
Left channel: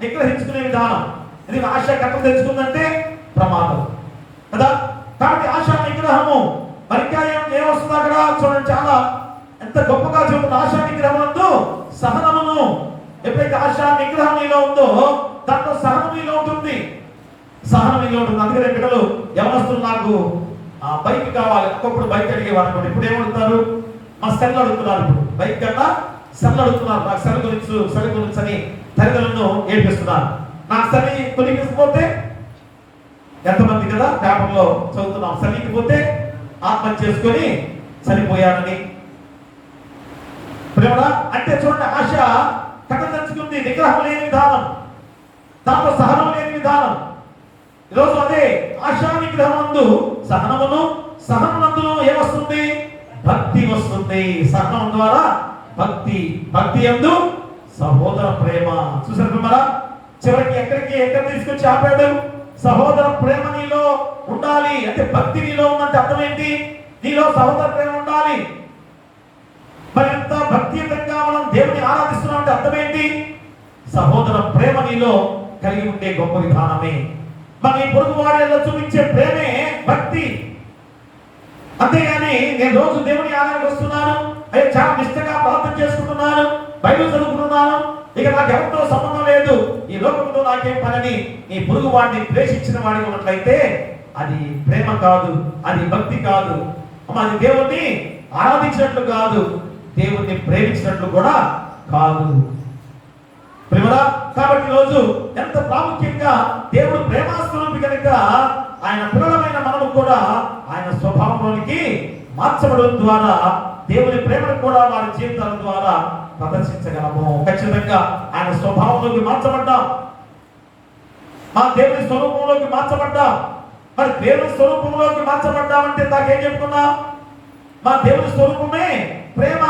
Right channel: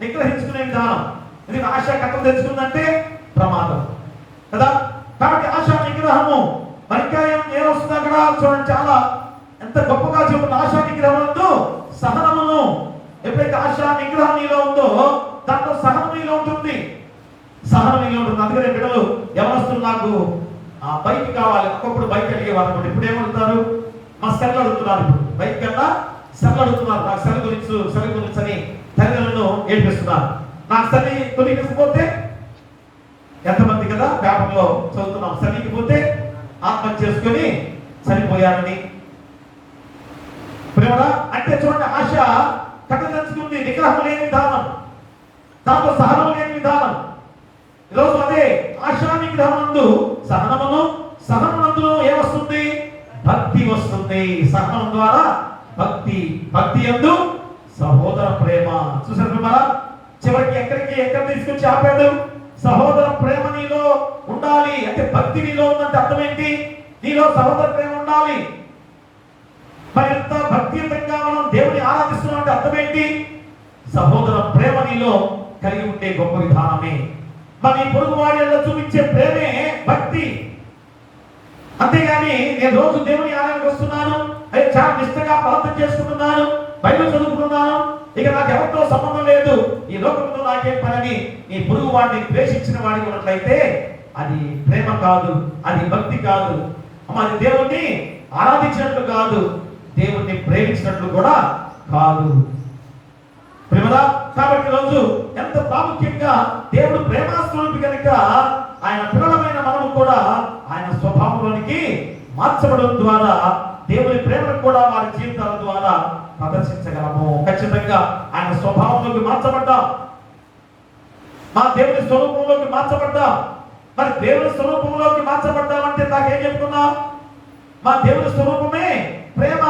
నిగ్రహించుకునే విధానం. ఎందుకంటే ఆశ కట్టలు తెచ్చుకుందంటే ప్రమాదం కదా. కాబట్టి ఆశా నిగ్రహము. మరి ఇంకా ఏమొస్తుంది అక్కడ చూడండి, చాలా ఎంత గొప్పగా చెబుతుంది. ఆశా నిగ్రహంతో సహనమును. ఎప్పుడైతే ఆశా నిగ్రహం నీలో ఉందో దాంట్లో సహనం నీలో ఉంటుంది. అందుకనే బిడ్డలు ఎవరొస్తున్నారు, నాకు ఆ బైక్ కావాలి. ఒకప్పుడు బైక్ అడిగేవారు, ఇప్పుడు ఏమడుగుతారు? మా సెల్ అడుగుతున్నారు. ఇప్పుడు బైక్ కన్నా సెల్ అడుగుతున్నారు. నాకు సెల్ గురించి అని తల్లిదండ్రులను ఏడిపిస్తున్నారు. నాకు సెల్ కొనిగిపోతే ఎంతమంది కదా పేపర్లో చదువుతున్నాం, చనిపోతే ఆత్మహత్య చేసుకొని చనిపోయారని. ప్రేమ అంటే చూడండి, ఆశ కథ తెచ్చుకుంది. నిగ్రహం లేని విధానం, దాంతో సహనం లేని విధానం. ఈరోజు అదే ఆశా నిగ్రహమందు సహనమునందు ఏమొస్తుంది? భక్తి వస్తుంది. సహనం ద్వారా భక్తి యందు సహోదర ప్రేమ. చూసారు మన చివరికి ఎక్కడ తీసుకొచ్చి ఆపాడు? సహోదర ప్రేమ నీలో ఉండాలి. అంటే భక్తి నీలో ఉందంటే అర్థం ఏంటి? నీలో సహోదర ప్రేమ ఉండాలి. మరి ఎంత భక్తియుతంగా మనం దేవుని ఆరాధిస్తున్నాం అంటే అర్థం ఏంటి? సహోదర ప్రేమ నీలో కలిగి ఉండే గొప్ప విధానమే. మరి పొరుగు వాడిలో చూపించే ప్రేమే భక్తి. అంతేగాని నేను రోజు దేవుని ఆరాధనకు వస్తున్నాను అయ్యో చాలా నిష్టగా ప్రార్థన చేసుకుంటున్నాను, బైబిల్ చదువుకుంటున్నాను, ఇక నాకు ఎవరితో సంబంధం లేదు, ఈ లోకంతో నాకేం పని, నీ పొరుగు వాడిని ద్వేషించిన వాడిని ఉన్నట్లయితే అది ప్రేమ కాదు, అది భక్తి కాదు, అది దేవుణ్ణి ఆరాధించినట్లు కాదు, దేవుణ్ణి ప్రేమించినట్లు కూడా కాదు. ప్రేమరా, కాబట్టి రోజు ఎంత ప్రాముఖ్యంగా దేవుడు ప్రేమాస్వరూపి కనుక ఆయన పిల్లలమైన మనము కూడా ఆయన స్వభావంలోనికి మార్చబడడం ద్వారా దేవుని ప్రేమను కూడా వారి జీవితాల ద్వారా ప్రదర్శించగలము. ఖచ్చితంగా ఆయన స్వభావంలోకి మార్చబడ్డాం, మా దేవుని స్వరూపంలోకి మార్చబడ్డాం. మరి దేవుని స్వరూపంలోకి మార్చబడ్డామంటే నాకేం చెప్పుకున్నాం? మా దేవుని స్వరూపమే ప్రేమ.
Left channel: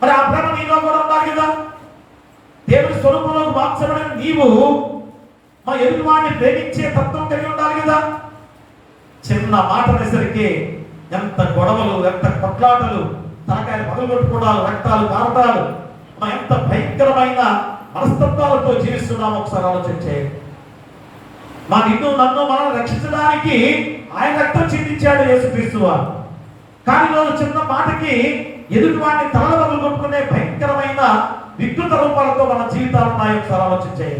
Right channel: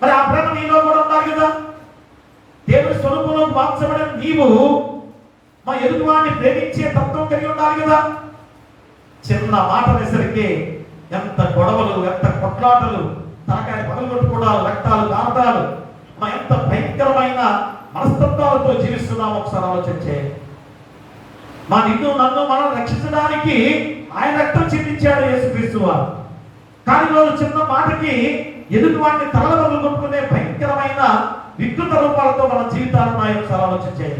మరి ఆ ప్రేమ నీలో కూడా ఉండాలి కదా. దేవుని స్వరూపంలోకి మార్చబడిన నీవు మా ఎదుటివాడిని ప్రేమించే తత్వం కలిగి ఉండాలి కదా. చిన్న మాట అనేసరికి ఎంత గొడవలు, ఎంత కొట్లాటలు, తలకాయ పగలగొట్టుకోవడాలు, రక్తాలు కారటాలు, ఎంత భయంకరమైన మనస్తత్వాలతో జీవిస్తున్నాం ఒకసారి ఆలోచించే. మా నిన్ను నన్ను మనం రక్షించడానికి ఆయన రక్తం చిందించాడు యేసుక్రీస్తు వారు. కానీ రోజు చిన్న మాటకి ఎదుటి వాడిని తలలు కొట్టుకునే భయంకరమైన వికృత రూపాలతో మన జీవితాలు ఉన్నాయి. ఒకసారి ఆలోచించే.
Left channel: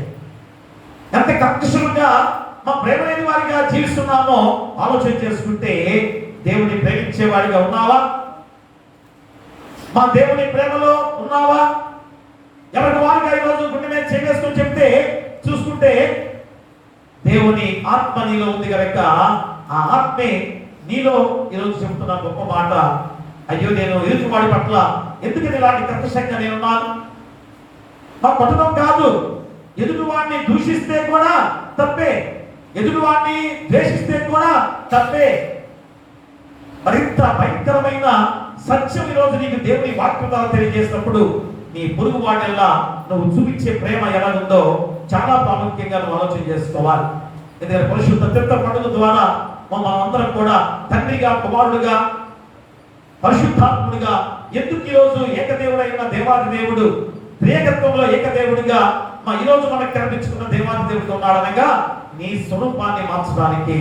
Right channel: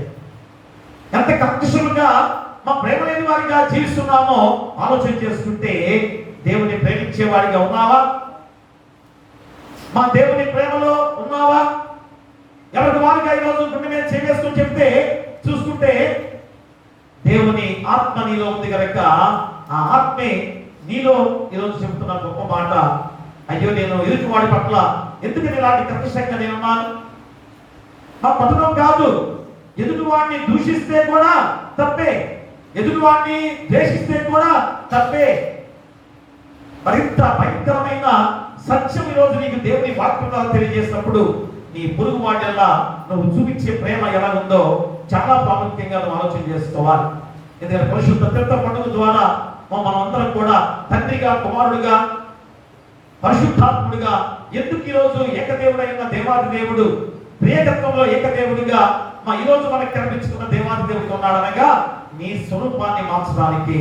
ఎంత కర్కశులుగా మా ప్రేమ లేని వారిగా జీవిస్తున్నామో ఆలోచన చేసుకుంటే, దేవుని ప్రేమించే వాడిగా ఉన్నావా? మా దేవుని ప్రేమలో ఉన్నావా? ఎవరి వారిగా ఈరోజు గుండె మీద చేవేసుకుని చెప్తే చూసుకుంటే, దేవుని ఆత్మ నీలో ఉంది కనుక ఆ ఆత్మే నీలో ఈరోజు చెప్తున్న గొప్ప మాట, అయ్యో నేను ఎదుటివాడి పట్ల ఎందుకని ఇలాంటి కర్కశంగా నేనున్నాను. మా కొట్టడం కాదు, ఎదుటివాడిని దూషిస్తే కూడా తప్పే, ఎదుటివాడిని ద్వేషిస్తే కూడా తప్పే. మరింత భయంకరమైన సత్యం ఈరోజు నీకు దేవుని వాక్యం ద్వారా తెలియజేసినప్పుడు నీ పొరుగు వాడెల్లా నువ్వు చూపించే ప్రేమ ఎలా ఉందో చాలా ప్రాముఖ్యంగా నువ్వు ఆలోచన చేసుకోవాలి. ఎందుకంటే పరిశుద్ధ తీర్థ పండుగ ద్వారా మనం అందరం కూడా తండ్రిగా, కుమారుడుగా, పరిశుద్ధాత్ముడిగా ఎందుకు ఈరోజు ఏకదేవుడైన దేవాది దేవుడు ప్రియకత్వంలో ఏకదేవుడిగా ఈరోజు మనకు కనిపించుకున్న దేవాది దేవుడిగా ఉన్నాడనగా నీ స్వరూపాన్ని మార్చడానికి,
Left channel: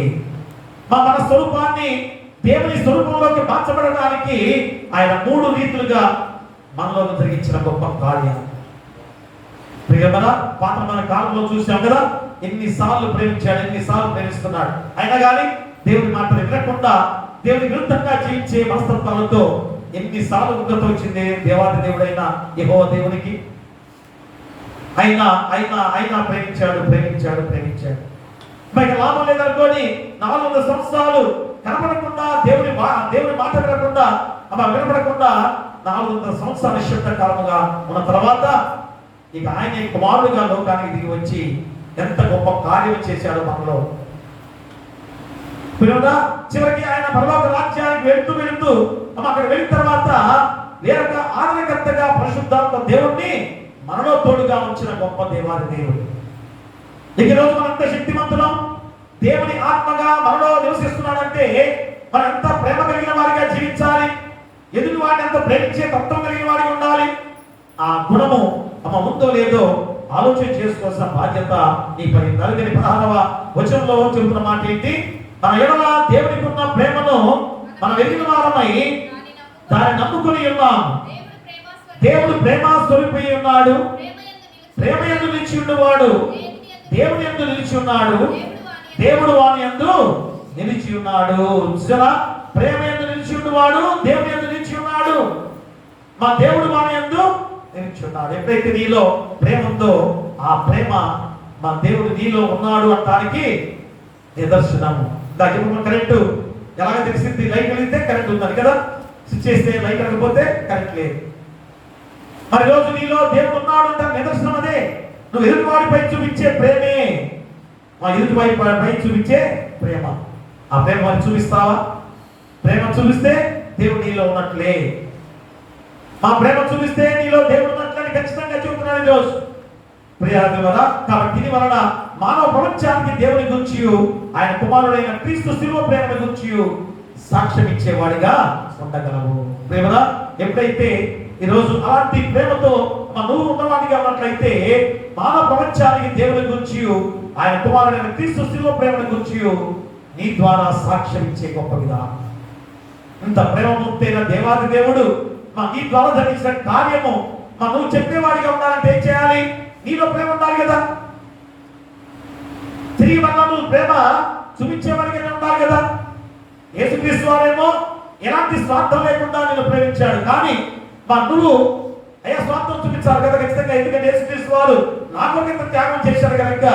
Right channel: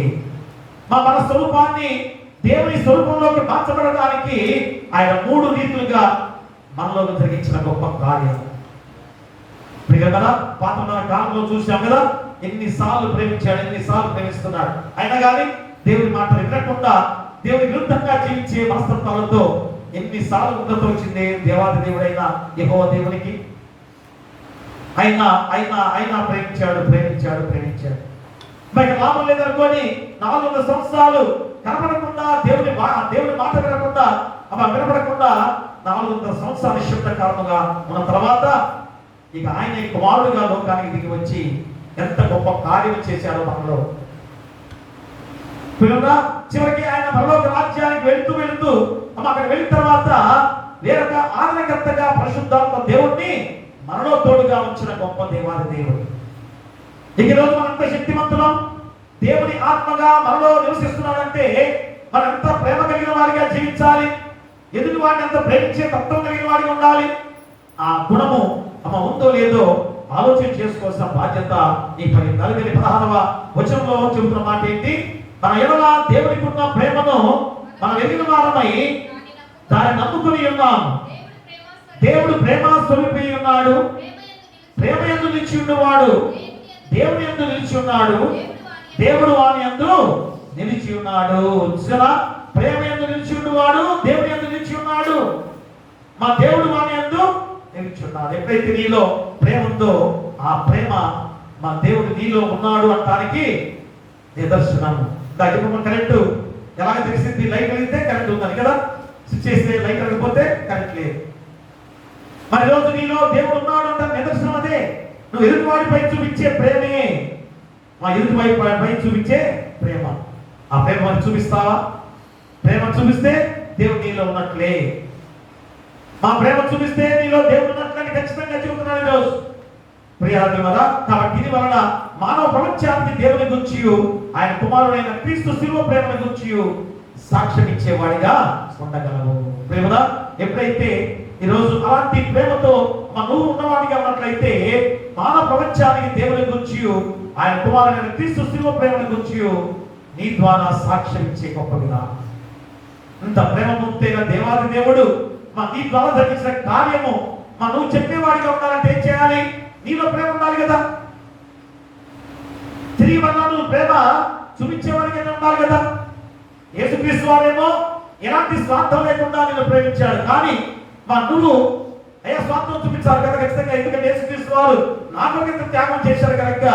మన స్వరూపాన్ని దేవుని స్వరూపంలోకి మార్చబడడానికి ఆయన 3 రీతులుగా మనలో జరిగించిన గొప్ప కార్యం. ప్రియమైన పాత్రమైన కాలంలో చూసాం కదా, ఎన్నిసార్లు ప్రేమించాడు, ఎన్నిసార్లు ప్రేమిస్తున్నాడు. అయినా కానీ దేవుడి మాటలు వినకుండా దేవుని విరుద్ధంగా జీవించే మనస్తత్వాలతో ఎన్నిసార్లు ఉగ్రత వచ్చింది దేవాది దేవుడైన యెహోవా దేవునికి. అయినా ప్రేమించాడు. బయట లాభం లేదనుకోని 400 సంవత్సరాలు కనపడకుండా దేవుని మాట వినకుండా వినపడకుండా 400 సంవత్సరాల నిశ్శబ్ద కాలముగా ఉన్న తర్వాత ఇక ఆయన కుమారుడుగా లోకానికి దిగి వచ్చి ఎంత గొప్ప కార్యం చేశాడు మనలో. చివరికి ఆయన పరలోక రాజ్యానికి వెళుతూ అక్కడ వెళ్ళిన తర్వాత వేరొక ఆదరణకర్తగా పరిశుద్ధాత్మ దేవుణ్ణి మనలో తోడుగా ఉంచిన గొప్ప దేవాది దేవుడు. ఈ రోజు మనంత శక్తివంతులం, దేవుని ఆత్మగా మనలో నివసిస్తున్నాడంటే మనం ఎంత ప్రేమ కలిగిన వారిగా జీవించాలి, ఎదుటి వాడిని ఎంత ప్రేమించే తత్వం కలిగిన వాడిగా ఉండాలి. ఆ గుణము ఉందో లేదో ఆలోచన చేసుకోవాల్సిన బాధ్యత నీ పని. 16వ వచనంలో చెబుతున్న మాట ఏంటి? మన ఎడల దేవునికి ఉన్న ప్రేమను మనం ఎరిగిన వారమై దాన్ని నమ్ముకుని ఉన్నాం. దేవుడు ప్రేమ స్వరూపి ఉన్నాడు, ప్రేమ యందు నిలిచి ఉన్నవాడు దేవుని యందు నిలిచి ఉన్నాడు, దేవుడు వాని యందు నిలిచి ఉన్నాడు. ప్రేమ యందు నిలిచి ఉన్నవాడు దేవుని యందు నిలిచి ఉన్నాడు, మా దేవుడు వాని యందు నిలిచి ఉన్నాడు. ఎప్పుడైతే నీలో ప్రేమ ఉందో ఆ ప్రేమ మా దేవుడు నీలో ఉన్నాడు అనడానికి నిదర్శనము. కరెంటు ఎలాగ తెలిసింది? లైట్ వెలిగితే కరెంట్ ఉందని కదా, స్విచ్ చేస్తే లైట్ లేకపోతే కరెంట్ లేదు. మరి రోజు నీలో దేవుడు ఉన్నాడు అంటే నిదర్శనం అదే. నువ్వు ఎదుటివాడిపై చూపించే ప్రేమే మా ఎదుటివాడిపై చూపించే ప్రేమ. ఆ ప్రేమ చూపిస్తావా? ప్రేమ చూపిస్తే దేవుడు నీలో ఉన్నట్లే. మా ప్రేమ చూపిస్తే నీలో దేవుడు ఉన్నట్లని ఖచ్చితంగా చెబుతున్నాను ఈరోజు ప్రియాది వల్ల. కాబట్టి దీని వలన మానవ ప్రపంచానికి దేవుని గురించి, ఆయన కుమారుడైన క్రీస్తు శిలువ ప్రేమ గురించి సాక్ష్యం ఇచ్చేవాడిగా ఉండగలవు. ప్రేమ ఎప్పుడైతే ఈరోజు అలాంటి ప్రేమతో నువ్వు ఉన్నవాడిగా ఉన్నట్లయితే మానవ ప్రపంచానికి దేవుని గురించి, ఆయన కుమారుడైన క్రీస్తు శిలువ ప్రేమ గురించి నీ ద్వారా సాక్ష్యం ఇచ్చే గొప్ప విధానం. ఇంత ప్రేమమూర్తైన దేవాది దేవుడు నీ ద్వారా జరిగించిన కార్యము నువ్వు చెప్పేవాడిగా ఉండాలంటే ఏం చేయాలి? నీలో ప్రేమ ఉండాలి కదా. తిరిగి మళ్ళా నువ్వు ప్రేమ చూపించేవాడిగా ఉండాలి కదా. యేసుక్రీస్తు వారేమో ఎలాంటి స్వార్థం లేకుండా నేను ప్రేమించాడు, కానీ నువ్వు అయ్యా స్వార్థం చూపించాలి కదా ఖచ్చితంగా. ఎందుకంటే యేసుక్రీస్తు వారు నా కొరకు త్యాగం చేశారు కనుక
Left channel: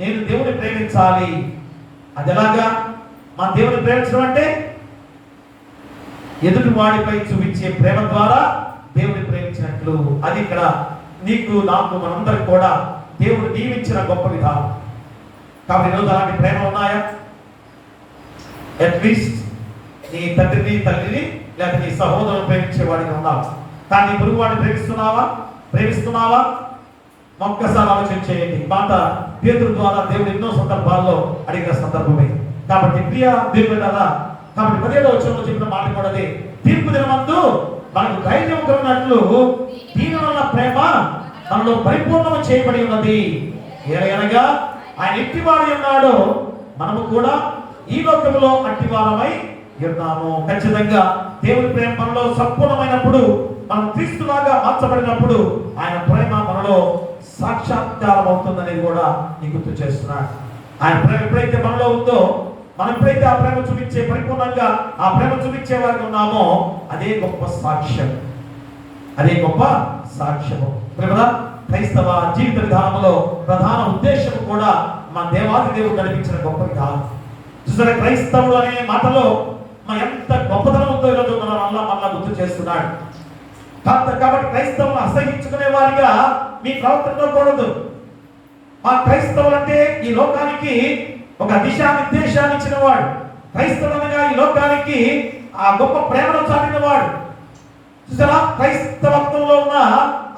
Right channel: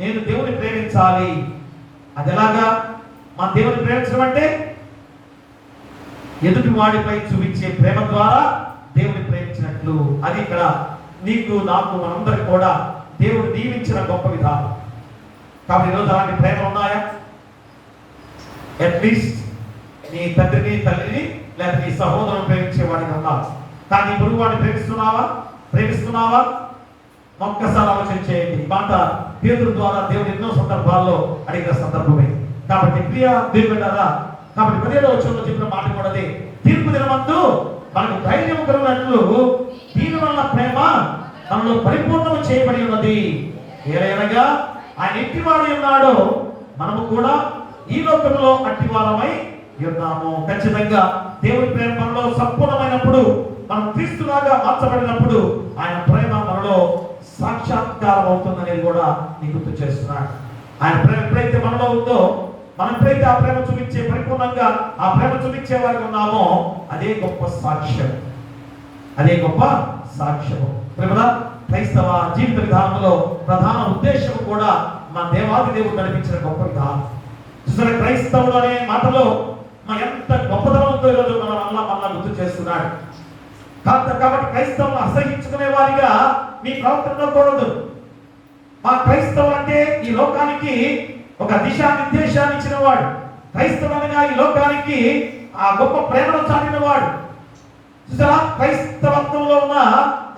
నేను దేవుని ప్రేమించాలి. అది ఎలాగా? దేవుని ప్రేమించడం అంటే ఎదుటి వాడిపై చూపించే ప్రేమ ద్వారా దేవుని ప్రేమించినట్లు. అది ఇక్కడ నీకు నాకు మనందరికి కూడా దేవుడు దీవించిన గొప్ప విధానం. కాబట్టి ఈరోజు అలాంటి ప్రేమ ఉన్నాయా? అట్లీస్ట్ నీ తండ్రిని తల్లిని లేదా నీ సహోదరుని ప్రేమించేవాడిగా ఉన్నావు, కానీ గురువు వాడిని ప్రేమిస్తున్నావా? ఒక్కసారి ఆలోచన చేయండి. మాట పేతురు ద్వారా దేవుడు ఎన్నో సందర్భాల్లో అడిగిన సందర్భమే. కాబట్టి ప్రియ దేవుడు కదా, కాబట్టి 17వ వచనంలో చెప్పిన మాట కూడా అదే. తీర్పు దినమందు మనకు ధైర్యం కలిగినట్లు దీని వలన ప్రేమ మనలో పరిపూర్ణం చేయబడి ఉన్నది. ఏలయనగా ఆయన ఎట్టివాడై ఉన్నాడో మనము కూడా ఈ లోకంలో అట్టివారమై ఉన్నాము. ఖచ్చితంగా దేవుని ప్రేమ మనలో సంపూర్ణమైనప్పుడు, మనం క్రీస్తులాగా మార్చబడినప్పుడు ఆయన ప్రేమ మనలో సాక్షాత్కారం అవుతుందనేది కూడా నీకు గుర్తు చేస్తున్నాడు. ఆయన ప్రేమ ఎప్పుడైతే మనలో ఉందో, మనం ఎప్పుడైతే ఆ ప్రేమ చూపించే పరిపూర్ణంగా ఆ ప్రేమ చూపించే వారికి ఉన్నామో అదే గొప్ప సాక్ష్యం. ప్రేమ క్రైస్తవ జీవిత విధానంలో ప్రధాన ఉద్దేశం కూడా మా దేవాది దేవుడు నడిపించిన గొప్ప విధానం. చూసారా, క్రైస్తవుడు అనే మాటలో ఎంత గొప్పతనం ఉందో ఈరోజు మళ్ళా గుర్తు చేస్తున్నాడు. కాబట్టి క్రైస్తవులను అసహించుకునే వారిగా మీ ప్రవర్తనలో కూడదు. క్రైస్తవులు అంటే ఈ లోకానికి ఒక దిశానిర్దేశాన్ని ఇచ్చిన వాడు. క్రైస్తవులుగా ఈ లోకానికి ఆ గొప్ప ప్రేమను చాటిన వాడు. చూసారా, క్రైస్తవత్వంలో ఉన్న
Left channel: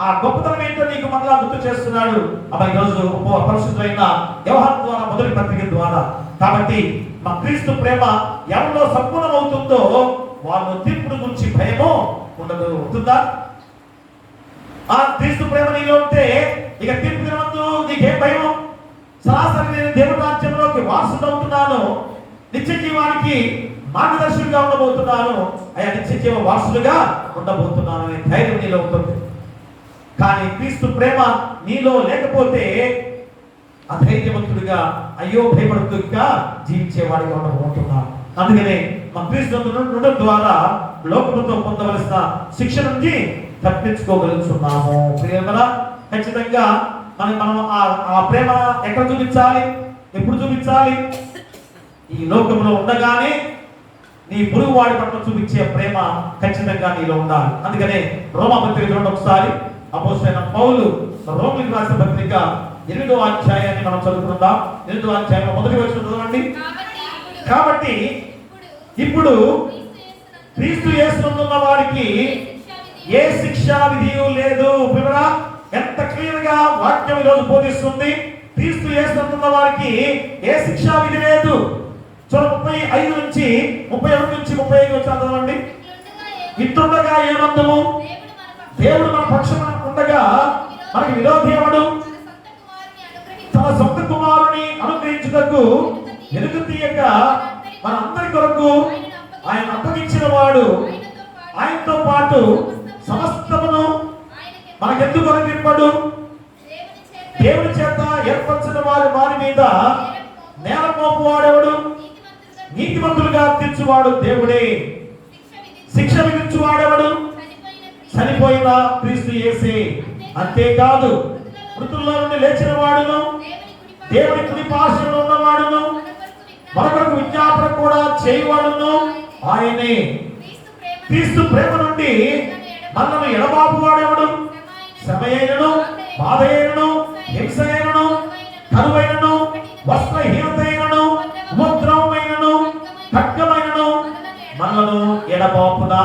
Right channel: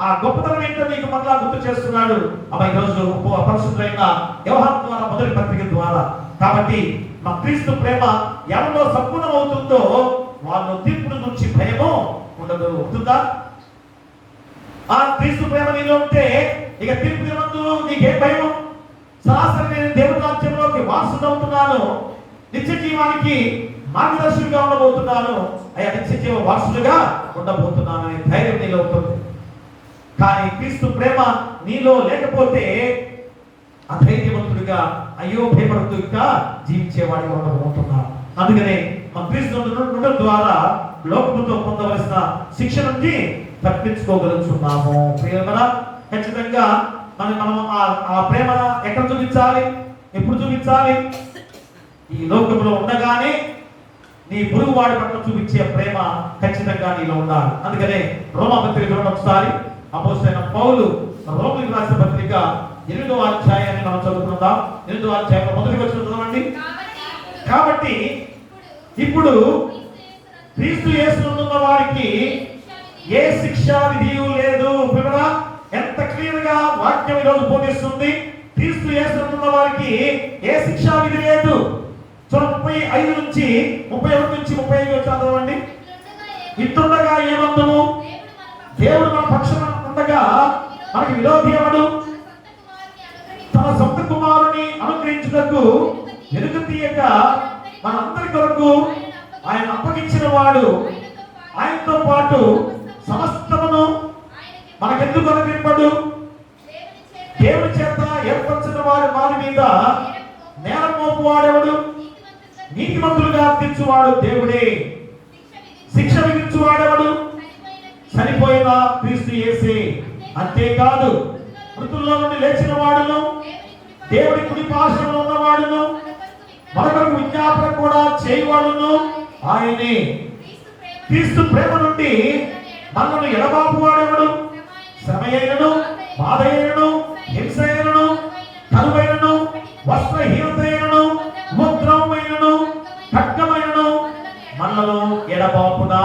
ఆ గొప్పతనం ఏంటో నీకు మళ్ళా గుర్తు చేస్తున్నాడు ఈరోజు పరిశుద్ధులైన యోహాను ద్వారా మొదటి పత్రిక ద్వారా. కాబట్టి మా క్రీస్తు ప్రేమ ఎవరిలో సంపూర్ణం అవుతుందో వాళ్ళు తీర్పును గురించి భయమో ఉండదు. అవుతుందా? ఆ క్రీస్తు ప్రేమ నీలో ఉంటే ఇక తీర్పు దినమందు నీకేం భయం? సరాసరి నేను దేవుని రాజ్యంలోకి వారసుడు అవుతున్నాను, నిత్య జీవానికి మార్గదర్శకుడిగా ఉండబోతున్నాను, నిత్య జీవ వారసుడుగా ఉండబోతున్నాను అనే ధైర్యం నీలో ఉంటుంది. కానీ క్రీస్తు ప్రేమ నీలో లేకపోతే అధైర్యవంతుడిగా అయ్యో భయపడుతుగా జీవించేవాడిగా ఉండబోతున్నాను. అందుకనే మా క్రీస్తు ఉండడం ద్వారా లోకముతో పొందవలసిన శిక్ష నుంచి తప్పించుకోగలుగుతున్నాము. ప్రియమరా, ఖచ్చితంగా మనం ఆ ప్రేమ ఎక్కడ చూపించాలి? ఎప్పుడు చూపించాలి? ఈ లోకంలో ఉండగానే నీ పొరుగు వాడి పట్ల చూపించే ప్రేమ ఖచ్చితంగా నీలో ఉండాలి. అందుకనే రోమా పత్రిక ఒకసారి అపోస్తలుడైన పౌలు రోమిలకు రాసిన పత్రిక 8వ అధ్యాయాన్ని మనం చదువుకుందాం. 8వ అధ్యాయంలో మొదటి వచనం చదవండి. కాబట్టి ఇప్పుడు క్రీస్తు యేసునందున్న వారికి ఏ శిక్షా విధియు లేదు. ఎంత క్లియర్ గా వాక్యం ఈరోజు బోధిస్తుంది. క్రీస్తు యేసునందున్న వారికి ఏ శిక్షా విధి లేదు. 35 నుంచి 31 నుంచి 35 చదవండి. ఇట్లుండగా ఏమందుము? దేవుడు మన పక్షాన ఉండగా మనకి విరోధి ఎవడు? తన సొంత కుమారుని అనుగ్రహించుటకు వెలుగు తీయక మనందరి కొరకు ఆయన అప్పగించిన వాడు ఆయనతో పాటు సమస్తమును మనకెందుకు అనుగ్రహింపడు? దేవుని చేత ఏర్పరిచిన వారి మీద నేరం మోపు వాడెవడు? నీతిమంతులుగా తీర్చువాడు దేవుడే. శిక్ష విధించు వాడెవడు? చనిపోయిన క్రీస్తు యేసే. అంతేకాదు మృతుల్లో నుండి లేచిన వాడును, దేవుని కుడి పార్శ్వమున ఉన్నవాడును, మరొకరికి విజ్ఞాపన కూడా చేయవాడును ఆయనే. క్రీస్తు ప్రేమ నుండి మనల్ని ఎడబాపు వాడెవడు? శ్రమయైనను, బాధయైనను, హింసయైనను, కరువైనను, వస్త్రహీనతైనను, ఉపద్రవమైనను, ఖడ్గమైనను మనలను ఎడబాపునా?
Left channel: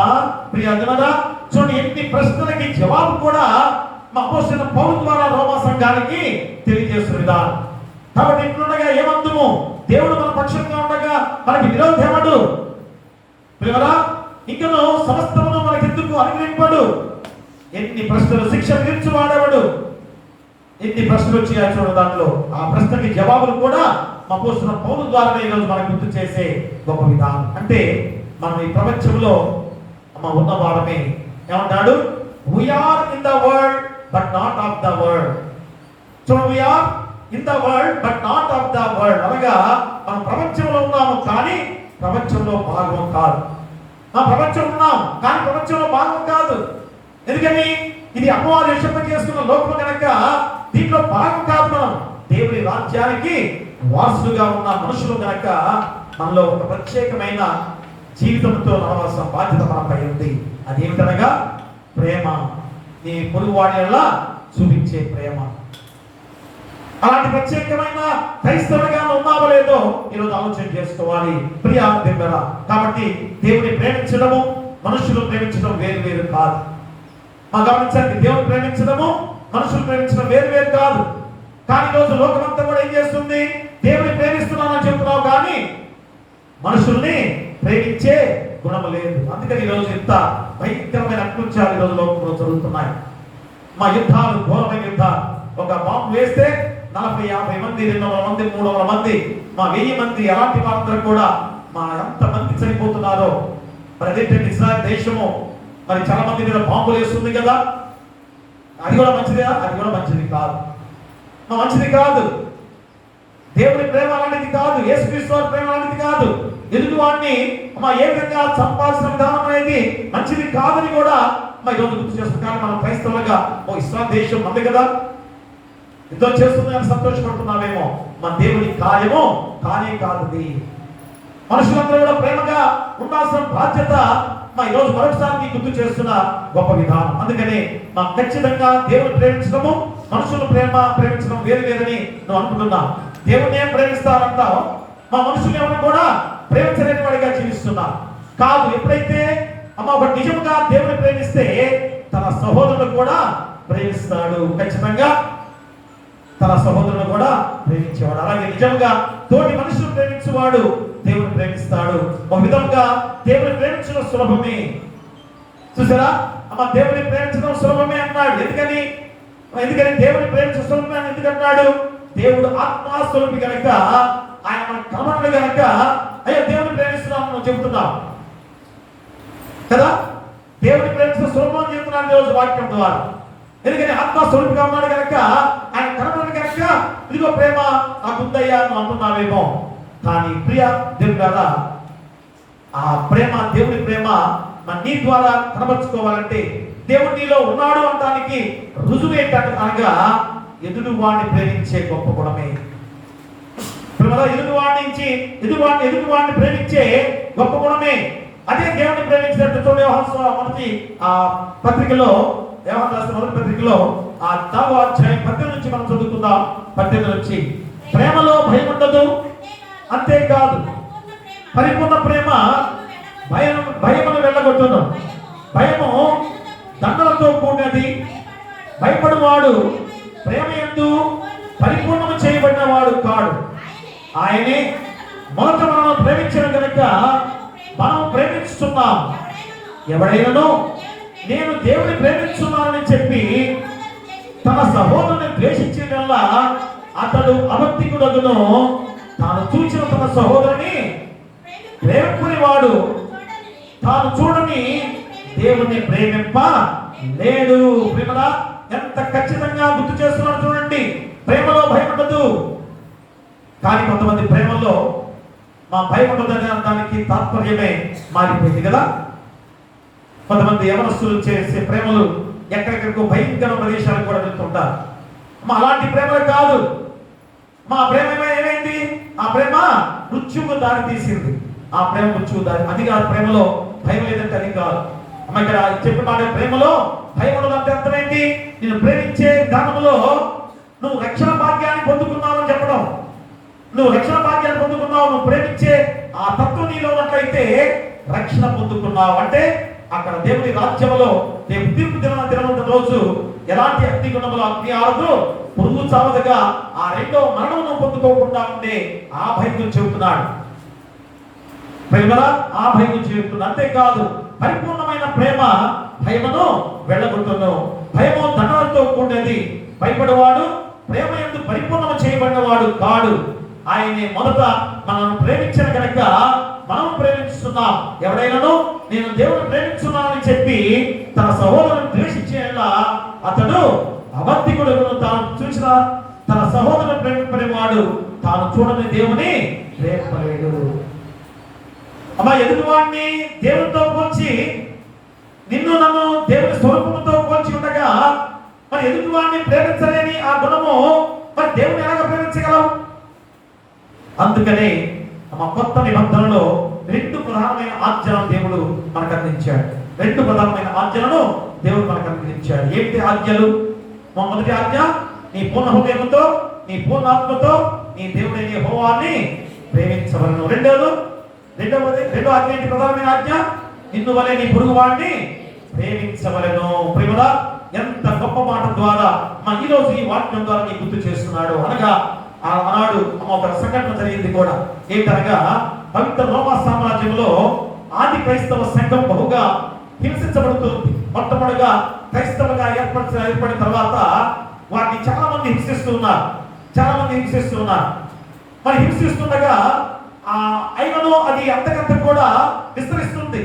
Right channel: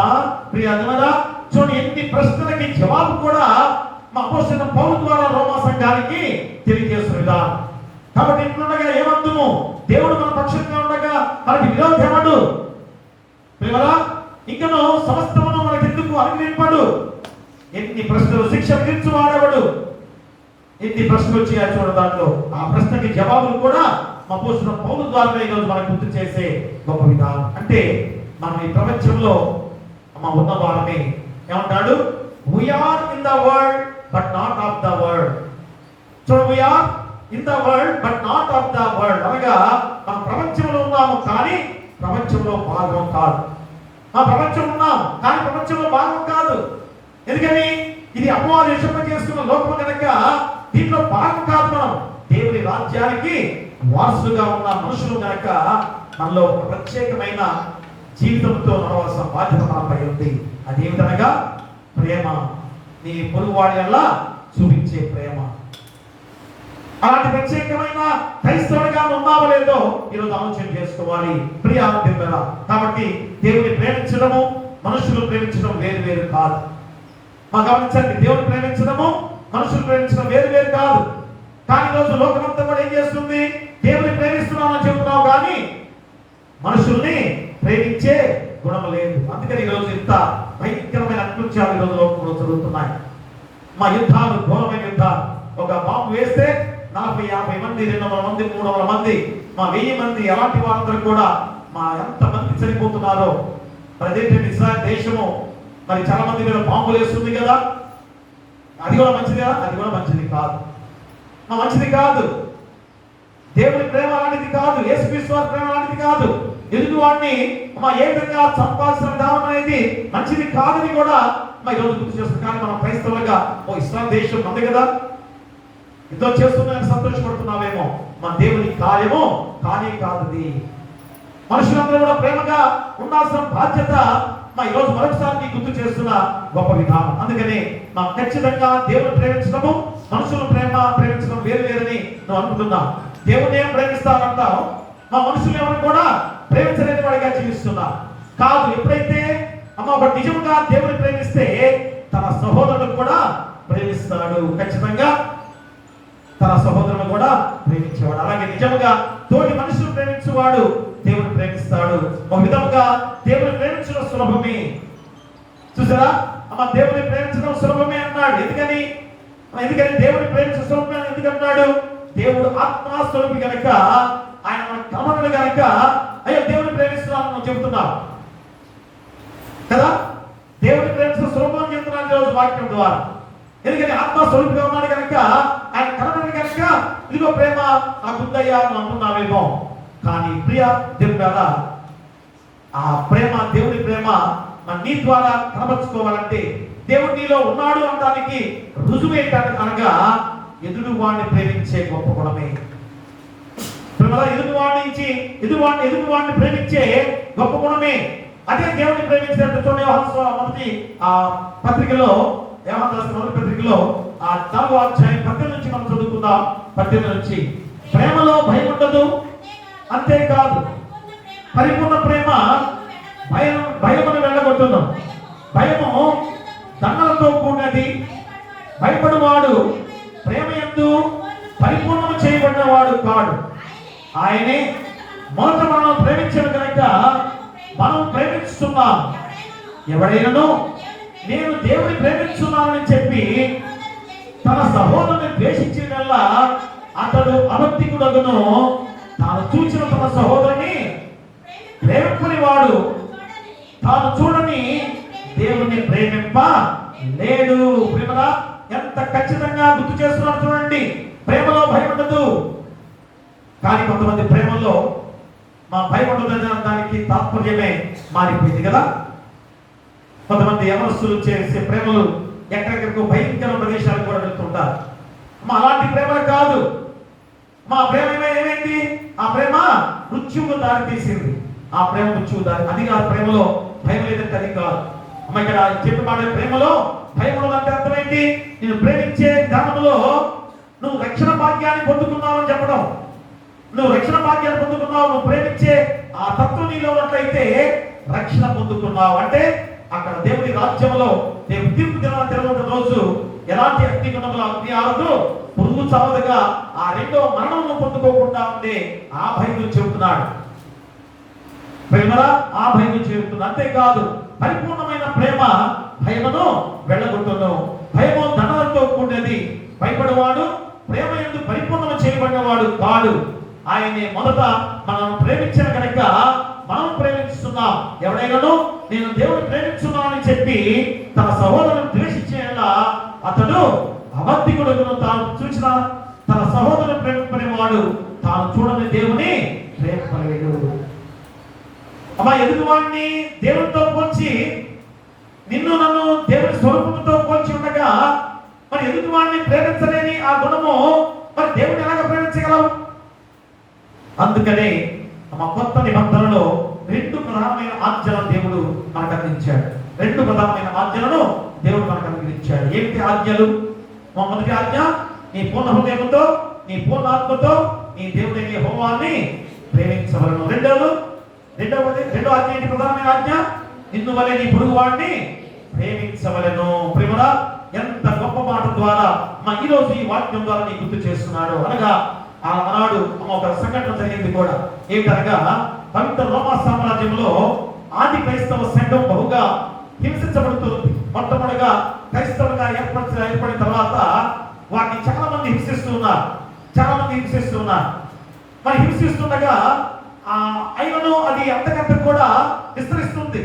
ప్రియ అన్నదా, చూడండి ఎన్ని ప్రశ్నలకి జవాబు కూడా మా అపోస్తలుడైన పౌలు ద్వారా రోమా సంఘానికి తెలియజేస్తున్న విధానం. కాబట్టి ఇట్లుండగా ఏమందుము? దేవుడు మన పక్షంగా ఉండగా మనకి విరోధి ఎవడు? ప్రియరా, ఇంకను సమస్తమును మనకెందుకు అనుగ్రహింపడు? ఎన్ని ప్రశ్నలు. శిక్ష విధించు వాడెవడు? ఎన్ని ప్రశ్నలు వచ్చాయో చూడ. దాంట్లో ఆ ప్రశ్నకి జవాబులు కూడా మా అపోస్తలుడైన పౌలు ద్వారా ఈరోజు మనకు గుర్తు చేసే గొప్ప విధానం. అంటే మనం ఈ ప్రపంచంలో ఉన్నవారమే. ఏమంటాడు? We are in the world but not of the world. So we are in the world but not of the world అనగా మనం ప్రపంచంలో ఉన్నాము కానీ ప్రపంచంలో భాగం కాదు. ప్రపంచంలో ఉన్నాం కానీ ప్రపంచంలో భాగం కాదు. ఎందుకని? ఇది అపవాది విషయం చేసుకున్న లోకం కనుక దీంట్లో భాగం కాదు. మనం దేవుని రాజ్యానికి వారసులుగా ఉన్న మనుషులు కనుక మనలో ఒక ప్రత్యేకమైన జీవితంతో నడవాల్సిన బాధ్యత మనపై ఉంది. అదేమిటనగా ప్రేమ. నీ పొరుగువాడి వల్ల చూపించే ప్రేమ. అలాంటి ప్రత్యేకమైన క్రైస్తవుడిగా ఉన్నావో లేదో ఈరోజు ఆలోచన చేసుకోవాలి ప్రియా దేవుడా. కాబట్టి దేవుని ప్రేమించడము మనుషులు ప్రేమించడం వేరు వేరు కాదు. గమనించండి, దేవుని ప్రేమించడము మనుషులు ప్రేమించడం వేరు వేరు కాదు. కానీ ఈరోజు లోకమంతా కూడా ఏం చేస్తుంది? దేవుని ప్రేమిస్తున్నామని చెప్తున్నావు కానీ మనుషుల్ని ప్రేమించే గుణము లేదు. అందుకని ఈరోజు ఇంత భయంకరమైన అకృత్యాలు ఈరోజు లోకంలో జరుగుతున్నాయి. యుద్ధాలు, ఘోరమైన యుద్ధాలు. ఒక బాంబు వేస్తే 40-50 మంది, 200 మంది, 300 మంది, 1000 మంది, అలాంటి వాళ్ళందరూ కూడా ఎంత మంది చనిపోతున్నారో. మరి అదేంటంటే ఇజ్రాయెల్ దేశము మరి చాలా మంది మీద బాంబులు వేస్తుంది కదా. అది కూడా మంచిదా? అది కూడా మంచిది కాదు. మంచిది కాదు. దేవుని ప్రేమ లాంటిది కాదు. యేసుక్రీస్తు వారి ప్రేమ లాంటిది కాదు. ఎదుటి వాడిని ఏ విధంగా సంపాదించిన విధానం అనేది మంచిది కాదని కూడా ఈరోజు గుర్తు చేస్తుంది. కానీ మనం క్రైస్తవులుగా ఇస్లాం దేశం ఉంది కదా, యుద్ధం చేస్తుందని సంతోషపడుతున్నామేమో. మన దేవుని కార్యము కానే కాదు. మనుషులందరూ కూడా ప్రేమగా ఉండాల్సిన బాధ్యత ఈరోజు మరొకసారి గుర్తు చేస్తున్న గొప్ప విధానం. అందుకని మనం ఖచ్చితంగా దేవుని ప్రేమించడము మనుషులు ప్రేమించడం వేరు వేరని నువ్వు అనుకుంటున్నావు. దేవుని ఏం ప్రేమిస్తావంటావు, మనుషులు ఏమని కూడా ప్రేమించలేని వాడిగా జీవిస్తున్నా కాదు. ఎప్పుడైతే ఒక నిజంగా దేవుని ప్రేమిస్తే తన సహోదరుడు కూడా ప్రేమిస్తాడు. ఖచ్చితంగా తన సహోదరుడు కూడా ప్రేమించేవాడు. అలాగే నిజంగా తోటి మనుషులు ప్రేమించేవాడు దేవుని ప్రేమిస్తాడు. ఒక విధంగా దేవుని ప్రేమించడం సులభమే. చూసారా? దేవుని ప్రేమించడం సులభమే అన్నాడు. ఎందుకని దేవుని ప్రేమించడం సులభమే ఎందుకన్నాడు? దేవుడు ఆత్మస్వరూపి కనుక, ఆయన మన కమనుడు కనుక అయ్యో దేవుని ప్రేమిస్తున్నాను చెబుతున్నావు కదా. దేవుని ప్రేమించడం సులభం అని చెప్తున్నాను ఈరోజు వాక్యం ద్వారా. ఎందుకని ఆత్మస్వరూపిగా ఉన్నాడు కనుక, ఆయన కమనుడు కనుక ఇదిగో ప్రేమ నాకుందయ్యా అని అంటున్నావేమో. కానీ ప్రియ దేవుడా, ఆ ప్రేమ, దేవుని ప్రేమ నీ ద్వారా కనబరుచుకోవాలంటే దేవుడు నీలో ఉన్నాడు అనడానికి రుజువేటనగా ఎదురు వాడిని ప్రేమించే గొప్ప గుణమే. ఎదురు వాడిని ప్రేమించే గొప్ప గుణమే. అదే దేవుని ప్రేమించినట్టు మొదటి పత్రికలో మొదటి పత్రికలో 4వ అధ్యాయం 18 నుంచి మనం చదువుకుందాం. 18 నుంచి ప్రేమలో భయం ఉండదు, అంతేకాదు పరిపూర్ణ ప్రేమ భయమును వెళ్ళగొట్టును. భయము దండలతో కూడినది. భయపడువాడు ప్రేమ యందు పరిపూర్ణము చేయబడినవాడు కాడు. ఆయనే మొదట మనం ప్రేమించడం కనుక మనం ప్రేమిస్తున్నాం. ఎవడైనాను నేను దేవుని ప్రేమిస్తున్నానని చెప్పి తన సహోదరుని ద్వేషించిన వల్ల అతడు అభక్తికుడగును. తాను చూసిన తన సహోదరుని ప్రేమికుని వాడు తాను చూడని దేవుని ప్రేమింప లేడు. ప్రేమలా ఎంత ఖచ్చితంగా గుర్తు చేస్తున్నారు చూడండి. ప్రేమలో భయం ఉండదు. కానీ కొంతమంది ప్రేమలో భయం ఉండదనే దానికి తాత్పర్యమే మారిపోయింది కదా. కొంతమంది యవనస్తులు చేసే ప్రేమలు ఎక్కడెక్కడికో భయంకర ప్రదేశాలకు కూడా వెళ్తుంటారు. అలాంటి ప్రేమలు కాదు. ప్రేమ ఏమైంది? ఆ ప్రేమ మృత్యువుకు దారి తీసింది. ఆ ప్రేమ మృత్యువు దారి. అది కాదు ప్రేమలో భయం లేదంటే అది కాదు. ఇక్కడ చెప్పి మాట ప్రేమలో భయం ఉండదంటే అర్థమైంది. నేను ప్రేమించే విధానంలో నువ్వు రక్షణ భాగ్యాన్ని పొందుకున్నావు అని చెప్పడం. నువ్వు రక్షణ భాగ్యాన్ని పొందుకున్నావు. నువ్వు ప్రేమించే ఆ తత్వం నీలో ఉన్నట్లయితే రక్షణ పొందుకున్నావు అంటే అక్కడ దేవుని రాజ్యంలో రేపు తీర్పు దినమున్న రోజు ఎలాంటి అగ్నిగుణములు అగ్ని ఆరదు, పురుగు చావదుగా ఆ రెండో మరణమును పొందుకోకుండా ఉండే ఆ భయం చెబుతున్నాడు. ప్రేమలా ఆ భయం చెబుతుంది. అంతేకాదు పరిపూర్ణమైన ప్రేమ భయమును వెళ్ళగొట్టును. భయము దండలతో కూడినది. భయపడేవాడు ప్రేమ యందు పరిపూర్ణము చేయబడినవాడు కాడు. ఆయనే మొదట మనం ప్రేమించిన కనుక మనం ప్రేమిస్తున్నాం. ఎవడైనాను నేను దేవుని ప్రేమిస్తున్నానని చెప్పి తన సహోదరుని ద్వేషించేలా అతడు అబద్ధికుడు. తాను చూసిన తన సహోదరుని ప్రేమింపనేవాడు తాను చూడని దేవుని ప్రేమింపలేడు. అమ్మా, ఎదుటివాడిని దేవునితో పోల్చి, నిన్ను నన్ను దేవుని స్వరూపంతో పోల్చి ఉండగా మరి ఎదుటివాడిని ప్రేమించలేని ఆ గుణము మరి దేవుని ఎలాగ ప్రేమించగలవు? అందుకనే మా కొత్త నిబంధనలో 2 ప్రధానమైన ఆజ్ఞలను దేవుడు మనకు అందించాడు. 2 ప్రధానమైన ఆజ్ఞలను దేవుడు మనకు అందించాడు. ఏంటి ఆజ్ఞలు? మొదటి ఆజ్ఞ, నీ పూర్ణ హృదయంతో, నీ పూర్ణ ఆత్మతో నీ దేవుడైన యెహోవాని ప్రేమించవలెను. రెండో ఆజ్ఞ ఏంటి? ప్రధానమైన ఆజ్ఞ, నిన్ను వలె నీ పొరుగువాడిని ప్రేమించవలెను. ప్రేమడా, ఎంత గొప్ప మాట ద్వారా ఈ రోజు ఈ వాక్యం ద్వారా నీ గుర్తు చేస్తున్నాడు. అనగా ఆనాడు ఒక సంఘటన జరిగింది కూడా. ఏంటనగా పవిత్ర రోమా సామ్రాజ్యంలో ఆది క్రైస్తవ సంఘం బహుగా హింసించబడుతుంది. మొట్టమొదటిగా క్రైస్తవులుగా ఏర్పడిన తర్వాత వాటిని చాలా మంది హింసిస్తున్నారు. మరి హింసిస్తుండగా అయినను అది అంతకంత కూడా విస్తరిస్తుంది.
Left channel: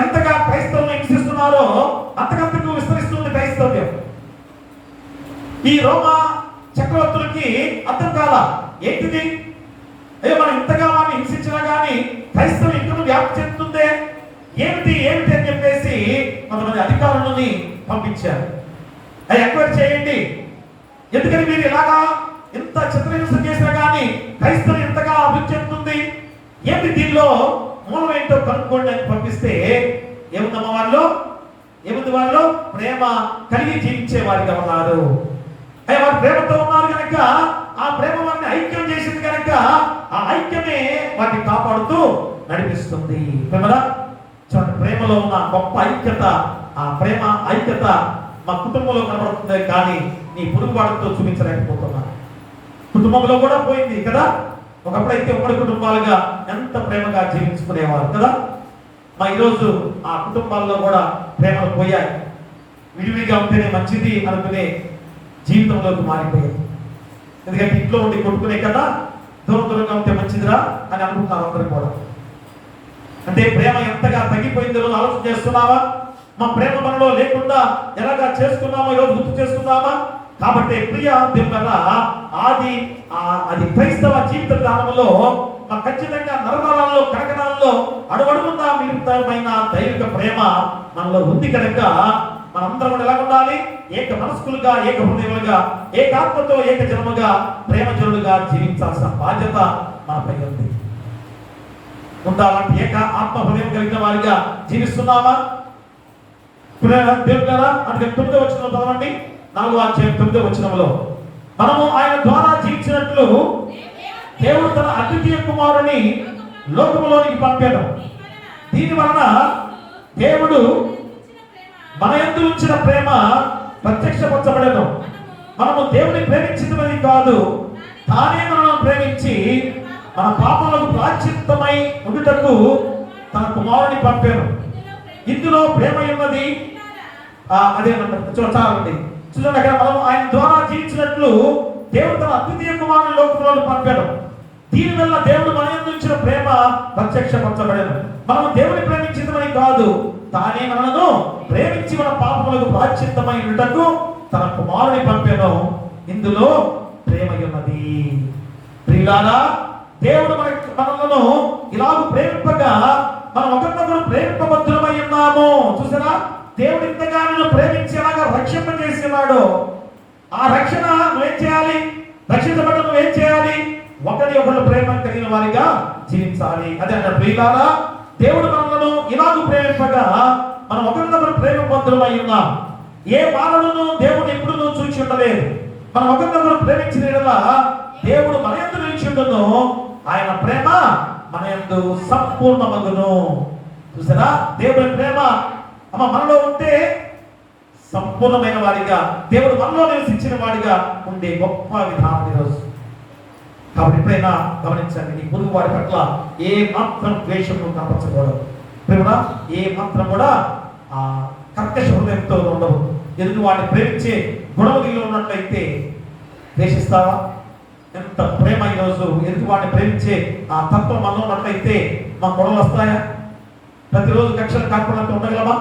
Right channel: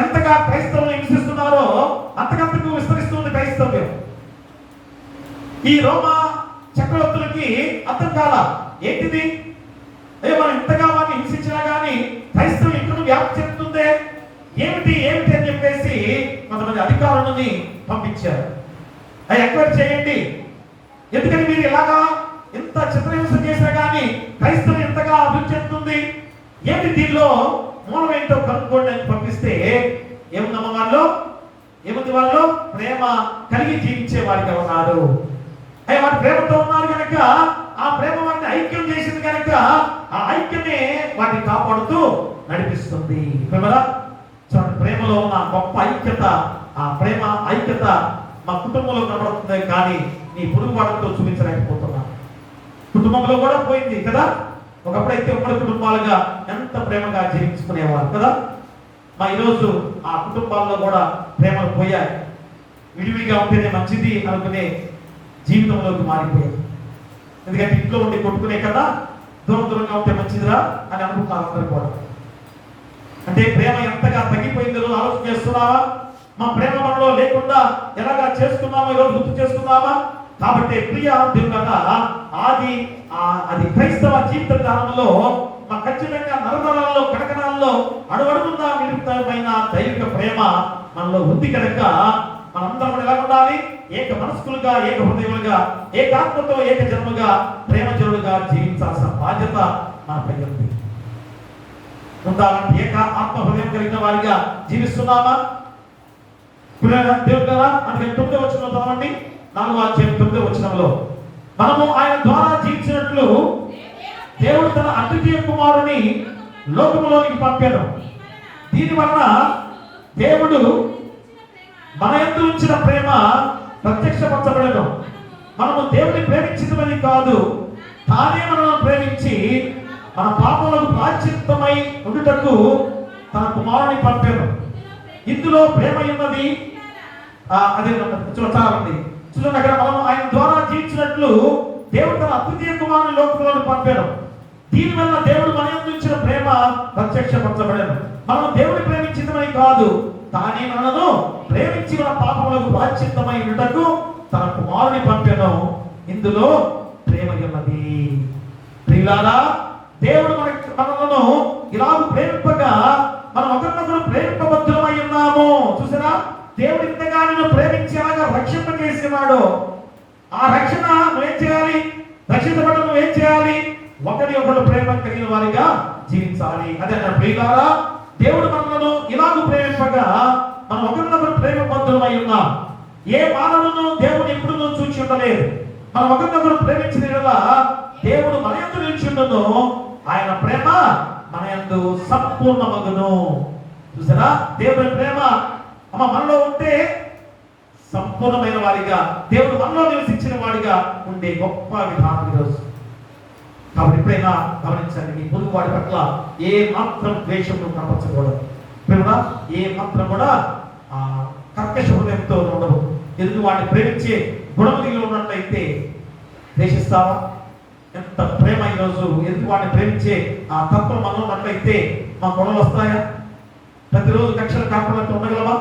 ఎంతగా క్రైస్తవులు హింసిస్తున్నారో అంతకంతకు విస్తరిస్తుంది క్రైస్తవ్యం. ఈ రోమా చక్రవర్తులకి అర్థం కాల, ఏంటిది, అయ్యో మనం ఇంతగా వారిని హింసించినా కానీ క్రైస్తవం ఇక్కడ వ్యాప్తి చెందుతుందే, ఏమిటి అని చెప్పేసి కొంతమంది అధికారులని పంపించారు. అది ఎంక్వైరీ చేయండి, ఎందుకని మీరు ఇలాగా ఇంత చిత్రహింస చేసినా కానీ క్రైస్తవం ఇంతగా అభివృద్ధి చెందుతుంది, ఏంటి దీనిలో మూలం ఏంటో కనుక్కోండి అని పంపిస్తే ఏముందమ్మ వాళ్ళు ప్రేమ కలిగి జీవించే వారిగా ఉన్నారు. అయ్యా, వారి ప్రేమతో ఉన్నారు కనుక ఆ ప్రేమ వారిని ఐక్యం చేసింది కనుక ఆ ఐక్యమే వాటిని కాపాడుతూ నడిపిస్తుంది. ప్రేమలో ఉన్న గొప్ప ఐక్యత, ఆ ప్రేమ ఐక్యత మా కుటుంబంలో కనబడుతుంది కానీ నీ పొరుగువాడితో చూపించలేకపోతున్నా. కుటుంబంలో కూడా పోయింది కదా. ఒకప్పుడైతే ఉమ్మడి కుటుంబాలుగా ఎంత ప్రేమగా జీవించుకునేవారు కదా. ఈరోజు ఆ కుటుంబాల్లో కూడా ప్రేమలు పోయాయి. విడివిడిగా ఉంటేనే మంచిది అనుకునే జీవితంలోకి మారిపోయాయి. ఎందుకంటే ఇంట్లో ఉండి కొట్టుకునే కదా దూరంగా ఉంటే మంచిదిరా అని అనుకుంటున్నారు అందరూ కూడా. అంటే ప్రేమ ఎంతగా తగ్గిపోయిందో ఆలోచన చేస్తున్నావా? మా ప్రేమ మనలో లేకుండా ఎలాగా చేసుకున్నామా ఈరోజు గుర్తు చేసుకున్నామా? కాబట్టి ప్రియ దేవుని కదా అది క్రైస్తవ జీవిత కాలంలో ఖచ్చితంగా నరనరాల్లో కడకనాల్లో అడుగడుగున్నా మిలితమైన దైవిక ప్రేమ మనలో ఉంది కనుక మనందరం ఎలా ఉండాలి? ఏక మనస్కులుగా, ఏక హృదయములుగా, ఏకాత్మతో, ఏక జన్మగా, ప్రేమజనులుగా జీవించాల్సిన బాధ్యత మనపై ఉంది. ఉండాలంటే ఏక ఆత్మ హృదయం కలిగిన వారిగా జీవిస్తున్నామా? దేవుడు కదా. అందుకే 9వ వచనంలో చదవండి, 4వ అధ్యాయం 9వ వచనంలో, మనము ఆయన ద్వారా జీవించినట్లు దేవుడు తన అద్వితీయ కుమారుని లోకములోనికి పంపాడు. దీని వలన దేవుడు మన యందు ఉంచిన ప్రేమ ప్రత్యక్షపరచబడేను. మనము దేవుని ప్రేమించినది కాదు, తానే మనల్ని ప్రేమించి మన పాపములకు ప్రాయశ్చిత్తమై ఉండుటకు తన కుమారుని పంపాను. ఇందులో ప్రేమ ఉన్నది. అదే చాలా ఉంది చూడండి. అక్కడ మనము ఆయన ద్వారా జీవించినట్లు దేవుడు తన అద్వితీయ కుమారుని లోకంలోకి పంపాడు. దీనివల్ల దేవుడు మన యందు ఉంచిన ప్రేమ ప్రత్యక్షపరచబడేను. మనం దేవుని ప్రేమించినమని కాదు, తానే మనను ప్రేమించి మన పాపములకు ప్రాయశ్చిత్తమై ఉండుటకు తన కుమారుని పంపాను. ఇందులో ప్రేమ ఉన్నది. ప్రియులారా, దేవుడు మనలను ఇలాగ ప్రేమింపగా మనం ఒకరినొకరు ప్రేమింపబద్ధులమై ఉన్నాము. చూసారా, దేవుడు ఇంతగా నిన్ను ప్రేమించేలాగా రక్షణ చేసేవాడు. ఆ రక్షణ నువ్వేం చేయాలి? రక్షించబడ్డ నువ్వేం చేయాలి? ఒకరి ఒకరు ప్రేమ కలిగిన వారిగా జీవించాలి. అదే అన్న ప్రియులారా, దేవుడు మనలను ఇలాగ ప్రేమింపగా మనం ఒకరినొకరు ప్రేమబద్ధులమై ఉన్నాం. ఏ బాధలను దేవుడు ఎప్పుడు చూచి ఉండలేదు. మనం ఒకరినొకరు ప్రేమించిన దేవుడు మన యందు నిలిచి ఉండను, ఆయన ప్రేమ మన యందు సంపూర్ణమగును. చూసారా, దేవుడి ప్రేమ మనలో ఉంటే సంపూర్ణమైన వారిగా, దేవుడు మనలో నివసించిన వాడిగా ఉండే గొప్ప విధానం ఈరోజు. కాబట్టి ఎప్పుడైనా గమనించండి, నీ పొరుగు వాడి పట్ల ఏ మాత్రం ద్వేషము కనపరచకూడదు. ప్రేమ ఏ మాత్రం కూడా కర్కశ హృదయంతో ఉండవు. ఎదుటి వాడిని ప్రేమించే గుణము కలిగి ఉన్నట్లయితే ద్వేషిస్తావా? ఎంత ప్రేమ ఈరోజు ఎదుటి వాడిని ప్రేమించే ఆ తత్వం మనలో ఉన్నట్లయితే మా గొడవలు వస్తాయా? ప్రతిరోజు కక్షలు కాకుండా ఉండగలమా?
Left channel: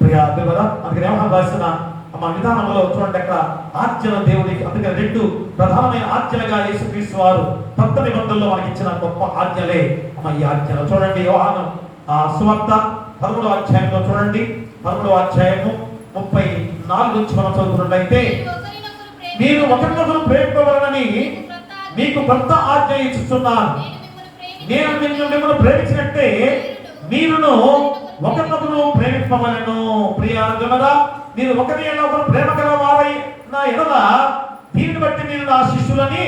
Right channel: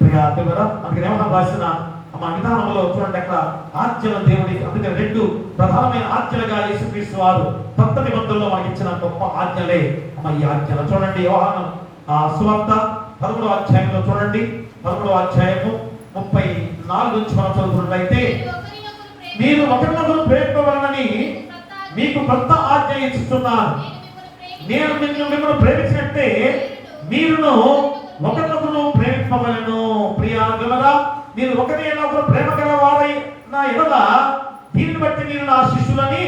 ప్రియా దేవుడా, అందుకని వ్యవహారం రాసిన మా విధానంలో చూడండి, అక్కడ ఆజ్ఞల దేవుడికి, అందుకని 2 ప్రధానమైన ఆజ్ఞలుగా యేసుక్రీస్తు వారు కొత్త నిబంధనలో మనకి ఇచ్చిన గొప్ప ఆజ్ఞలే ఈ ఆజ్ఞలు. చూడండి, యోహాను సువార్త 13వ అధ్యాయంలో చూడండి, 13వ అధ్యాయము 34 నుంచి మనం చదువుకున్నట్లయితే, మీరు ఒకరినొకరు ప్రేమింపవలనని మీకు కొత్త ఆజ్ఞ ఇస్తున్నాను. నేను మిమ్మల్ని ప్రేమించినట్టే మీరును ఒకరినొకరు ప్రేమింపవలెను. ప్రియారా, మీరు ఒకరు ప్రేమ గల వారైన ఎడల దీన్ని బట్టి మీరు నా శిష్యులని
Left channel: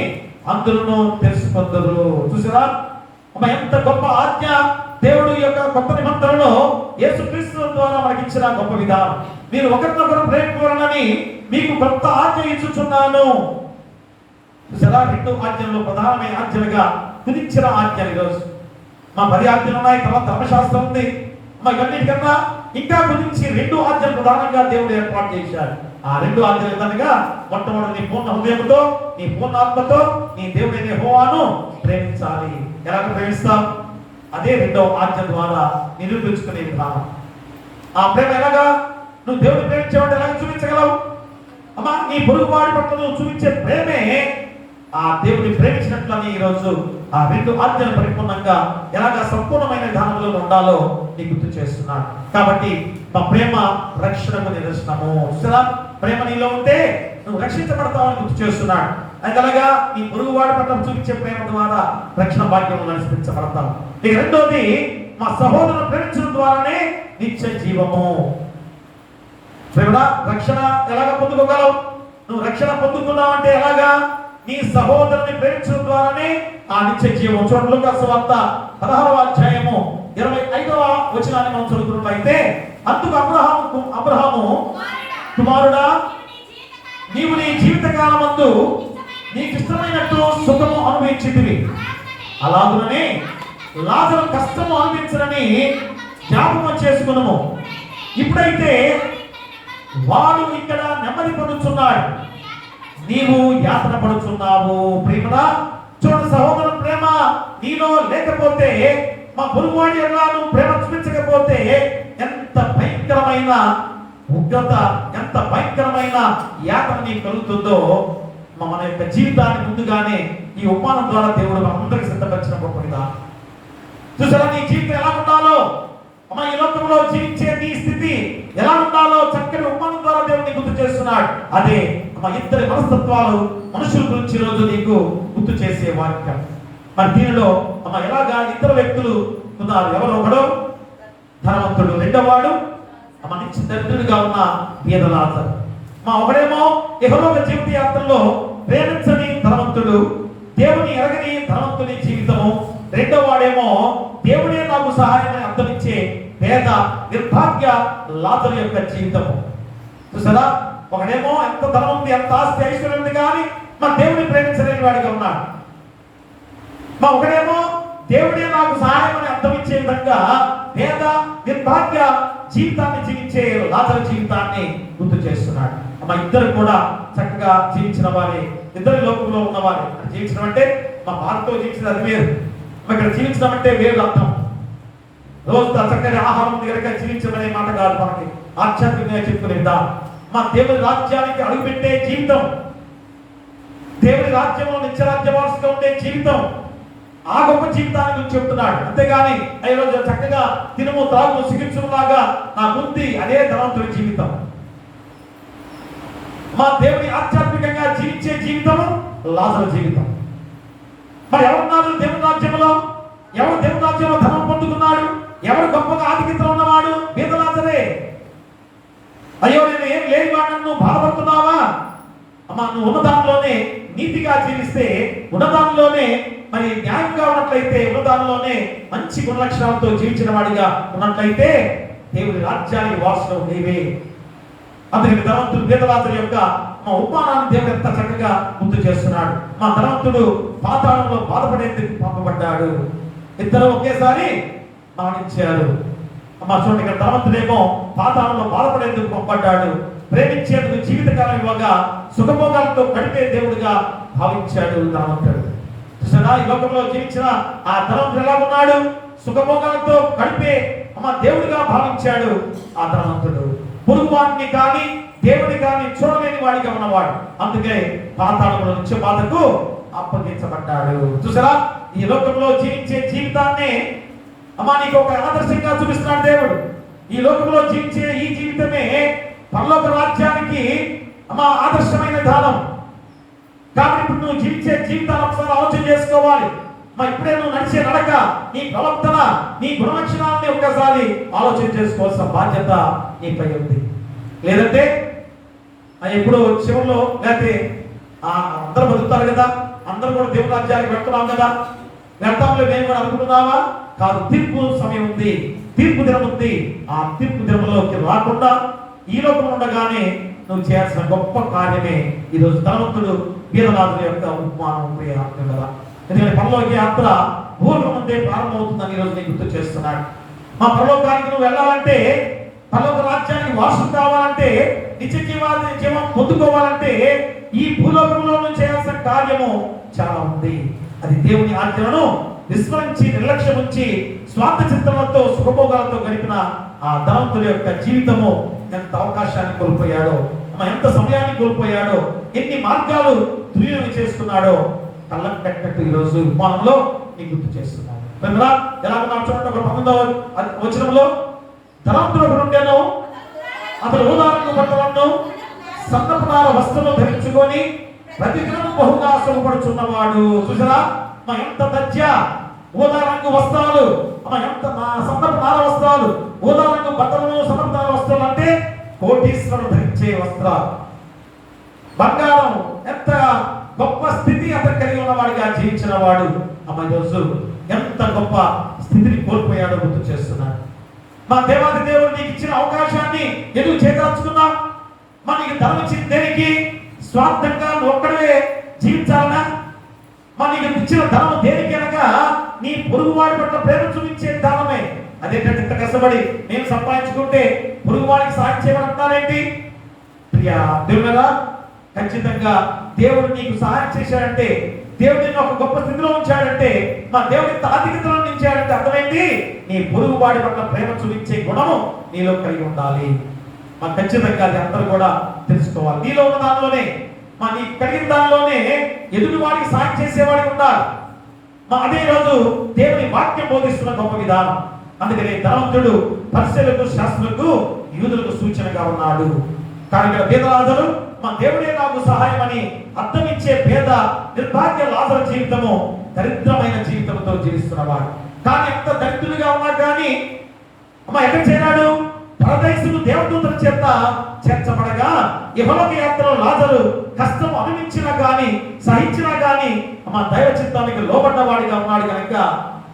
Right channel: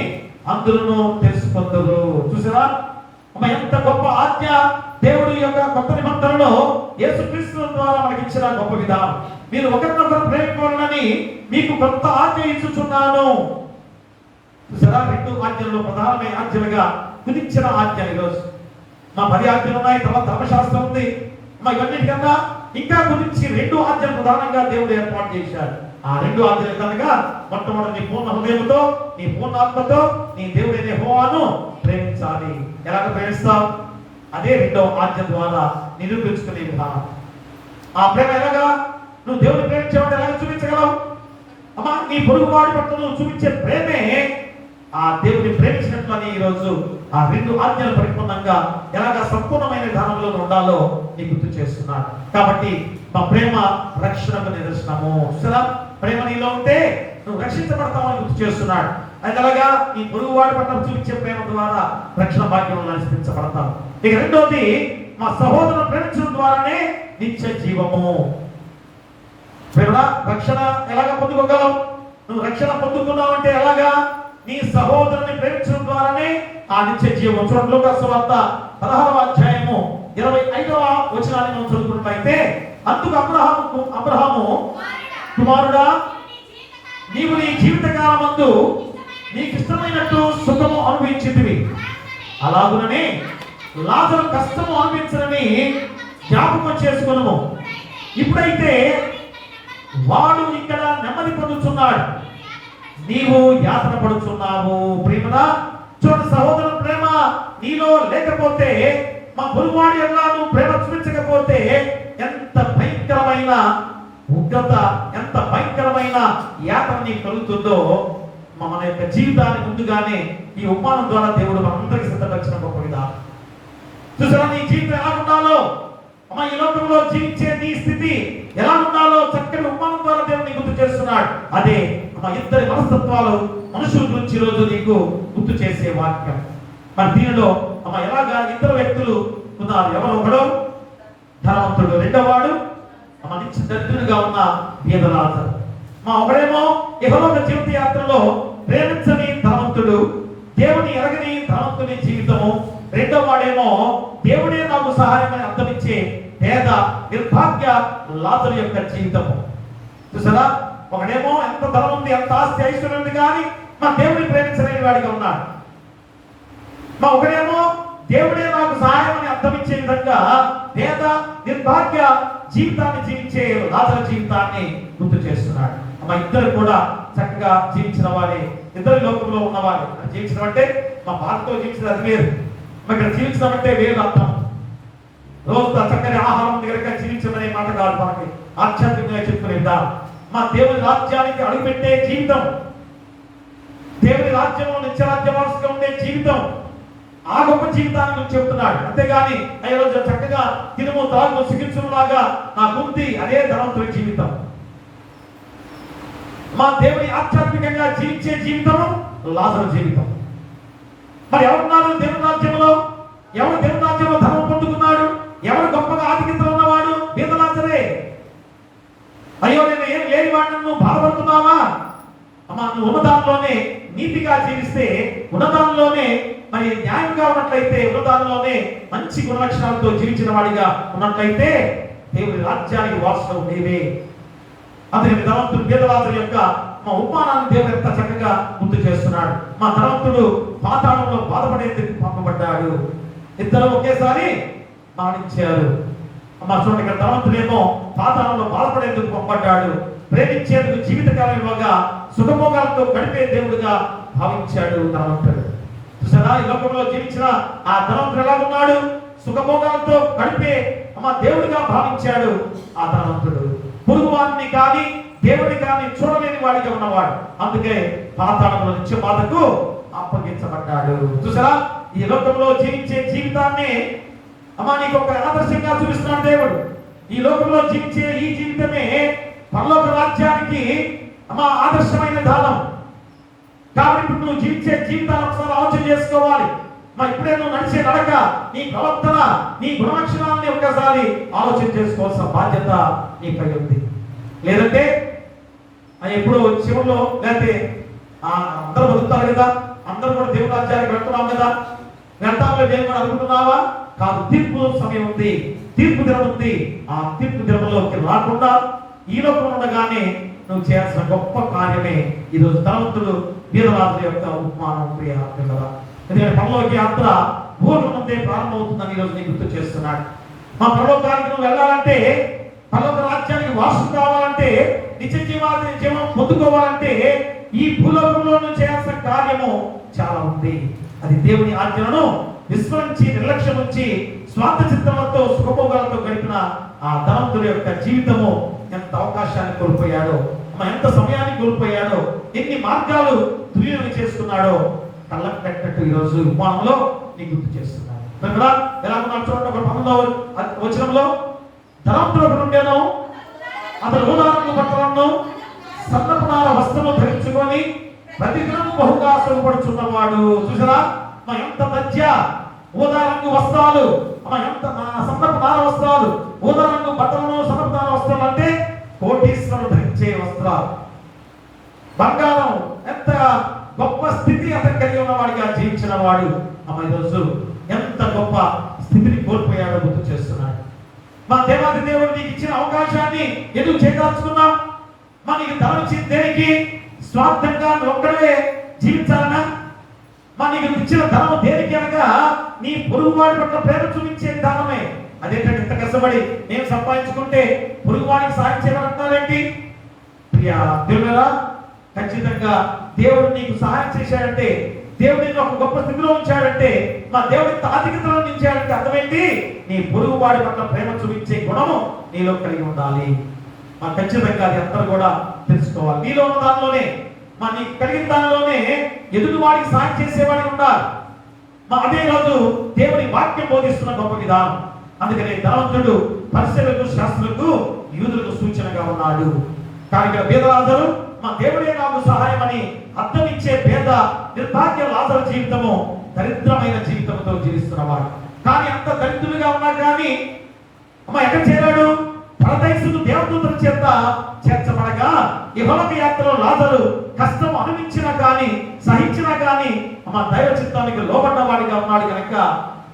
అందరూ తెలుసుకుందరు. చూసారా ఎంత గొప్ప ఆజ్ఞ! దేవుడు యొక్క కొత్త నిబంధనలో యేసుక్రీస్తు ద్వారా మనకి ఇచ్చిన గొప్ప విధానం. మీరు ఒకరినొకరు ప్రేమింపవలనని మీకు కొత్త ఆజ్ఞ ఇస్తున్నాను. చూసారా, 2 ఆజ్ఞల్లో ప్రధానమైన ఆజ్ఞలుగా కుదించిన ఆజ్ఞలు ఈరోజు మా 10 ఆజ్ఞలు ఉన్నాయి, తర్వాత ధర్మశాస్త్రం ఉంది. ఇవన్నిటికన్నా ఇంకా గురించి 2 ఆజ్ఞలు ప్రధానంగా దేవుడు ఏర్పాటు చేశాడు. ఆ 2 ఆజ్ఞలు కనుక మొట్టమొదటి నీ పూర్ణ హృదయంతో, నీ పూర్ణ ఆత్మతో నీ దేవుడైన యెహోవాను ప్రేమించాలి. ఎలాగ ప్రేమిస్తాం? అదే 2వ ఆజ్ఞ ద్వారా నిరూపించుకునే విధానం. ఆ ప్రేమ ఎలాగా? నువ్వు దేవుడిని ప్రేమించేవాడు ఎలాగ చూపించగలవు? అమ్మా, నీ పొరుగు వాడి పట్ల నువ్వు చూపించే ప్రేమే ఆ దేవుడిని ప్రేమించినట్లని ఈరోజు ఆ 2 ఆజ్ఞలు పరిపూర్ణంగా ఎలాగ సంపూర్ణమైన విధానంలో ఉండాలో నీ గుర్తు చేస్తున్నాడు. కాబట్టి మా ప్రేమ రక్షణకు నిదర్శనము. చూసారా, ప్రేమ నీలో ఉంటే నువ్వు రక్షించబడతావని గుర్తు చేస్తున్నాడు. అలాగా నీ పొరుగు వాడి పట్ల చూపించే ప్రేమ ద్వారా రక్షణ భాగ్యం నడిపించబడతాం. ఇక 2వది, మా సహోదరుని ప్రేమించడం ద్వారానే నిత్య జీవము. రక్షణ ఎలాగ పొందుకోగలవు? నువ్వు రక్షణ పొందుకున్నావు అంటే ఎలాగా? నీ సహోదరుని ప్రేమించడం ద్వారానే ఆ నిత్య జీవం. చూడండి, లూకాసు వార్త 16వ అధ్యాయము 25వ వచనాన్ని మనం చదువుకున్నట్లయితే, అందుకు అబ్రహాము కుమారుడా, నీవు నీ జీవితకాలమందు నీకు ఇష్టమైనట్టు సుఖము అనుభవించితివి, అలాగుననే లాజరు కష్టము అనుభవించరని జ్ఞాపకం చేసుకున్నాము. ఇప్పుడైతే వాడు ఇక్కడ నెమ్మది పొందుతున్నాడు, నీవు యాతన పడుతున్నావు. ప్రేమరా, చూడండి, సహోదరు ప్రేమ నీలో లేకపోతే, మా పొరుగువాడి ఎడల నువ్వు ప్రేమ చూపించకపోతే ఎంత భయంకరమైన ఉగ్రత, ఎంత భయంకరమైన యాతన నీకు కలుగుతుందో మన యొక్క జీవితాన్ని ముందుగానే ఈ ఉపమానం ద్వారా దేవుడు మనందరికీ సిద్ధపరిచిన గొప్ప విధానం. చూసారా, నీ జీవితం ఎలా ఉండాలో, ఈ లోకంలో జీవించే నీ స్థితి ఎలా ఉండాలో చక్కటి ఉపమానం ద్వారా దేవుడు గుర్తు చేస్తున్నాడు. అదే ఇద్దరి మనస్తత్వాలు మనుషుల గురించి ఈరోజు నీకు గుర్తు చేసే వాక్యం. దీనిలో ఎలాగా 2 వ్యక్తులు ఉన్నారు. ఎవరు? ఒకడు ధనవంతుడు, 2వ వాడు నిత్య దరిద్రుడిగా ఉన్న బీదలాజరు. ఒకడేమో యెహోవా జీవిత యాత్రలో ప్రేమించని ధనవంతుడు, దేవుని ఎరగని ధనవంతుని జీవితము. 2వ వాడేమో దేవుడే నాకు సహాయమని అర్థమిచ్చే పేద నిర్భాగ్య లాజరు యొక్క జీవితము. చూసారా, ఒకడేమో ఎంత ధనం ఉంది, ఎంత ఆస్తి ఐశ్వర్యం ఉంది, కానీ దేవుడిని ప్రేమించలేని వాడిగా ఉన్నాడు. ఒకడేమో దేవుడే నాకు సహాయం అని అర్థమిచ్చే విధంగా పేద నిర్భాగ్య జీవితాన్ని జీవించే లాజరు జీవితాన్ని గుర్తు చేస్తున్నాడు. ఇద్దరు కూడా చక్కగా జీవించిన వారే, ఇద్దరు లోకంలో ఉన్నవారే. జీవించడం అంటే భారత్లో జీవించడం అది వేరు, ఇక్కడ జీవించడం అంటే వేరు అర్థం. రోజు చక్కని ఆహారం దగ్గరగా జీవించమనే మాట కాదు, మనకి ఆధ్యాత్మికంగా చెప్పుకునే విధానం. దేవుని రాజ్యానికి అడుగుపెట్టే జీవితం, దేవుని రాజ్యంలో నిత్యరాజ్యవాసుగా ఉండే జీవితం, ఆ గొప్ప జీవితాన్ని గురించి చెప్తున్నాడు. అంతేగాని ఈరోజు చక్కగా తినుము తాగు చికిత్సలాగా నాకుంది అదే ధనవంతుడి జీవితం. దేవుని ఆధ్యాత్మికంగా జీవించే జీవితం లాజరు జీవితం. ఎవరున్నారు దేవుని రాజ్యంలో? ఎవరు దేవుని రాజ్యంలో ధనం పొందుకున్నాడు? ఎవరు గొప్పగా ఆధిక్యతలో ఉన్నవాడు? బీదలాజరే. అయ్యో, నేను ఏం లేని వాడిని, నువ్వు బాధపడుతున్నావా? నువ్వు ఉన్నదానిలోనే నీతిగా జీవిస్తే, ఉన్నదానిలోనే న్యాయంగా ఉన్నట్లయితే, ఉన్నదానిలోనే మంచి గుణలక్షణాలతో జీవించిన వాడిగా ఉన్నట్లయితే దేవుడి రాజ్యానికి వారసుడు నీవే. అందుకని ధనవంతుడు బీదలాజరు యొక్క ఉపమానాన్ని దేవుడు ఎంత చక్కగా గుర్తు చేస్తున్నాడు. ధనవంతుడు పాతాళంలో బాధపడేందుకు పంపబడ్డాడు, ఇద్దరు ఒకేసారి మరణించారు. చూడండి, ఇక్కడ ధనవంతుడేమో పాతాళంలో బాధపడేందుకు పంపబడ్డాడు, ప్రేమించేందుకు జీవితకాలం ఇవ్వగా సుఖభోగాలతో గడిపే దేవుడిగా భావించాడు ధనవంతుడు. చూసారా, ఈ లోకంలో జీవించిన ఆ ధనవంతుడు ఎలా ఉన్నాడు? సుఖభోగాలతో గడిపే దేవుడిగా భావించాడు ఆ ధనవంతుడు. పొరుగువాడిని కానీ దేవుని కానీ చూడలేని వాడిగా ఉన్నవాడు. అందుకే పాతాళంలో నిత్య బాధకు అప్పగించబడ్డాడు. చూసారా, ఈ లోకంలో జీవించే జీవితాన్ని నీకు ఒక ఆదర్శంగా చూపిస్తున్నాడు దేవుడు. ఈ లోకంలో జీవించే ఈ జీవితమే పరలోక రాజ్యానికి ఆదర్శమైన దానం. కాబట్టి ఇప్పుడు నువ్వు జీవించే జీవితాన్ని ఒకసారి ఆలోచన చేసుకోవాలి. ఇప్పుడే నువ్వు నడిచే నడక, నీ ప్రవర్తన, నీ గుణలక్షణాలని ఒక్కసారి ఆలోచన చేసుకోవాల్సిన బాధ్యత నీపై ఉంది. లేదంటే ఎప్పుడు చివరిలో లేకపోతే అందరూ బతుకుతారు కదా, అందరూ కూడా దేవుని రాజ్యానికి వెళ్తున్నాం కదా, వెళ్తాంలో మేము కూడా అనుకుంటున్నావా? కాదు, తీర్పు సమయం ఉంది, తీర్పు దినం ఉంది. ఆ తీర్పు దినంలోకి రాకుండా ఈ లోకం ఉండగానే నువ్వు చేయాల్సిన గొప్ప కార్యమే ఈరోజు ధనవంతుడు వీరరాజు యొక్క ఉపమానం. ఎందుకంటే పరలోక యాత్ర భూలోకమంతే ప్రారంభమవుతుందని ఈరోజు నేను గుర్తు చేస్తున్నాడు. మా పరలోకానికి నువ్వు వెళ్ళాలంటే, పరలోక రాజ్యానికి వారసు కావాలంటే, నిత్య జీవం పొందుకోవాలంటే ఈ భూలోకంలో నువ్వు చేయాల్సిన కార్యము చాలా ఉంది. అది దేవుని ఆజ్ఞలను విస్మరించి నిర్లక్ష్యం ఉంచి స్వార్థ చిత్తములతో సుఖభోగాలతో గడిపిన ఆ ధనవంతుడి యొక్క జీవితము ఎంత అవకాశాన్ని కోల్పోయాడో, ఎంత సమయాన్ని కోల్పోయాడో, ఎన్ని మార్గాలు దుర్వినియోగం చేసుకున్నాడో కళ్ళకు కట్టినట్టు ఈరోజు ఉపమానంలో నీకు గుర్తు చేస్తున్నాడు. ఎలా చూడండి, ఒక 19వ వచనంలో ధనవంతుడు ఒకడు ఉండేను, అతడు ఊదారంగు బట్టలను సన్నపునార వస్త్రము ధరించుకొని ప్రతిదినము బహుగా శ్రమపడుచున్నవాడు. చూసారా, ఎంత దర్జా ఊదారంగు వస్త్రాలు, ఎంత సన్నపునార వస్త్రాలు, ఊదారంగు బట్టలను సన్నపునార వస్త్రాలు అంటే కోటీశ్వరుడు ధరించే వస్త్రాలు. బంగారం ఎంత గొప్ప స్థితి అతను కలిగి ఉన్నవాడిగా జీవించిన వాడు ఈరోజు ఎంత గొప్ప స్థితిని కోల్పోయాడో గుర్తు చేస్తున్నాడు. మా దేవాది దేవుడు నీకు ఇచ్చిన అవకాశాన్ని ఎందుకు చేదాల్చుకున్నా? నీకు ధనం ఇచ్చిన దేనికి? స్వార్థంగా నువ్వు ఒక్కడే జీవించాలనా? నీకు ఇచ్చిన ధనం దేనికి అనగా నీ పొరుగువాడి పట్ల ప్రేమ చూపించే ధనమే. అదేంటంటే ఇంత కష్టపడి నేను సంపాదించుకుంటే పొరుగువాడికి సాయం చేయమంటున్నారేంటి? ప్రియా దేవుడా, ఖచ్చితంగా దేవుడు నీకు సహాయం చేశాడంటే, దేవుడు నిన్ను ఒక గొప్ప స్థితిలో ఉంచాడంటే, మా దేవుడి ఆధిక్యతలో ఉంచాడంటే అర్థమైంది నీ పొరుగు వాడి పట్ల ప్రేమ చూపించే గుణము నీలో కలిగి ఉండాలి. ఖచ్చితంగా అది అందరూ కూడా తెలుసుకోవాలి. నీలో ఉన్న దానిలోనే, నీకు కలిగిన దానిలోనే ఎదుటి వాడికి సాయం చేసేవాడికి ఉండాలి. అదే రోజు దేవుని వాక్యం బోధిస్తున్న గొప్ప విధానం. అందుకనే ధనవంతుడు పరిశీలకు, శాస్త్రులకు, యూదులకు సూచనగా ఉన్నాడు. కానీ ఇక్కడ పేదరాజులు దేవుడే నాకు సహాయం అని అర్థం ఇచ్చే పేద నిర్భాగ్య లాజరు జీవితము దరిద్రమైన జీవితంతో జీవిస్తున్నవాడు. కానీ అంత దరిద్రులుగా ఉన్నా కానీ ఎక్కడ చేరాడు? పరదేశుడు దేవదూతల చేత చేర్చబడగా ఇహలోక యాత్రలో లాజరు కష్టం అనుభవించినా కానీ సహించినా కానీ దైవ చిత్తానికి లోబడ్డవాడిగా ఉన్నాడు కనుక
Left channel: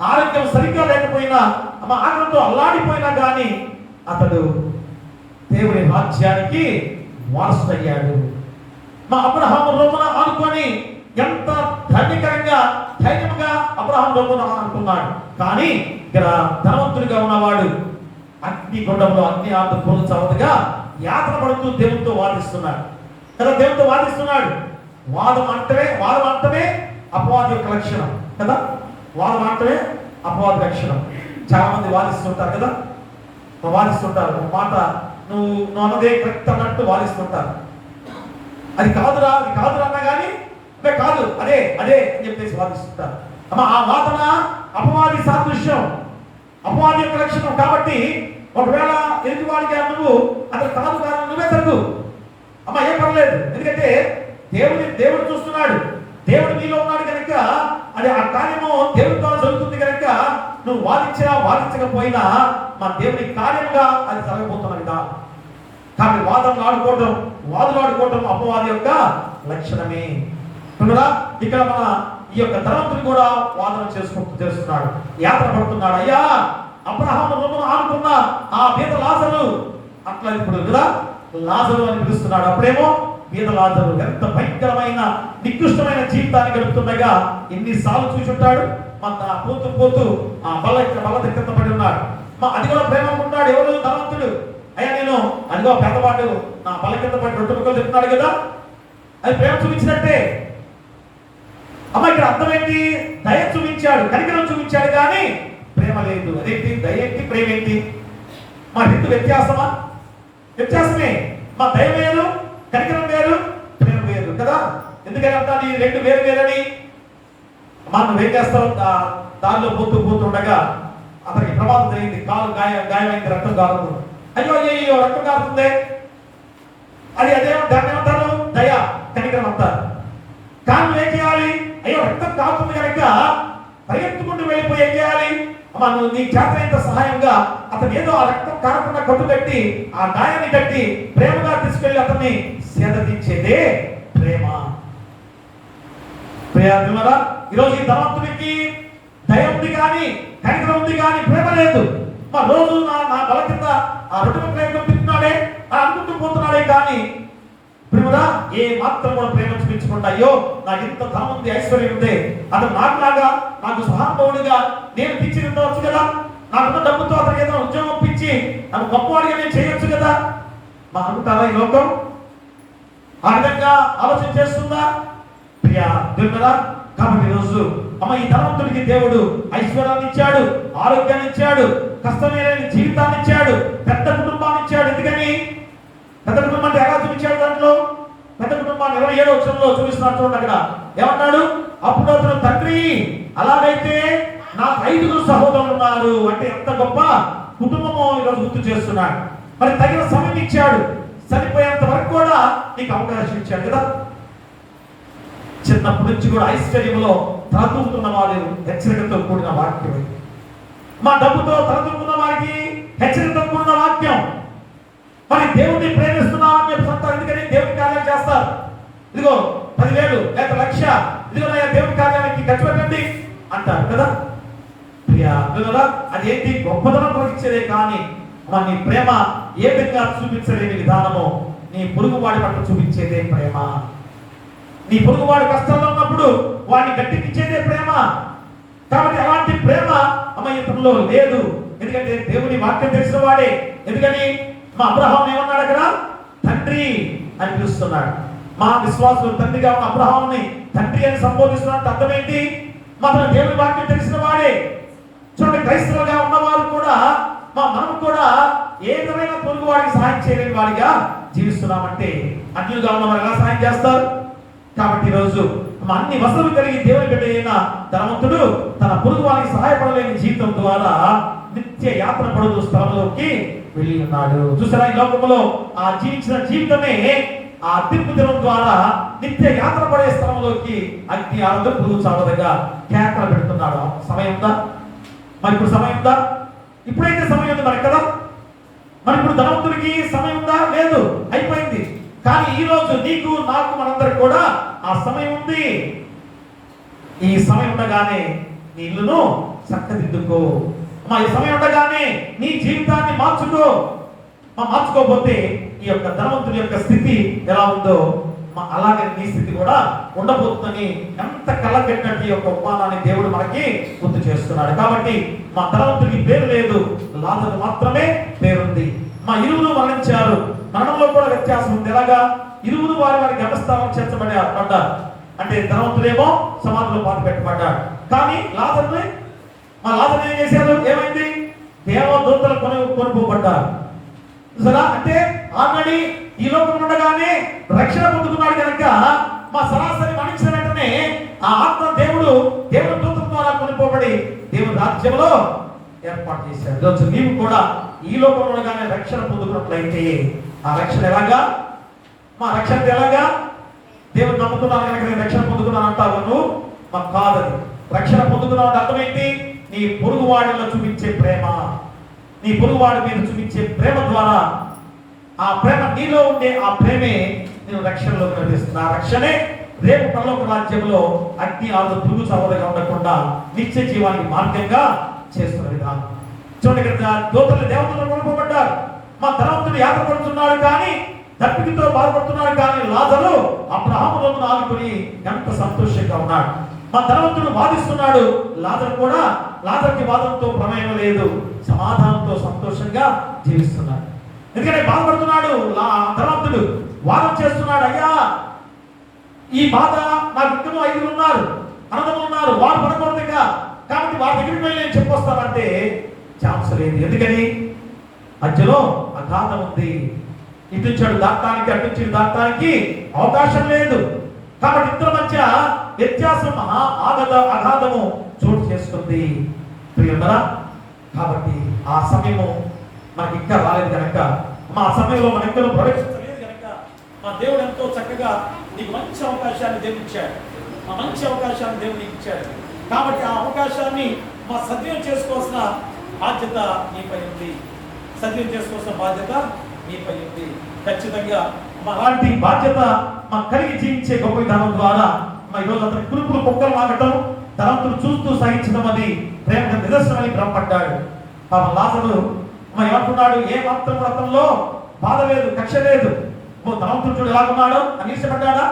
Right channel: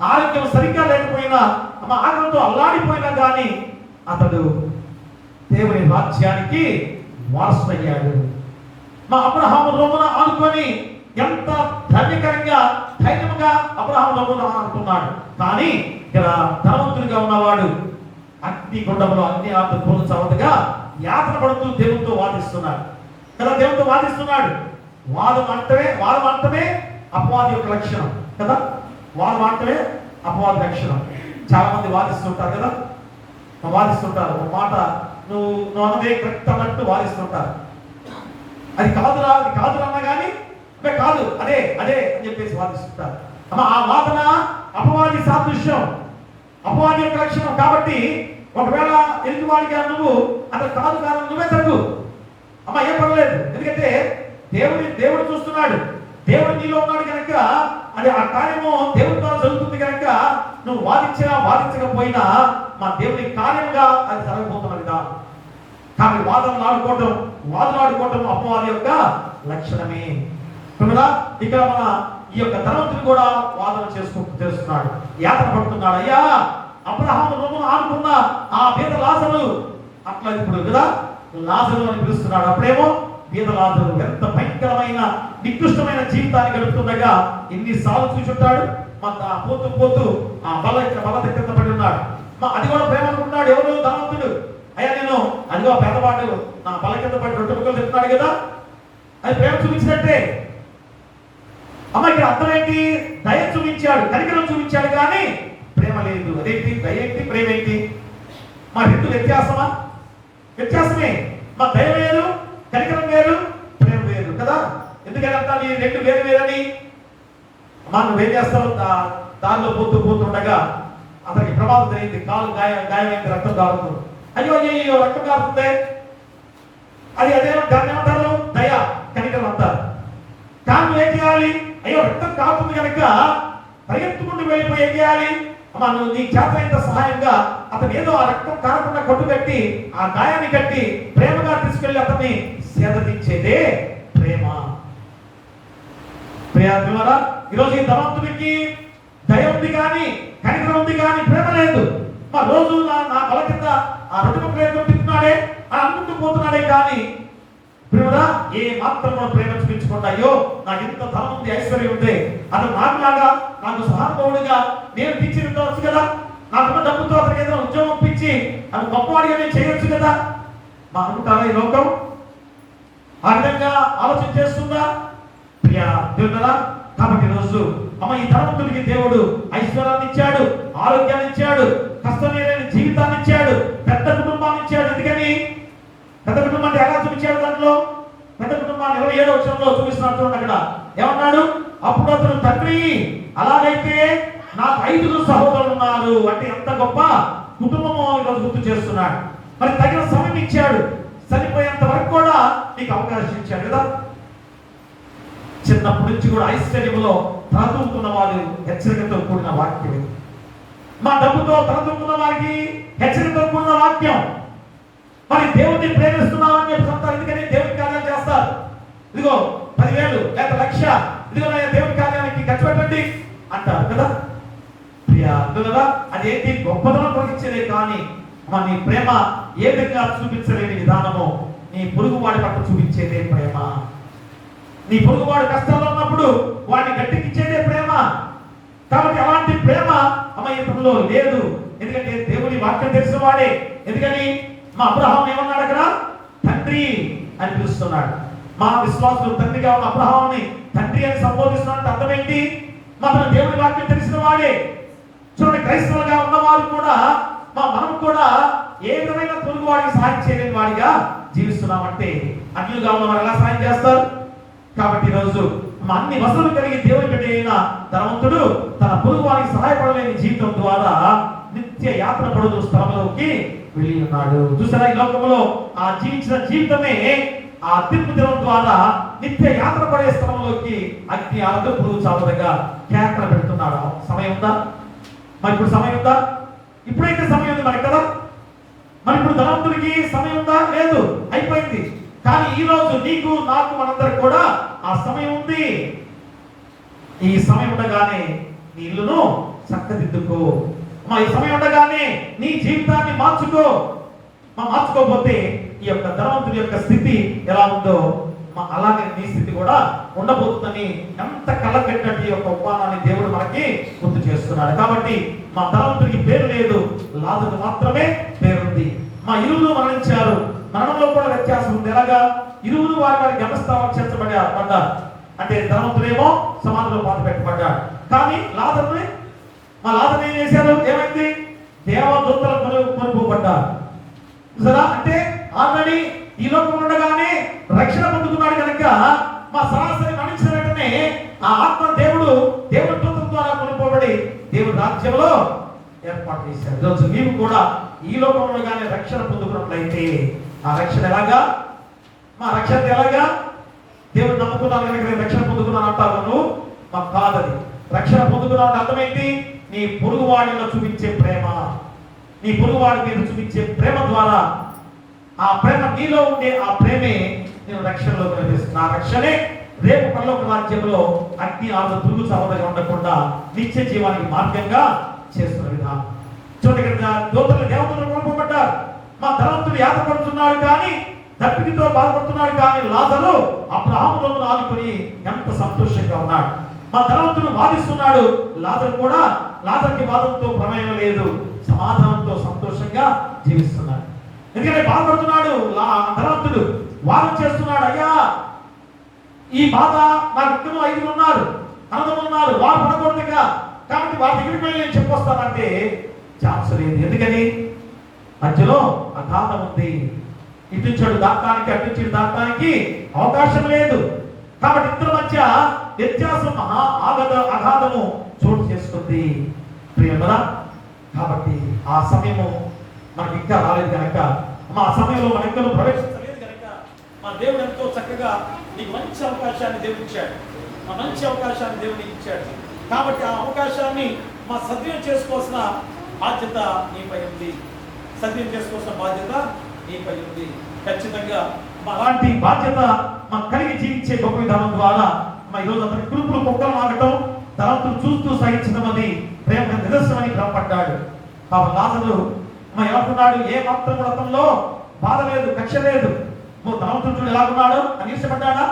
ఆరోగ్యం సరిగ్గా లేకపోయినా ఆనందంతో అల్లాడిపోయినా కానీ అతడు దేవుని రాజ్యానికి వారసుడయ్యాడు. అబ్రహాము రోమన ఆనుకొని ఎంత ధన్యకరంగా ధైర్యంగా అబ్రహాం రోమన అనుకున్నాడు. కానీ ఇక్కడ ధనవంతుడిగా ఉన్నవాడు అగ్నిగుండంలో అన్ని ఆత్మ పోల్చవద్దుగా యాత్ర పడుతూ దేవునితో వాదిస్తున్నాడు కదా. దేవునితో వాదిస్తున్నాడు. వాదం అంటమే అపవాది యొక్క లక్షణం కదా. వాదం అంటమే అపవాది లక్షణం. చాలా మంది వాదిస్తుంటారు కదా, వాదిస్తుంటారు. ఒక మాట నువ్వు అన్నదే కరెక్ట్ అన్నట్టు వాదిస్తుంటారు. అది కాదురా అన్నా కానీ కాదు అదే అని చెప్పేసి వాదిస్తుంటారు. ఆ వాదన అపవాది సాదృశ్యం, అపవాది యొక్క లక్షణం. కాబట్టి ఒకవేళ ఎదుటి వాడికి నువ్వు అతను కాదు నువ్వే తగ్గు ఏం పర్లేదు. ఎందుకంటే దేవుడు చూస్తున్నాడు, దేవుడు నీలో ఉన్నాడు కనుక అది ఆ కార్యము దేవుడి ద్వారా జరుగుతుంది కనుక నువ్వు వాదించకపోయినా దేవుడి కార్యంగా అది జరగబోతున్నది కాదు. కాబట్టి వాదులాడుకోవటం అపవాది యొక్క లక్షణమే. ఇక్కడ ఈ యొక్క ధనవంతుడు కూడా వాదన చేస్తున్నాడు, యాత్ర పడుతున్నాడు. అయ్యా, అబ్రహాము రోమను ఆనుకున్న ఆ పేద లాజరు అట్లా ఇప్పుడు కదా లాజరు అని పిలుస్తున్నాడు. అప్పుడేమో పేద లాజరు ఎంత భయంకరమైన నికృష్టమైన జీవితాన్ని గడుపుతుండగా ఎన్నిసార్లు చూచుంటాడు. పోతూ ఆ బల్ల దగ్గర పడి ఉన్నాడు. అది కూడా ప్రేమ అనుకుంటాడు. ఎవరు? ధనవంతుడు. అయ్యా నేను అదిగో పెద్దవాడు నా బల కింద పడి రొట్టె ముక్కలు చెప్తున్నాడు కదా, అది ప్రేమ చూపించినట్టే. అమ్మ ఇక్కడ అర్థం ఏంటి? దయ చూపించాడు, కనికరం చూపించాడు, కానీ ప్రేమ లేదు. అదేంటి? దయ ఏంటి, ప్రేమ ఏంటి? మా రెండు వ్యత్యాసమా? వ్యత్యాసమే. మా దయ వేరు, కనికరం వేరు, ప్రేమ వేరు కదా. ఎందుకని అంటాను ఈ రెండు వేరు వేరని? మనం ఏం చేస్తాం? దారిలో పోతుండగా అతనికి ప్రమాదం జరిగింది, కాలు గాయమైంది, రక్తం కారుతుంది. అయ్యో అయ్యో రక్తం కారుతుంది, అదే దాన్ని ఏమంటారు? దయ, కనికరం అంటారు. కానీ ఏం చేయాలి? అయ్యో రక్తం కారుతుంది కనుక పరిగెత్తుకుంటూ వెళ్ళిపోయి ఏం చేయాలి? అమ్మా నువ్వు నీ చేత సహాయంగా అతను ఏదో ఆ రక్తం కారకుండా కట్టు కట్టి ఆ గాయాన్ని కట్టి ప్రేమగా తీసుకెళ్లి అతన్ని సేదతీర్చేదే ప్రేమ. ప్రియా, ఈరోజు ఈ ధనవంతుడికి దయ ఉంది కానీ కనికరం ఉంది కానీ ప్రేమ లేదు. మా రోజు నా బల కింద ఆ రొట్టె ప్రేమ తింటున్నాడే అని అనుకుంటూ పోతున్నాడే, కానీ ప్రేమరా ఏ మాత్రం కూడా ప్రేమ చూపించకుండా అయ్యో నాకు ఇంత ధనం ఉంది, ఐశ్వర్యం ఉంది, అతను నాకులాగా నాకు సహానుభవుడిగా నేను తీర్చిదిద్దవచ్చు కదా, నాకున్న డబ్బుతో అతనికి ఏదైనా ఉద్యోగం ఇప్పించి నాకు గొప్పవాడిగా నేను చేయొచ్చు కదా మా అనుకుంటారా ఈ లోకం? ఆ విధంగా ఆలోచన చేస్తుందా? ప్రియా దేవుడా, కాబట్టి ఈరోజు అమ్మ ఈ ధనవంతుడికి దేవుడు ఐశ్వర్యాన్ని ఇచ్చాడు, ఆరోగ్యాన్ని ఇచ్చాడు, కష్టమైన జీవితాన్ని ఇచ్చాడు, పెద్ద కుటుంబాన్ని ఇచ్చాడు. ఎందుకని? పెద్ద కుటుంబాన్ని ఎలా చూపించాడు? దాంట్లో పెద్ద కుటుంబాన్ని 27వ వచనంలో చూపిస్తున్నాడు చూడండి. అక్కడ ఏమన్నాడు? అప్పుడు అతను తండ్రి అలాగైతే నాకు 5 సహోదరులు ఉన్నారు అంటే ఎంత గొప్ప కుటుంబమో ఈరోజు గుర్తు చేస్తున్నాడు. మరి తగిన సమయం ఇచ్చాడు, చనిపోయేంత వరకు కూడా నీకు అవకాశం ఇచ్చాడు కదా. చిన్నప్పటి నుంచి కూడా ఐశ్వర్యంలో తలదూకుతున్న వారు హెచ్చరికతో కూడిన వాక్యం. మా డబ్బుతో తలదూకున్న వారికి హెచ్చరికతో కూడిన వాక్యం. మరి దేవుడిని ప్రేమిస్తున్నామని చెప్పి చెప్తారు. ఎందుకని? దేవుడి కార్యాలు చేస్తారు. ఇదిగో 10,000 లేక 1,00,000 ఇదిగో దేవుడి కార్యానికి ఖర్చు పెట్టండి అంటారు కదా. ప్రియా, అదేంటి? గొప్పదనం పరీక్షలే, కానీ మన నీ ప్రేమ ఏ విధంగా చూపించలేని విధానము నీ పొరుగువాడి పట్ల చూపించేదే ప్రేమ. నీ పొరుగువాడు కష్టాల్లో ఉన్నప్పుడు వాడిని గట్టికిచ్చేదే ప్రేమ. కాబట్టి అలాంటి ప్రేమ అమ్మ ఇతరులో లేదు. ఎందుకంటే దేవుని వాక్యం తెలిసిన వాడే. ఎందుకని? మా అబ్రహాం ఏమన్నాడు అక్కడ? తండ్రి అని పిలుస్తున్నాడు. మా విశ్వాసులు తండ్రిగా ఉన్న అబ్రహాంని తండ్రి అని సంబోధిస్తున్నట్టు అర్థం ఏంటి? మనం దేవుని వాక్యం తెలిసిన వాడే. చూడండి, క్రైస్తవులుగా ఉన్నవారు కూడా మనం కూడా ఏ విధమైన పొరుగు వాడికి సహాయం చేయలేని వాడిగా జీవిస్తున్నామంటే అన్యులుగా ఉన్న వారు ఎలా సహాయం చేస్తారు? కాబట్టి ఈరోజు అన్ని వసతులు కలిగి దేవుని బిడ్డ అయిన ధనవంతుడు తన పొరుగు వారికి సహాయపడలేని జీవితం ద్వారా నిత్య యాత్ర పడుతూ స్థలంలోకి వెళ్ళి ఉన్నాడు. చూసారా, ఈ లోకంలో ఆ జీవించిన జీవితమే ఆ తీర్పు దినం ద్వారా నిత్య యాత్ర పడే స్థలంలోకి అగ్ని ఆరదు పురుగు చావదుగా కేకలు పెడుతున్నాడు. సమయం ఉందా? మరి ఇప్పుడు సమయం ఉందా? ఇప్పుడైతే సమయం ఉంది మరి కదా. మరి ఇప్పుడు ధనవంతుడికి సమయం ఉందా? లేదు, అయిపోయింది. కానీ ఈ రోజు నీకు నాకు మనందరికి కూడా ఆ సమయం ఉంది. ఈ సమయం ఉండగానే నీ ఇల్లును చక్కదిద్దుకో. ఈ సమయం ఉండగానే నీ జీవితాన్ని మార్చుకో. మార్చుకోకపోతే ఈ యొక్క ధనవంతుడి యొక్క స్థితి ఎలా ఉందో అలాగే నీ స్థితి కూడా ఉండబోతుందని ఎంత కళ్ళగట్టినట్టు ఈ యొక్క ఉపమానాన్ని దేవుడు మనకి గుర్తు చేస్తున్నాడు. కాబట్టి మా ధనవంతుడికి పేరు లేదు, లాజరు మాత్రమే పేరుంది. మా ఇరువురు మరణించారు, మరణంలో కూడా వ్యత్యాసం ఉంది. ఎలాగా? ఇరువురు వారి వారి గమస్థానం చేర్చబడ్డారు. అంటే ధనవంతుడేమో సమాధిలో పాతి పెట్టబడ్డాడు, కానీ లాజరుని ఏం చేశారు? ఏమైంది? దేవదూతలు కొనుక్కోబడ్డారు. సరే, అంటే ఆల్రెడీ ఈ లోకం ఉండగానే రక్షణ పొందుకున్నాడు కనుక మా సరాసరి మరణించిన వెంటనే ఆ ఆత్మ దేవుడు దేవుని దూతం ద్వారా కొనుక్కోబడి దేవుని రాజ్యంలో ఏర్పాటు చేశాడు. ఈరోజు నీవు కూడా ఈ లోకంలో ఉండగానే రక్షణ పొందుకున్నట్లయితే ఆ రక్షణ ఎలాగా? మా రక్షణ ఎలాగా? దేవుడు నమ్ముకున్నావు కనుక నేను రక్షణ పొందుకున్నాను అంటావు నువ్వు? మాకు కాదని. రక్షణ పొందుకున్నావు అంటే అర్థం ఏంటి? నీ పొరుగువాడిలో చూపించే ప్రేమ, నీ పొరుగువాడి మీద చూపించే ప్రేమ ద్వారా ఆ ప్రేమ నీలో ఉండే ఆ ప్రేమే నేను రక్షణలో కనిపిస్తున్నా. ఆ రక్షణే రేపు పరలోక రాజ్యంలో అగ్ని ఆరు పురుగు చావదగా ఉండకుండా నిత్య జీవానికి మార్గంగా చేస్తున్న విధానం. చూడండి, దేవతలు కొనుక్కోబడ్డారు. మా ధనవంతుడు యాత్ర పడుతున్నాడు కానీ దప్పికతో బాధపడుతున్నాడు, కానీ లాజరు అబ్రహాములో ఆదుకొని ఎంత సంతోషంగా ఉన్నాడు. మా ధనవంతుడు వాదిస్తున్నాడు, లాజర్కి వాదంతో ప్రమేయం లేదు, సమాధానంతో సంతోషంగా జీవిస్తున్నాడు. ఎందుకంటే బాధపడుతున్నాడు ధనవంతుడు. వాదం చేస్తున్నాడు, అయ్యా ఈ బాధ నాకు ఇద్దరు 5 ఉన్నారు, అన్నదమ్ములు ఉన్నారు, వారు పడకూడదుగా, కాబట్టి వారి దగ్గరికి వెళ్ళి నేను చెప్పొస్తానంటే ఛాన్స్ లేదు. ఎందుకని మధ్యలో అగాధం ఉంది. ఇటు చెడు దాటానికి అటు చెడు దాటానికి అవకాశం లేదు. కాబట్టి ఇద్దరి మధ్య వ్యత్యాసం అగాధము చోటు చేసుకుంది ప్రియమరా. కాబట్టి ఆ సమయము మనకి ఇంకా రాలేదు కనుక, మా సమయంలో మన ఇంకా ప్రవేశించలేదు కనుక మా దేవుడు ఎంతో చక్కగా నీకు మంచి అవకాశాన్ని దేవుడు ఇచ్చాడు. మా మంచి అవకాశాన్ని దేవుడు నీకు ఇచ్చాడు. కాబట్టి ఆ అవకాశాన్ని మా సద్వినియోగం చేసుకోవాల్సిన బాధ్యత నీపై ఉంది. సద్వినియోగం చేసుకోవాల్సిన బాధ్యత నీపై ఉంది. ఖచ్చితంగా అలాంటి బాధ్యత మా కలిగి జీవించే గొప్ప విధానం ద్వారా మా ఈరోజు అతని కురుపులు కుక్కలు మాగటం, ధనవంతులు చూస్తూ సహించడం అది ప్రేమ నిదర్శనమని భ్రమపడ్డాడు. పాపం లాజరు ఏమంటున్నాడు, ఏ మాత్రం అతనిలో బాధ లేదు, కక్ష లేదు. ధనవంతుడు చూడు ఎలాగున్నాడు అని ఇష్టపడ్డాడా?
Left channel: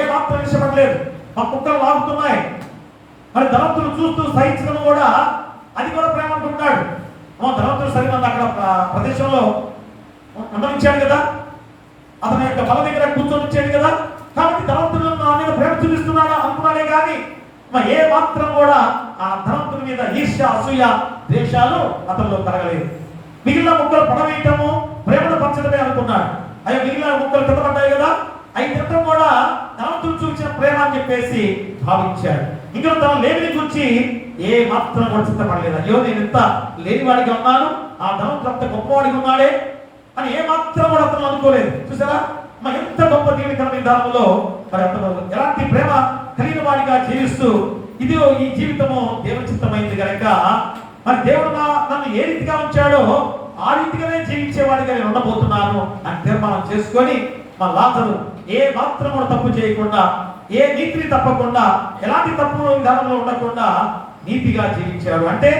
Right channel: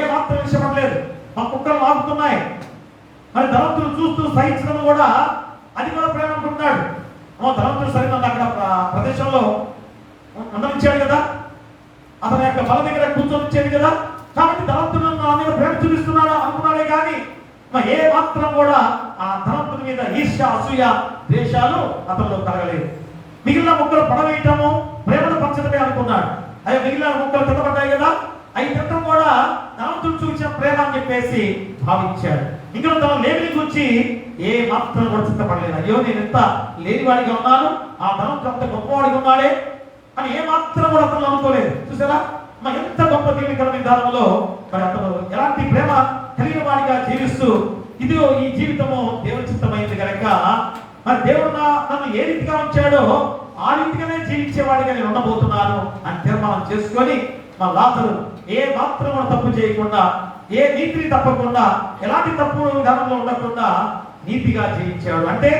ఏ మాత్రం ఇష్టపడలేదు. మా కుక్కలు లాగుతున్నాయి. మరి ధనవంతులు చూస్తూ సహించడం కూడా అది కూడా ప్రేమ అనుకుంటున్నాడు. ధనవంతుడు సరిగ్గా అక్కడ ప్రదేశంలో ఉండనిచ్చాడు కదా, అతని యొక్క బల దగ్గర కూర్చొనిచ్చాడు కదా, కాబట్టి ధనవంతుడు నా మీద ప్రేమ చూపిస్తున్నాడు అనుకున్నాడే కానీ ఏ మాత్రం కూడా ఆ ధనవంతుడి మీద ఈర్ష్య, అసూయ, ద్వేషాలు అతనిలో కలగలేదు. మిగిలిన ముక్కలు పడవేయటము ప్రేమను పంచడమే అనుకున్నాడు. అయ్యో మిగిలిన ముక్కలు తినబడ్డాయి కదా, అవి తినటం కూడా ధనవంతుడు చూపించిన ప్రేమ అని చెప్పేసి భావించాడు. ఇంకా తన లేమిని గురించి ఏ మాత్రం కూడా చింతపడలేదు. అయ్యో నేను ఎంత లేనివాడిగా ఉన్నాను, ఆ ధనవంతుడు అంత గొప్పవాడిగా ఉన్నాడే అని ఏ మాత్రం కూడా అతను అనుకోలేదు. చూసారా ఎంత గొప్ప జీవితమైన విధానంలో మరి అతను ఎలాంటి ప్రేమ కలిగిన వాడిగా జీవిస్తూ ఇదిగో ఈ జీవితము దేవుని చిత్తమైంది కనుక మరి దేవుడు నన్ను ఏ రీతిగా ఉంచాడో ఆ రీతిగానే జీవించేవాడిగా నేను ఉండబోతున్నాను అని తీర్మానం చేసుకొని మా లాజరు ఏ మాత్రం తప్పు చేయకుండా, ఏ నీతిని తప్పకుండా, ఎలాంటి తప్పు విధానంలో ఉండకుండా నీతిగా జీవించాడు. అంటే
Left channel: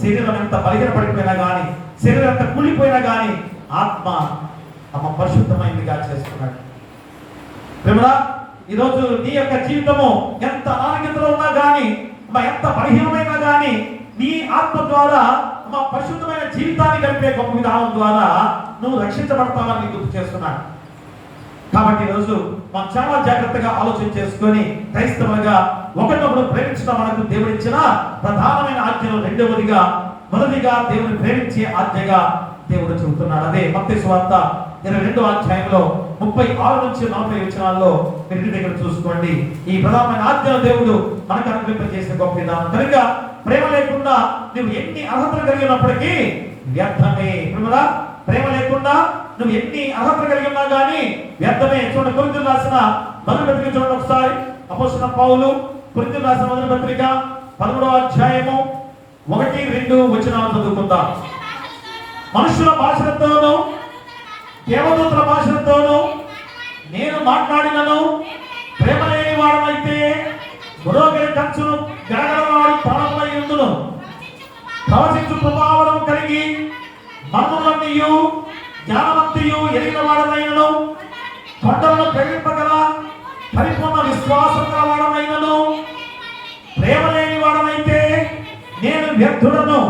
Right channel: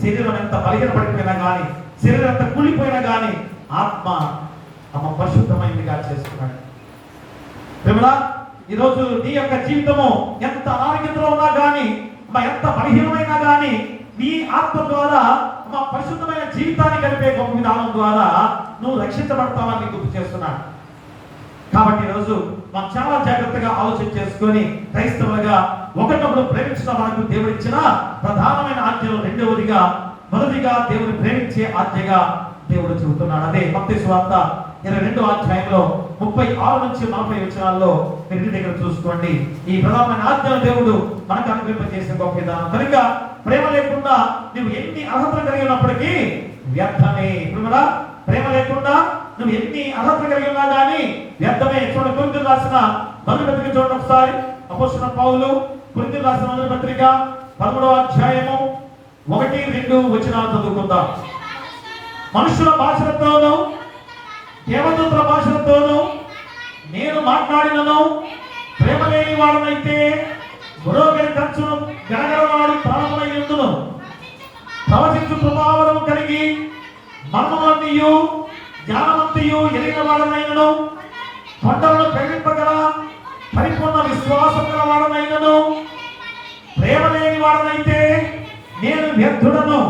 శరీరం ఎంత బలహీనపడిపోయినా కానీ, శరీరం ఎంత కూలిపోయినా కానీ ఆత్మ పరిశుద్ధమైనదిగా చేసుకున్నాడు. ప్రేమరా, ఈరోజు నీ యొక్క జీవితము ఎంత ఆరోగ్యంలో ఉన్నా కానీ, ఎంత బలహీనమైనా కానీ నీ ఆత్మ ద్వారా పరిశుద్ధమైన జీవితాన్ని గడిపే గొప్ప విధానం ద్వారా నువ్వు రక్షించబడతావని గుర్తు చేస్తున్నాడు. కాబట్టి ఈరోజు మనం చాలా జాగ్రత్తగా ఆలోచన చేసుకొని క్రైస్తవులుగా ఒకరినొకరు ప్రేమించడం మనకు దేవుడిచ్చిన ప్రధానమైన ఆజ్ఞలు. రెండవదిగా మొదటిగా దేవుని ప్రేమించే ఆజ్ఞగా దేవుడు చెబుతున్నాడు. అదే మత్తయి సువార్త 22వ అధ్యాయంలో 36 నుంచి 40 వచనాల్లో మీరు దగ్గర చూసుకోండి. ఈ ప్రధానమైన ఆజ్ఞలు దేవుడు మనకు అనుగ్రహింపజేసిన గొప్ప విధానం కనుక ప్రేమ లేకుండా నువ్వు ఎన్ని అర్హతలు కలిగినప్పటికీ వ్యర్థమే. ప్రేమ లేకుండా నువ్వు ఎన్ని అర్హతలు కలిగి ఉన్నా కానీ వ్యర్థమే. చూడండి, కొరింథీయులకు రాసిన మొదటి పత్రిక చూడండి ఒకసారి. అపోస్తలుడైన పౌలు కొరింథీయులకు రాసిన మొదటి పత్రిక 13వ అధ్యాయము 1-2 వచనాలు చదువుకుందాం. మనుషుల భాషలతోనూ దేవదూతల భాషలతోనూ నేను మాట్లాడినను ప్రేమ లేని వాడనైతే గురోగలి కంచును గడగడవాడి ప్రాణమై ఉండును. ప్రవచించు ప్రభావం కలిగి మర్మములన్నీయు జ్ఞానవంతియు ఎరిగిన వాడనైనను, కొండలను ప్రేమింపగల పరిపూర్ణ విశ్వాసం గల వాడనైనను ప్రేమ లేని వాడనైతే నేను వ్యర్థుడను.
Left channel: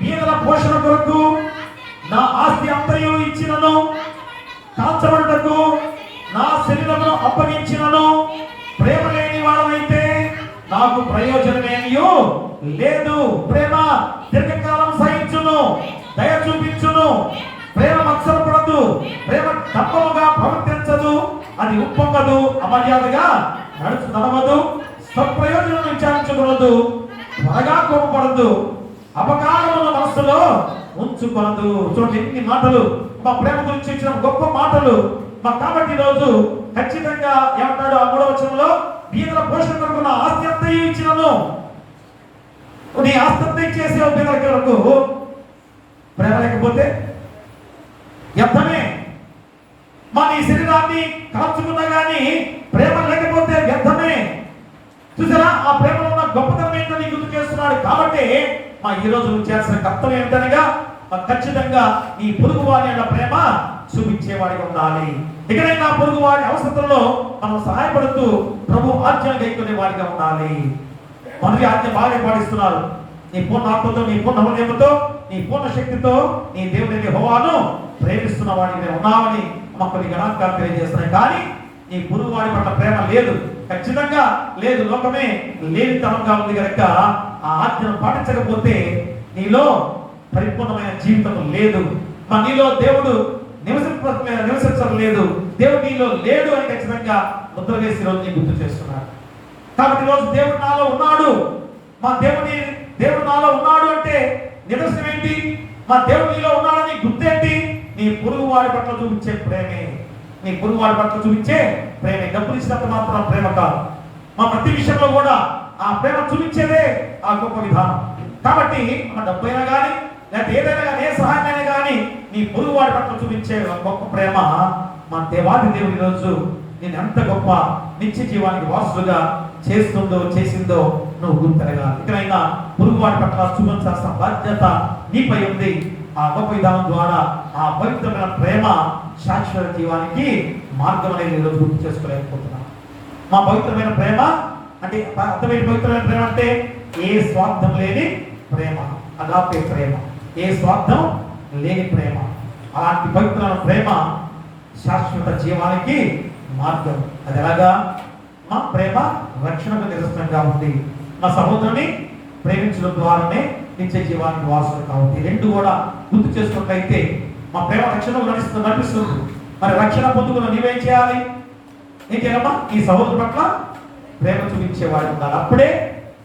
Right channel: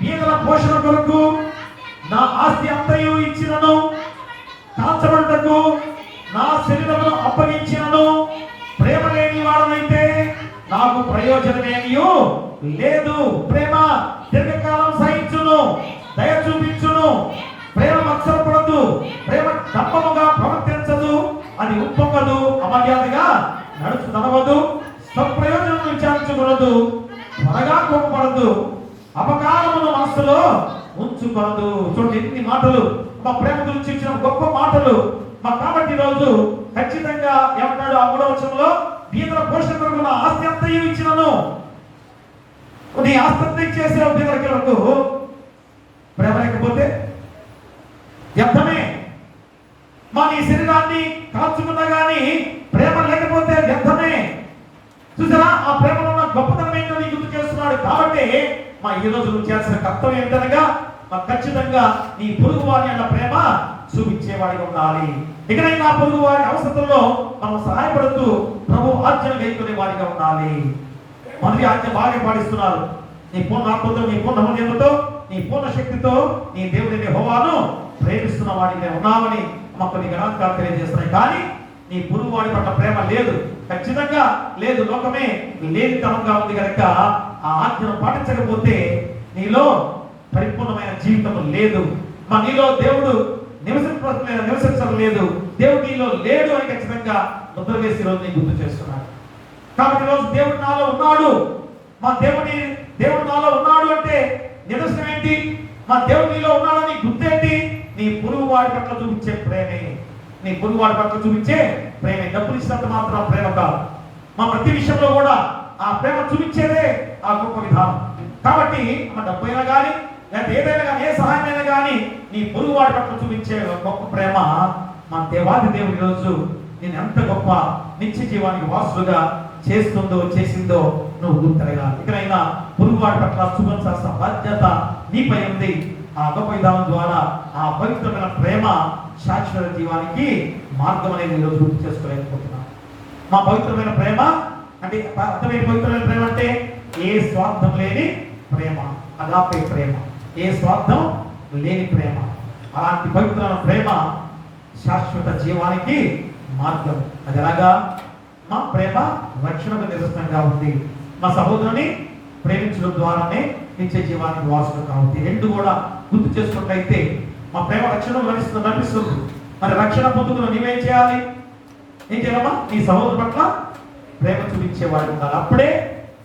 బీదల పోషణ కొరకు నా ఆస్తి అంతయు ఇచ్చినను, కాల్చబడుటకు నా శరీరమును అప్పగించినను ప్రేమ లేని వాడనైతే నాకు ప్రయోజనమేమియు లేదు. ప్రేమ దీర్ఘకాలం సహించును, దయ చూపించును. ప్రేమ మత్సరపడదు, ప్రేమ తప్పముగా ప్రవర్తించదు, అది ఉప్పొంగదు, అమర్యాదగా నడవదు, స్వప్రయోజనం విచారించకూడదు, త్వరగా కోపపడదు, అపకారమును మనస్సులో ఉంచుకోదు. చూడండి ఎన్ని మాటలు మా ప్రేమ గురించి ఇచ్చిన గొప్ప మాటలు. కాబట్టి ఈరోజు ఖచ్చితంగా ఏమంటాడు ఆ 3వ వచనంలో, బీదల పోషణ కొరకు నా ఆస్తి అంతయు ఇచ్చినను. నీ ఆస్తి అంతా ఇచ్చేసే బీదల కొరకు ప్రేమ లేకపోతే వ్యర్థమే. నీ శరీరాన్ని కాల్చుకున్నా కానీ ప్రేమ లేకపోతే వ్యర్థమే. చూసారా, ఆ ప్రేమలో ఉన్న గొప్పతనం ఏంటో నీకు గుర్తు చేస్తున్నాడు. కాబట్టి ఈ రోజు నువ్వు చేయాల్సిన కర్తవ్యం ఏంటనగా ఖచ్చితంగా నీ పొరుగు వారి అన్న ప్రేమ చూపించేవాడిగా ఉండాలి. ఎక్కడైనా పొరుగు వారి అవసరంలో మనం సహాయపడుతూ ప్రభు ఆజ్ఞలు గైకొనే వాడిగా ఉండాలి. మొదటి ఆజ్ఞ బాగా పాటిస్తున్నారు. నీ పూర్ణ ఆత్మతో, నీ పూర్ణ హృదయంతో, నీ పూర్ణ శక్తితో నీ దేవుడి యెహోవాను ప్రేమిస్తున్న వాడికి నేను ఉన్నామని మాకు కొన్ని గణాంకాలు తెలియజేస్తున్నాయి. కానీ నీ పొరుగు వాడి పట్ల ప్రేమ లేదు, ఖచ్చితంగా లేదు. లోకమే లేనితనంగా ఉంది కనుక ఆ ఆజ్ఞను పాటించకపోతే నీలో పరిపూర్ణమైన జీవితం లేదు. నీలో దేవుడు నివసించడం లేదు, దేవుడు నీలో లేడు అని ఖచ్చితంగా ముద్ర వేసి రోజు నీ గుర్తు చేస్తున్నాడు. కాబట్టి ఈరోజు దేవుడు నాలో ఉన్నాడు, దేవుడు నాలో ఉన్నాడు అంటే నిదర్శనం ఏంటి? మా దేవుడు నీలో ఉన్నాడు నీ గుర్తేంటి? నీ పొరుగు వాడి పట్ల చూపించే ప్రేమే. నీ పొరుగు వాడి పట్ల చూపించే ప్రేమే. డబ్బులు ఇచ్చినంత మాత్రం ప్రేమ కాదు. ప్రతి విషయంలో కూడా ఆ ప్రేమ చూపించేదే ఆ గొప్ప విధానం. కాబట్టి డబ్బైనా కానీ లేకపోతే ఏదైనా కానీ ఏ సహాయమైనా కానీ నీ పొరుగు వాడి పట్ల చూపించే గొప్ప ప్రేమ మా దేవాది దేవుడి రోజు నేను ఎంత గొప్ప నిత్య జీవానికి వారసులుగా చేసిందో నువ్వు గుర్తెరగాలి. ఇకనైనా పొరుగు వాడి పట్ల చూపించాల్సిన బాధ్యత నీపై ఉంది. ఆ గొప్ప విధానం ద్వారా ఆ పవిత్రమైన ప్రేమ శాశ్వత జీవానికి మార్గం అనేది ఈరోజు గుర్తు చేసుకోలేకపోతున్నాం. మా పవిత్రమైన ప్రేమ అంటే అర్థమైన పవిత్రమైన ప్రేమ అంటే ఏ స్వార్థం లేని ప్రేమ, అగాపే ప్రేమ, ఏ స్వార్థం లేని ప్రేమ. అలాంటి పవిత్రమైన ప్రేమ శాశ్వత జీవానికి మార్గం. అది ఎలాగా? మా ప్రేమ రక్షణకు నిదర్శనంగా ఉంది. మా సహోదరుని ప్రేమించడం ద్వారానే నిత్య జీవానికి వారసులు కాబట్టి రెండు కూడా గుర్తు చేసుకున్నట్లయితే మా ప్రేమ రక్షణకు నడిపిస్తుంది. మరి రక్షణ పొందుకున్న నీవేం చేయాలి? ఏం చేయాలమ్మా? ఈ సహోదరు పట్ల ప్రేమ చూపించేవాడు ఉండాలి. అప్పుడే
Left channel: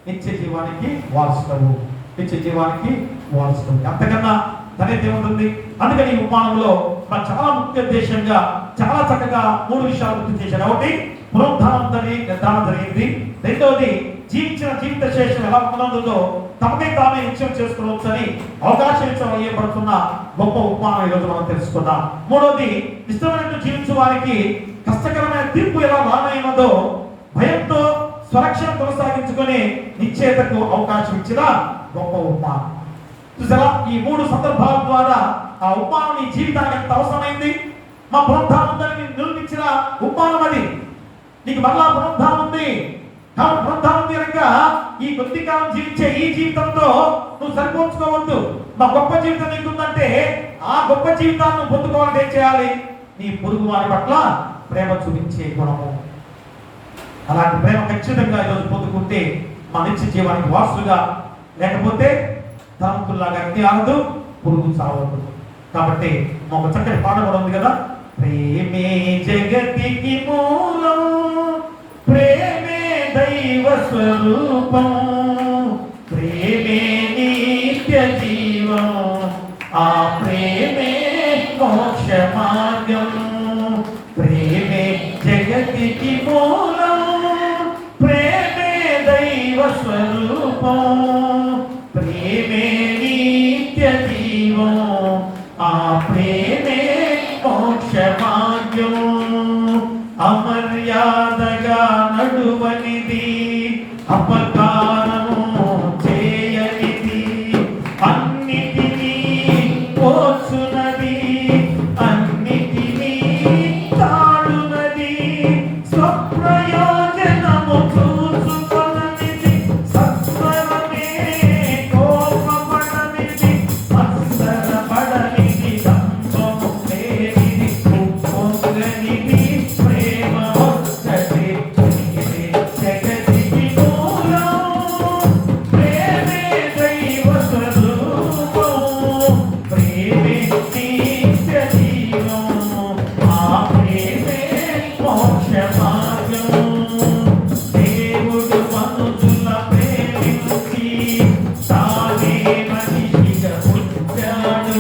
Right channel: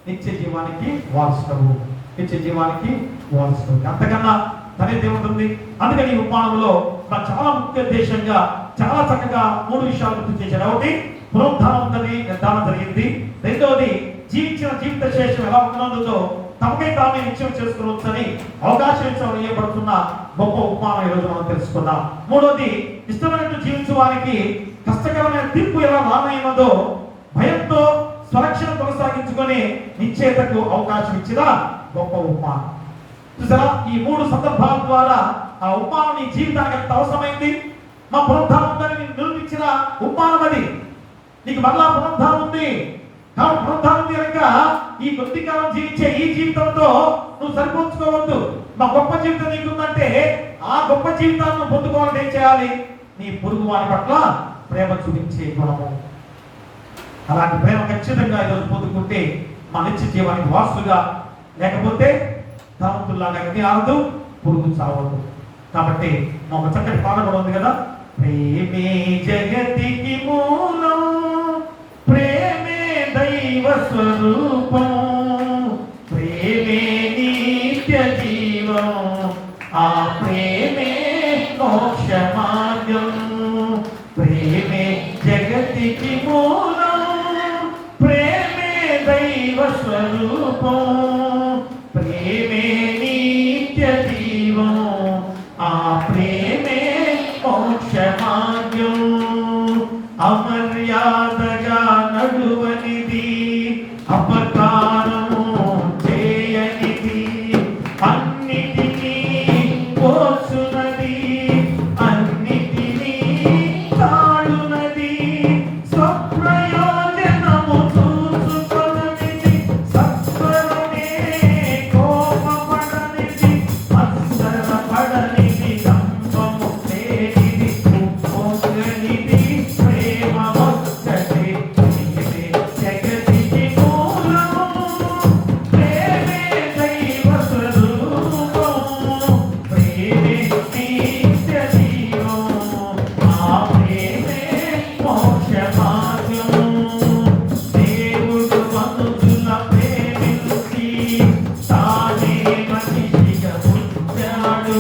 నిత్య జీవానికి వారసుడు, నిత్య జీవానికి వారసుడు. అంతకన్నా ధన్యత ఏముంటుంది? అందుకని ఈ ఉపమానంలో చాలా ముఖ్య ఉద్దేశంగా చాలా చక్కగా 3 విషయాలు గుర్తు చేశారు. ఒకటి, పునరుద్ధానం నిర్ధారణ జరిగింది. రెండవది, జీవించిన జీవిత శేషం ఎలా ఉన్నదో తమకే తామే నిశ్చయం చేసుకోవచ్చని అవకాశం ఇవ్వబడుతున్న గొప్ప ఉపమానం ఈరోజు మనం తెలుసుకుందాం. మూడవది, ఇష్టమైనట్టు జీవించే వారికి కష్టకరమైన తీర్పు ఎలా రానైనదో భయంతో స్వరక్షణ కొనసాగించుకొని నిశ్చయతకు అవకాశం ఇచ్చిన గొప్ప ఉపమానం. చూసారా? ఈ 3 సందర్భాల ద్వారా ఆ ఉపమానం నీ జీవితానికి ఎంత అవసరమైంది. మా పునరుద్ధానం నిరూపించిన ఉపమానం అది. నీకు మరలా పునరుద్ధానం ఉంది. కాబట్టి పునరుద్ధానం ఉంది కనుక ఈ కొద్ది కాలం జీవించే ఈ జీవితంతో నువ్వు సరిపోల్చుకోవద్దు. మా గొప్ప జీవితం నీకుందంటే ఆ గొప్ప జీవితాన్ని నువ్వు పొందుకోవాలంటే ఏం చేయాలి? నీ పొరుగు వారి పట్ల ప్రేమ చూపించే గుణము. అలాంటి ప్రేమ ఖచ్చితంగా ఈరోజు పొందుకుంటే మా నిత్య జీవానికి వారసులుగా, లేకపోతే ధనవంతుల్లాగా అగ్ని ఆరదు, పురుగు చావదు. కాబట్టి మాకు చక్కటి పాట కూడా ఉంది కదా, ప్రేమే జగతికి మూలం, ప్రేమే దైవ స్వరూపం, ప్రేమే నిత్య జీవం, ఆ ప్రేమే మోక్ష మార్గం. ప్రేమే జగతికి మూలం, ప్రేమే దైవ స్వరూపం, ప్రేమే నిత్య జీవం, ఆ ప్రేమే మోక్ష మార్గం. అమర్యాదగా నడువనిది, అపకారము చేయనిది, అన్నిటినీ పోచునది, అన్నిటినీ తాడునది, స్వప్రయోజనము చూసుకొననిది, సత్వరమే కోపపడనిది, మత్సరపడనిది, దంభము లేనిది, ఉప్పొంగనిది, ప్రేమ ఒక్కటి. ఇది జగతికి మూలం, ప్రేమే దైవ స్వరూపం, ప్రేమే నిత్య జీవం, ఆ ప్రేమే మోక్ష మార్గం. దేవుడు మనుషుల ప్రేమించి తానే మనిషిగా పుట్టాడు,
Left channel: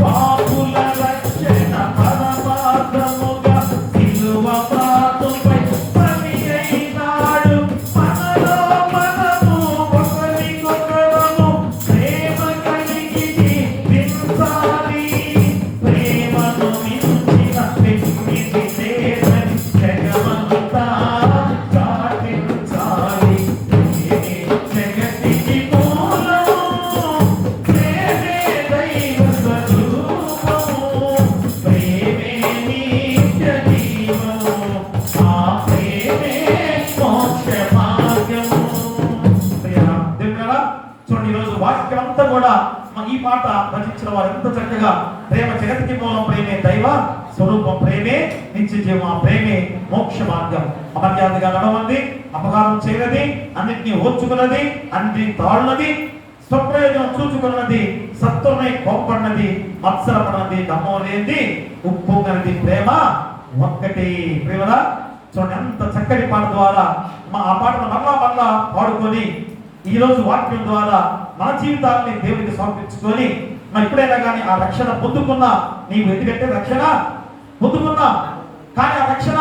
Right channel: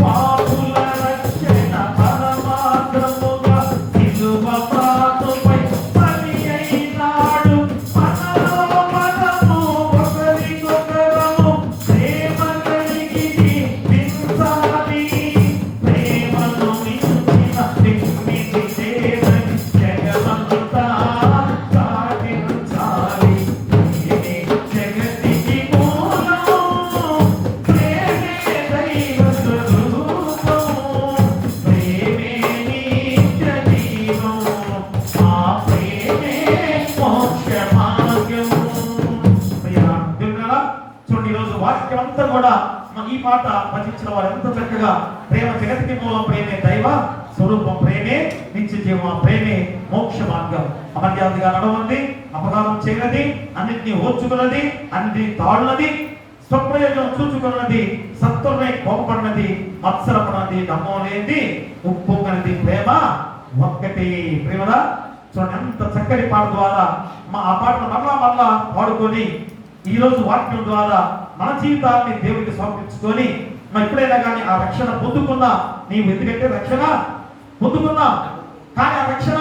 పాపుల రక్షణ పరమార్థముగా సిలువ పాటుపై పని అయినాడు. మనలో మనము ఒకరికొకరము ప్రేమ కలిగి జీవించాలి. ప్రేమను మించిన వ్యక్తిని లేదని జగమంతా చాటించాలి. ప్రేమే జగతికి మూలం, ప్రేమే దైవ స్వరూపం, ప్రేమే నిత్య జీవం, ఆ ప్రేమే మోక్ష మార్గం. ప్రియా దేవుడా, చూడండి ఈరోజు వాక్యం అంతా కూడా ఈ పాట భజించిన వారు ఎంత చక్కగా ప్రేమ జగతికి మూలం ప్రేమే దైవ స్వరూపం, ప్రేమే నిత్య జీవం, ప్రేమే మోక్ష మార్గం. అమర్యాదగా నడవండి, అపకారం చేయనది, అన్నింటినీ ఓర్చుకున్నది, అన్నింటినీ తాళున్నది, స్వప్రయోజనం చూచుకున్నది, సత్వమే కోపడినది, మత్సరపడినది, దమ్మం లేనిది, ఉప్పొంగనిది ప్రేమ ఒక్కటి. ప్రేమలా చూడండి ఎంత చక్కటి పాట ద్వారా ఆ పాటను మరలా పాడుకొని ఈరోజు వాక్యం ద్వారా మన జీవితాన్ని దేవుడికి సమర్పించుకొని ఎప్పుడైనా కానీ ఆ రక్షణ పొందుకున్నా నీవు, ఎందుకంటే రక్షణ పొందుకున్నా కానీ ఆ రక్షణ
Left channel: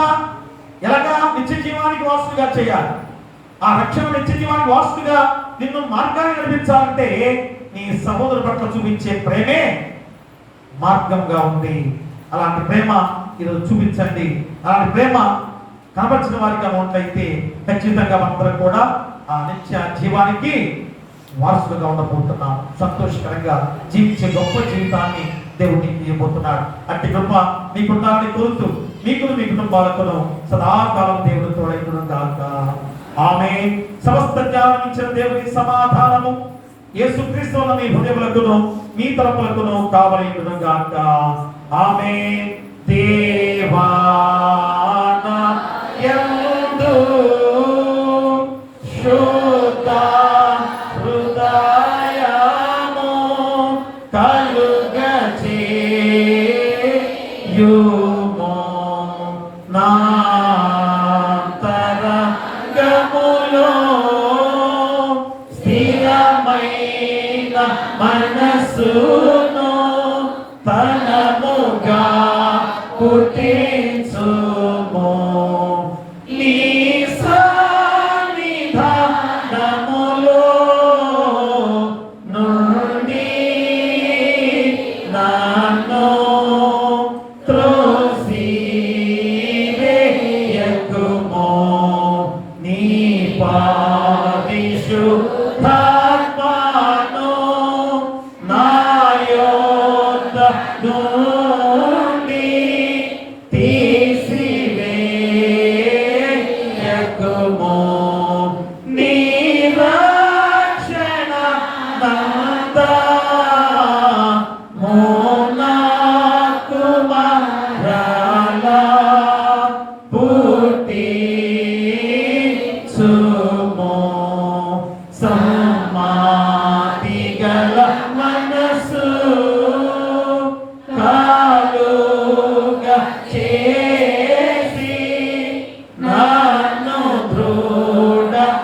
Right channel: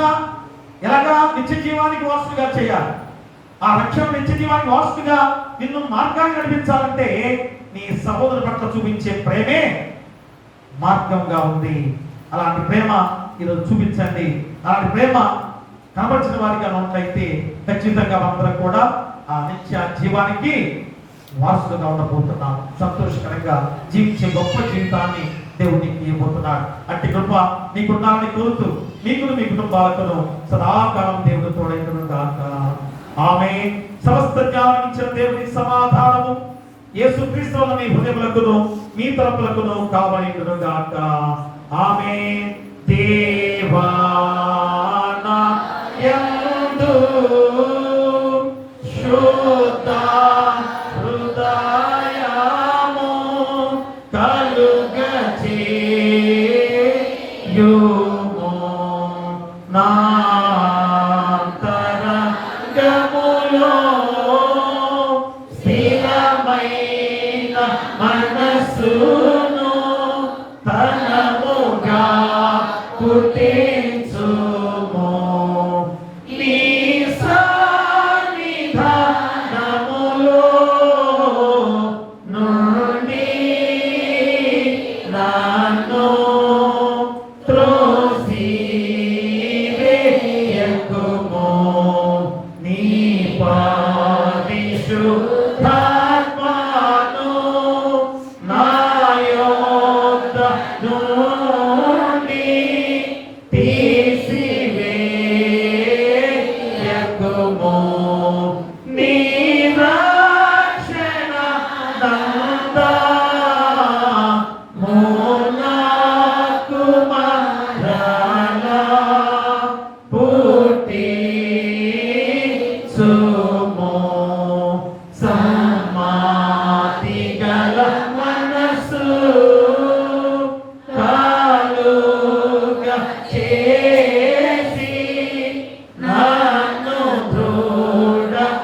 ఎలాగా నిత్య జీవానికి వాసుగా చేయాలి. ఆ రక్షణ నిత్య జీవానికి వాసుగా నిన్ను మార్గాన్ని నడిపించాలంటే నీ సహోదరు పట్ల చూపించే ప్రేమే మార్గంగా ఉంది. అలాంటి ప్రేమ ఈరోజు చూపించండి. అలాంటి ప్రేమ కనబరిచిన వారిగా ఉన్నట్లయితే ఖచ్చితంగా మనందరం కూడా ఆ నిత్య జీవానికి వారసులుగా ఉండబోతున్నాం. సంతోషకరంగా జీవించే గొప్ప జీవితాన్ని దేవుడికి ఇవ్వబోతున్నాడు. అట్టి కృప మీకుండాలని కోరుతూ మీకు మీ కుటుంబాలతో సదాకాలం దేవుడు తోడైన గాక. ఆమేన్. సమస్త జ్ఞానం ఇచ్చిన దేవుని సమాధానము యేసుక్రీస్తుల మీ హృదయములకును మీ తలపులకును కావలయును గాక. ఆమేన్. దేవా యందు శుద్ధ హృదయము కలుగచేయుము, నాంతరంగములో స్థిరమైన మనస్సును తనముగా పుట్టించుము. నీ సన్నిధానములో నుండి నన్ను త్రోసివేయకుము. నీ పరిశుద్ధాత్మను నా యొద్ద నుండి తీసివేయకుము. నీ రక్షణ నందము నాకు మరలా పుట్టించుము. సమాధి గల మనసు కాలుగా చేసి నన్ను దృఢపరచుము.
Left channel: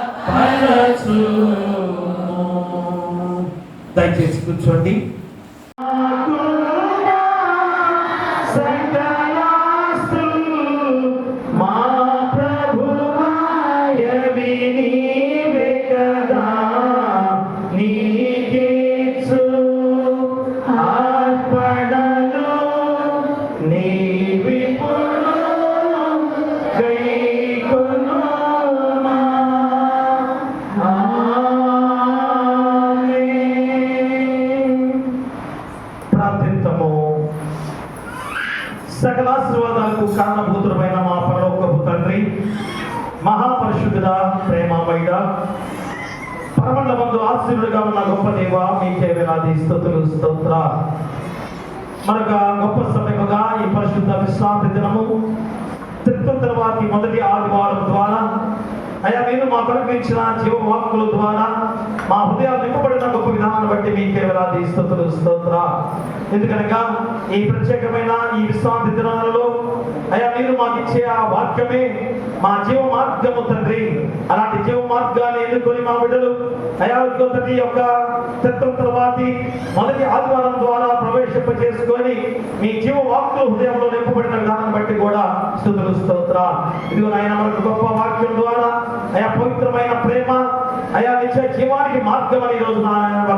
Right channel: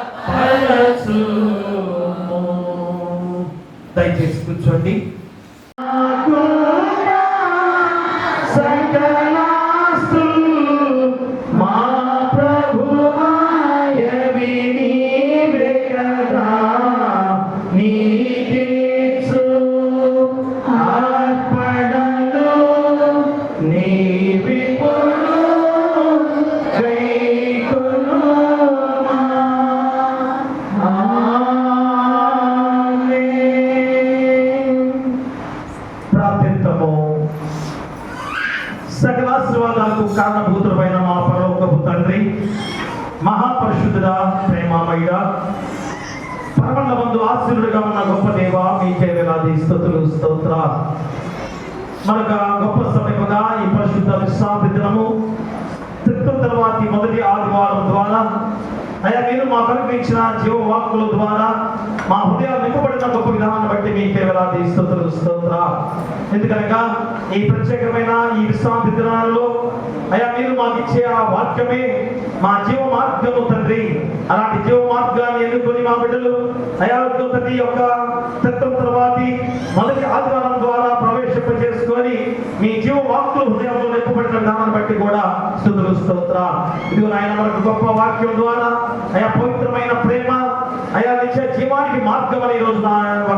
దయచేసి కూర్చోండి. మా ప్రభువాయ వినీవే కదా, నీకిచ్చు అర్పణలు నీవిప్పుడు కైకొనుమా. ఆమేన్. ప్రార్థిద్దాము. సకల ఆశీర్వాదాలకు కారణభూతుడమైన మా పరలోకపు తండ్రి, మహాపరిశుద్ధుడా, ప్రేమమయుడా, పరమండలమందు ఆశీనుడుగా ఉన్న గొప్ప దేవ, మీకే వేలాది స్తుతులు స్తోత్ర. మనకు గొప్ప సమయముగా ఈ పరిశుద్ధ విశ్రాంతి దినము తిరుగు తర్వాతి మొదటి ఆదివారం ద్వారా అయ్యా మీరు మా కనిపించిన జీవవాక్కుల ద్వారా మా హృదయాలు నింపబడిన గొప్ప విధానాన్ని బట్టి మీకే వేలాది స్తుతులు స్తోత్ర. ఎందుకనగా ఈ ప్రత్యేకమైన ఈ విశ్రాంతి దినాలలో అయ్యా మీరు మాకు ఇచ్చే ఆ వాక్యమే మా జీవ మార్గము తండ్రి. అలాంటి జీవ మార్గాన్ని ఎన్నుకొని మా బిడ్డలు అయా ప్రతి యొక్క తత్వం తర్వాతి మొదటి ఆదివారం ద్వారా ప్రవేశింపజేసుకొని మీ జీవ వాక్కులు హృదయంలో నింపబడిన విధానాన్ని బట్టి కూడా స్తుతులు స్తోత్ర. ఇదిగో ఆయన మనకు గొప్ప వాక్యం ద్వారా అయా పవిత్రమైన ప్రేమ అయా నిత్య జీవానికి మార్గం అని ఈరోజు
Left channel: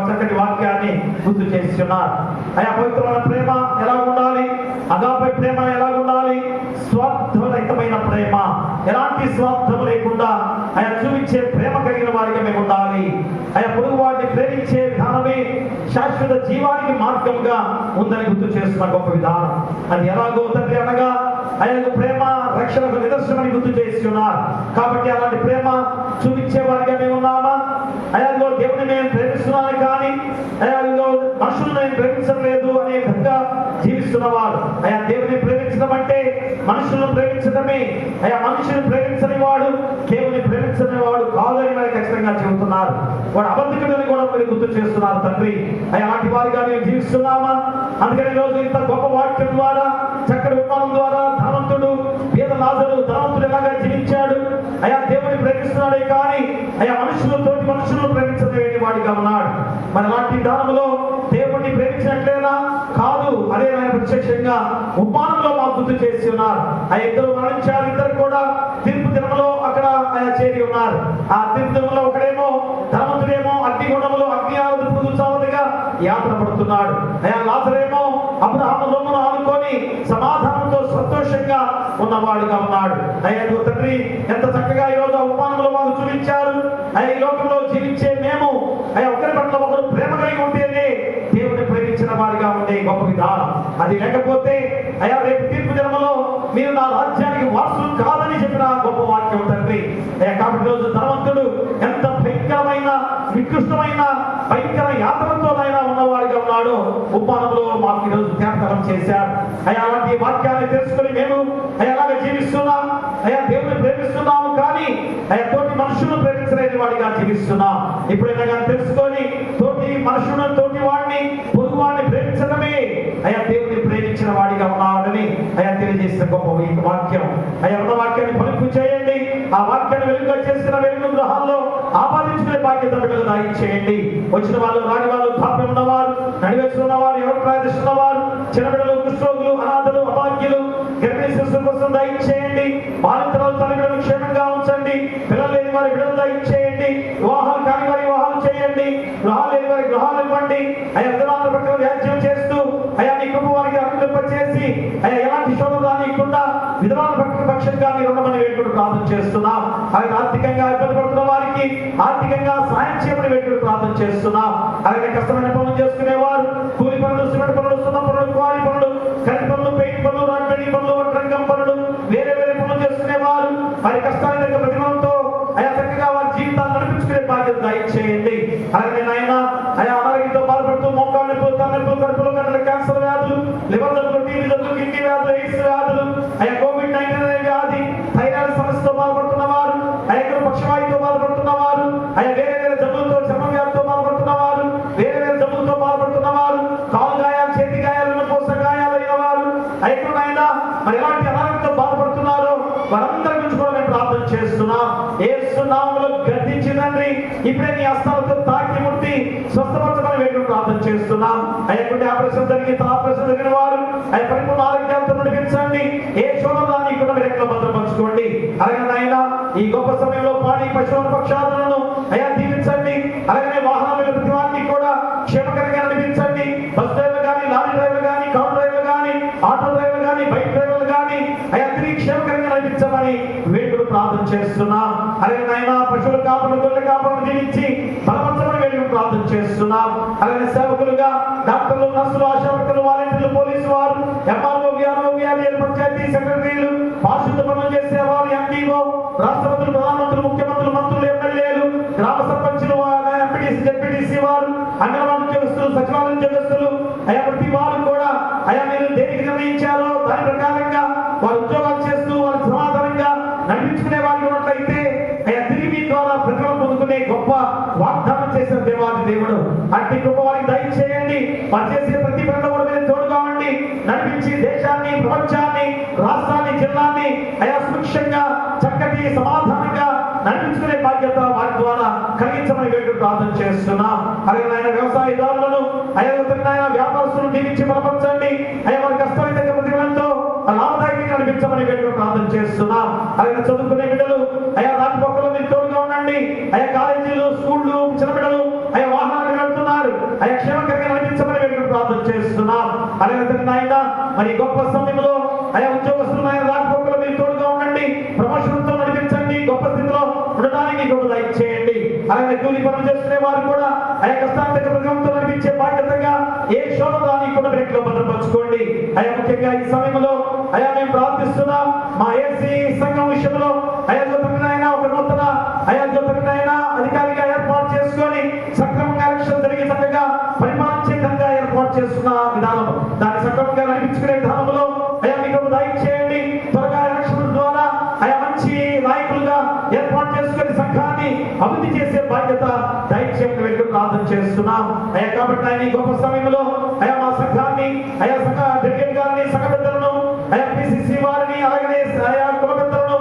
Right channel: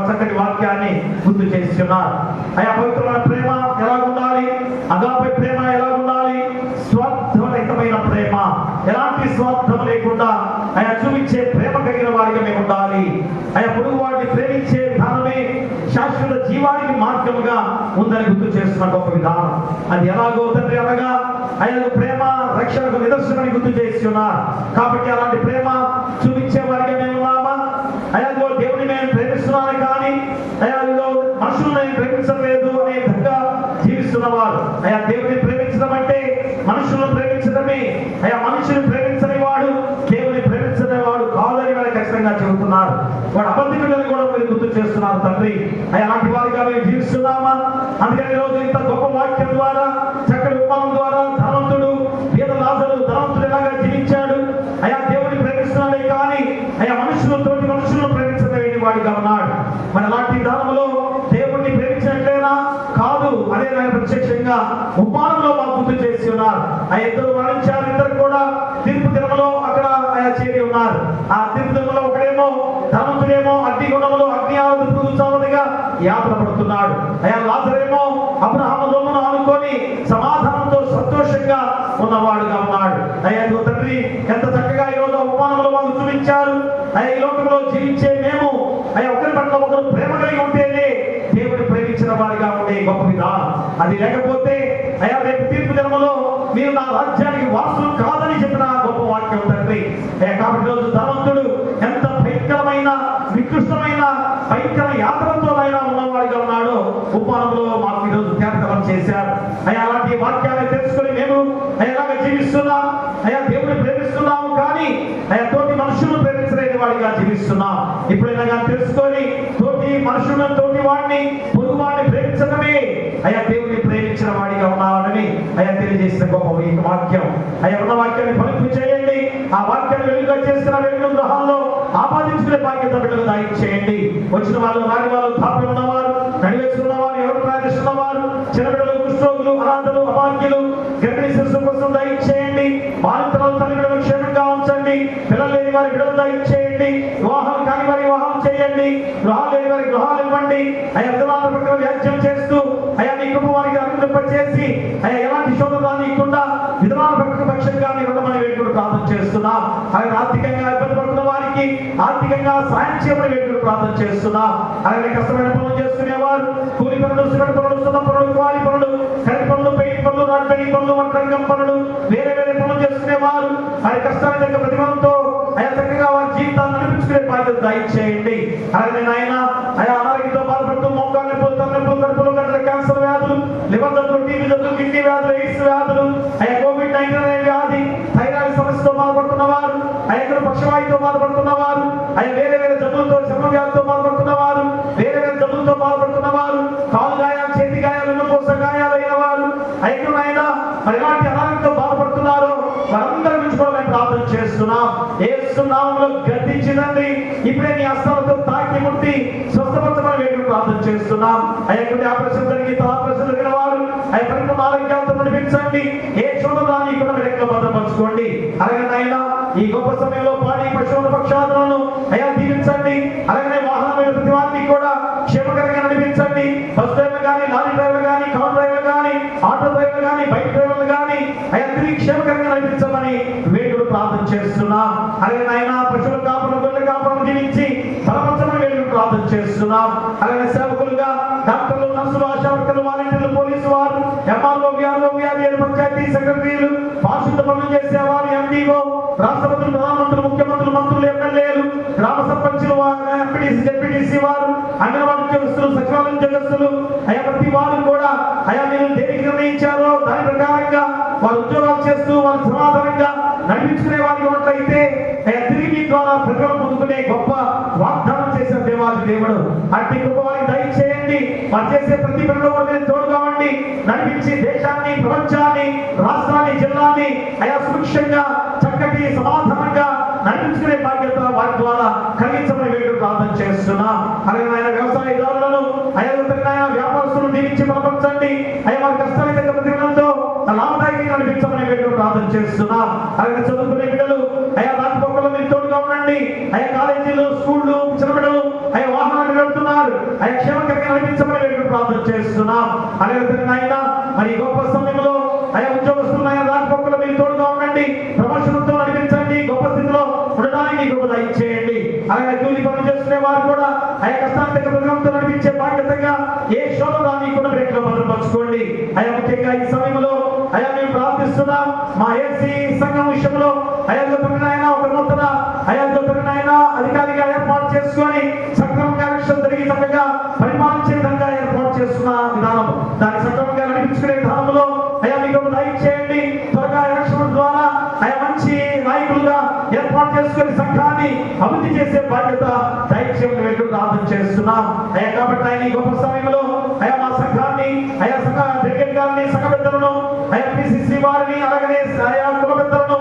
చక్కటి వాక్యాన్ని గుర్తు చేస్తున్నారు. అయా పవిత్రమైన ప్రేమ ఎలా ఉండాలి, అగాపే ప్రేమ ఎలా ఉండాలి, స్వార్థరహితమైన ప్రేమ, ఎలాంటి స్వార్థం లేకుండా ఆయన చూపించే ప్రేమ కలిగిన వారిగా మేము ఉండాలి. ఆయన పొరుగు వారిని ప్రేమించే విధానమే శాశ్వత జీవానికి మార్గంగా ఉందని గుర్తు చేస్తున్న గొప్ప విధానం. అది ఎలాగో తండ్రి అనగా ఆయన ప్రేమ రక్షణకు నిదర్శనమని గుర్తు చేసి ఉన్నారు. కాబట్టి అలాంటి ప్రేమ చూపించే వారిగా మేము ఉన్నామా? అయ్యా దేవుని మేము ప్రేమిస్తున్నాను కానీ అయ్యా మన కాదని మరి ఖచ్చితంగా చెబుతున్నారు. వాడు అబద్ధికులని కూడా మీరు గుర్తు చేస్తున్నారు తండ్రి. అయ్యా అలాంటి వారిగా మేము జీవిస్తున్నామా? అందుకని ఈరోజు ఇంత గొప్ప వాక్యం ద్వారా, చక్కటి ఉపమానం ద్వారా ధనవంతుడు పేద లాజరు ధనవంతుడు ఎలాగా జీవించాడు, అయ్యా దేవుని ప్రేమిస్తున్నాడే కానీ అయ్యా తోటి మనుషులను ప్రేమించలేని వాడిగా ఉన్నాడు. మరి అలాంటి దానంలో దేవుణ్ణి ప్రేమించినట్లేనా? కాదు. అదే ఆయన ప్రత్యక్షంగా ఉపమానంలో మాకు గుర్తు చేసి ఉన్నారు. ఆ ఇద్దరు మరణించారు, ఇద్దరు కూడా తీర్పు దినములో అక్కడ ఆయన చేరి ఉన్నారు. ఆ తీర్పు దినములో ఒకడేమో ధనవంతుడేమో అగ్నిగుణములో అగ్ని ఆవుదిగా యాతన పడుతున్నాడు. అయ్యా లాజరేమో అబ్రహాము రొమ్మును ఆనుకొని సమాధానంతో సంతోషంగా ఉన్నవాడుగా ఉన్నాడు. అయ్యా తండ్రి ఎంత చక్కగా ఈరోజు ఉపమానంలో మాకు చూపించారు. అయ్యా ఈ లోకంలో జీవించే మేము అయ్యా ఒకరి పట్ల ఒకరు ప్రేమ కలిగి ఉంటేనే దేవుని ప్రేమించిన వాడిగా ఉండే గొప్ప విధానం. అది లేకపోతే అయ్యా రేపు తీర్పు దినములో మీరు నా రాజ్యానికి వారసులు కాదని చెప్పిన గొప్ప వాక్యం తండ్రి. కాబట్టి రోజు ధనవంతుడు ఎంత భయంకరమైన నికృష్టమైన భయంకర యాత్రతో అయినా ఉన్నవాడిగా ఉన్నాడో ఉపమానంలో మాకు ఈరోజు జ్ఞాపకం చేశారు. అయ్యా అలాంటి వాక్యాన్ని తెలుసుకొని మేము ఎలాగ జీవిస్తున్నాం? అయ్యా దేవుని ప్రేమిస్తున్నాము కానీ అయ్యా తోటి మనుషులను ప్రేమించలేని వాడిగా జీవిస్తున్నాం. ఇప్పుడైనా తెలుసుకొని తోటి మనుషులను తోటి వాడిని పొరుగు వాడిని ప్రేమించడమే అయ్యా దేవుని ప్రేమించిన వాడిగా ఉన్నామని అయ్యా తెలియజేసిన గొప్ప వాక్యం. అయ్యా ఉన్న వాక్యాన్ని ఫలింపు చేయండి. ఆ వాక్యాన్ని వెలుగుగా చేసిన వెలుగు గృహాల్లో ఆపాదించుకునే బాధ్యత బిడ్డలు దయచేయండి. వచ్చిన వాళ్ళు రాని వాళ్ళు కాపీ ఉన్నవారు నడివేస్తున్న వారు ఎవరు ప్రార్థిస్తున్న వారు చిన్న బిడ్డలు కుష్ఠరోగులు అనాథలు అభాగ్యులు గర్భిణీ శిశువుల కోసం దయచేయండి. బాలింతరాలు తల్లి బిడ్డలు క్షేమంగా ఉంచండి. పిల్లలు లేని వారి బిడ్డలు దయచేయండి. వివాహాలు కాని వారి వివాహాలు చేయండి. గృహాలు లేని వారి గృహాలు ఇవ్వండి. అయ్యా విధవాళ్ళ పట్ల వ్యాజ్యం చేస్తూ అయ్యా మీ కృప వారికి అభివృద్ధి చేసి అయ్యా ఎలాంటి శోధన రానికుండా విధవాళ్ళ పక్షంగా మీరు ఉండమని వేడుకలు ప్రార్థన చేస్తున్నాం. అలాగే ఆర్థికంగా ఇబ్బంది పడుతున్న వారికి ఆర్థికంగా సాయం చేయమని వేడుకలు ప్రార్థన చేస్తున్నాం. అలాగే కష్టమైన పనులు చేసుకునేవారు కూలి పనులు, సిమెంట్ పనులు, సున్న పనులు, క్వారీ పనులు, కరెంట్ పనులు, పెయింట్ పనులు, రాడ్ పెయింట్ పనులు, వడ్రంగం పనులు, వేరే పనులు చేసుకునేవారు వారి కష్టాల దగ్గర ప్రతిఫలంతో అయా చక్కగా వారి జీవితాన్ని నడిపించుకునే బాధ్యత దయచేయండి. అలాగే ఆయన అయా అనారోగ్యంతో బాధపడుతూ మోకాళ్ళ నొప్పులు, తలనొప్పులు, కడుపులో గంటల క్యాన్సర్ వ్యాధులు, లివర్ జబ్బులు, టీబీ జబ్బులు, కిడ్నీ వ్యాధులు, ఎయిడ్స్ వ్యాధులు, అయా COVID-19 అనే వ్యాధి, థైరాయిడ్ సమస్యతో బాధపడుతున్న వారు, అయా పక్షవాయుతో బాధపడుతున్న వారు, అయా వేరే జబ్బులతో చర్మ వ్యాధితో బాధపడుతున్న వారు, వేరే జబ్బులతో బాధపడుతున్న వారు, కాలు గాయాలు, చేతి గాయాలు, కోస గాయాలు అయిన వారు, అయినా మరి ఎలాంటి అనారోగ్యంతో బాధపడుతున్నారో వారందరి గురించి కూడా మేము ప్రార్థన చేస్తున్నాం. యేసు నామములో గద్దించినండి ఇప్పుడే నీ హస్తాలతో తాకి ముట్టి స్వస్థపరచమని వేడుకలు ప్రార్థన చేస్తున్నాం. అయ్యా ఆపరేషన్ జరిగి ఆపరేషన్ జరిగిన వారు అయ్యా పరిపూర్ణ ఆరోగ్యాలతో నడిపించండి. ఏ శోధనాన్ని కూడా మీరు ఎక్కడ భద్రపరచుకోండి. అలాగే నాయన ఈ గొప్ప సమయంలో పాడి పశువుల పక్షాలను అయ్యా దీవించండి. అలాగే వాహనాల ప్రతి వారిని కూడా క్షేమకరంగా నడిపించండి. బస్ డ్రైవర్లు కానీ, లారీ డ్రైవర్లు కానీ, కార్ డ్రైవర్లు కానీ, ఆటో డ్రైవర్లు కానీ, బైక్ డ్రైవర్లు కానీ అయ్యా తిరిగి క్షేమకరంగా నడిపించమని వేడుకలు ప్రార్థన చేస్తున్నాం. అలాగే నాయన పశువుల కాపులు, గొర్రెల కాపులను దీవించి బలపరచమని వేడుకలు ప్రార్థన చేస్తున్నాం. అలాగే సేవకులుగా డాక్టర్లు, నర్సులు, ఆశావర్కర్లు, వాలంటీర్లు, పోలీసు వారు, ఎంఆర్ఓ, విఆర్ఓ, విఆర్ఏలు, పంచాయతీ సెక్రటరీలు, పారిశుద్ధ పనులు చేసేవారు, ఎండిఓ, రాష్ట్రపతులు, ప్రధానమంత్రులు, ముఖ్యమంత్రులు, మంత్రులు, ఎమ్మెల్యేలు, గ్రామ సర్పంచులు, ఎంపీటీసీ, జెడ్పీటీసీ వారు, అంగన్వాడీ ఉద్యోగస్తులు, సచివాలయ ఉద్యోగస్తులు అయ్యా ప్రతి వారు కూడా అయ్యా మీరు దేనికి నిర్ణయించారో దాని ప్రకారంగా వారు ఉద్యోగాలు చేస్తూ వారు సమాధానంగా నడిపించుకునే వారికి ఉన్నట్లయితే అయ్యా తిరిగి మీ ద్వారా ప్రతిఫలం పొందుకునే గొప్ప వాగ్దానం చేసిన దేవాది దేవుడు అట్టి గొప్ప వారికి దయచేయండి. వారు చేసే ప్రతి పనిలో మీరు తోడుగా ఉండి నడిపించి దేశాన్ని, ప్రపంచాన్ని, రాష్ట్రాన్ని, జిల్లాన్ని అయా సురక్షంగా చక్కటి సమాధానంగా నడిపించుకునే బాధ్యత వారి ద్వారా కలిగించమని వేడుకలు ప్రార్థన చేస్తున్నాం. అలాగే ఆయన వ్యవసాయదారులను అయ్యా వ్యాపారస్తులను దీవించి బలపరచండి. అయ్యా వారి కష్టాల యొక్క ప్రతిఫలంతో లాభదాయకంగా నడిపించమని వేడుకలు ప్రార్థన చేస్తున్నాం. అలాగే చదువుకునే బిడ్డలు అయ్యా రాజపక్కలో మీరు తోడుగా ఉండండి. అయ్యా కాలేజీలు, స్కూళ్ళు, చిన్న బిడ్డలు అయ్యా వాహనాలు వెళ్తున్నారు అయ్యా క్షేమకరంగా నడిపించమని వేడుకలు ప్రార్థన చేస్తున్నాం. అలాగే ఆయన మరి గొప్ప సమయంలో అయ్యా ఉద్యోగస్తులు ఆయన రాజపక్కలో మీరు తోడుగా ఉండండి. ప్రమోషన్తో నడిపించండి. గొప్ప స్థితిలో ఉండడానికి గొప్ప దయచేయండి. అలాగే కూలి పనులు చేసుకునే వారు కూడా అయ్యా కష్టాల దగ్గర ప్రతిఫలంతో నడిపించే బాధ్యతగా ఏ శోధనాన్ని కూడా బ్రేక్ లో భద్రపరచుకోండి. అయ్యా ముఖ్యంగా ఈ సమయంలో అయ్యా మేము ప్రార్థిస్తున్నాం మా ఏసీ సంఘం విషయంలో అయ్యా గొప్పనైనా ఒక నూతన అయ్యా గొప్పనైనా అధికారిగా ఏర్పాటు చేసుకొని సక్రమంగా ఎలక్షన్ జరిగి చక్కగా పరిపాలించే విధంగా ఏర్పాటు చేస్తున్న విధానం దాన్ని సక్రమంగా నడిపించుకునే విధానంలో అయ్యా మీకు దయచేయండి. త్వరగా ఎలక్షన్ ద్వారా అయ్యా మంచి నాయకులుగా ఏర్పాటు చేసుకుని సంఘాన్ని అభివృద్ధి చేసే బాధ్యత దైవసేవకుడు వెళ్ళి ప్రార్థన చేస్తున్నాం అయ్యా. కాబట్టి ఆయన ఈ గొప్ప సమయంలో అయ్యా మా సంఘాన్ని అయ్యా సంఘ డెలిగేట్ గారిని సంఘ పెద్దలను అయ్యా పిసిసి వారిని అలాగనే అయ్యా కుల పెద్దలను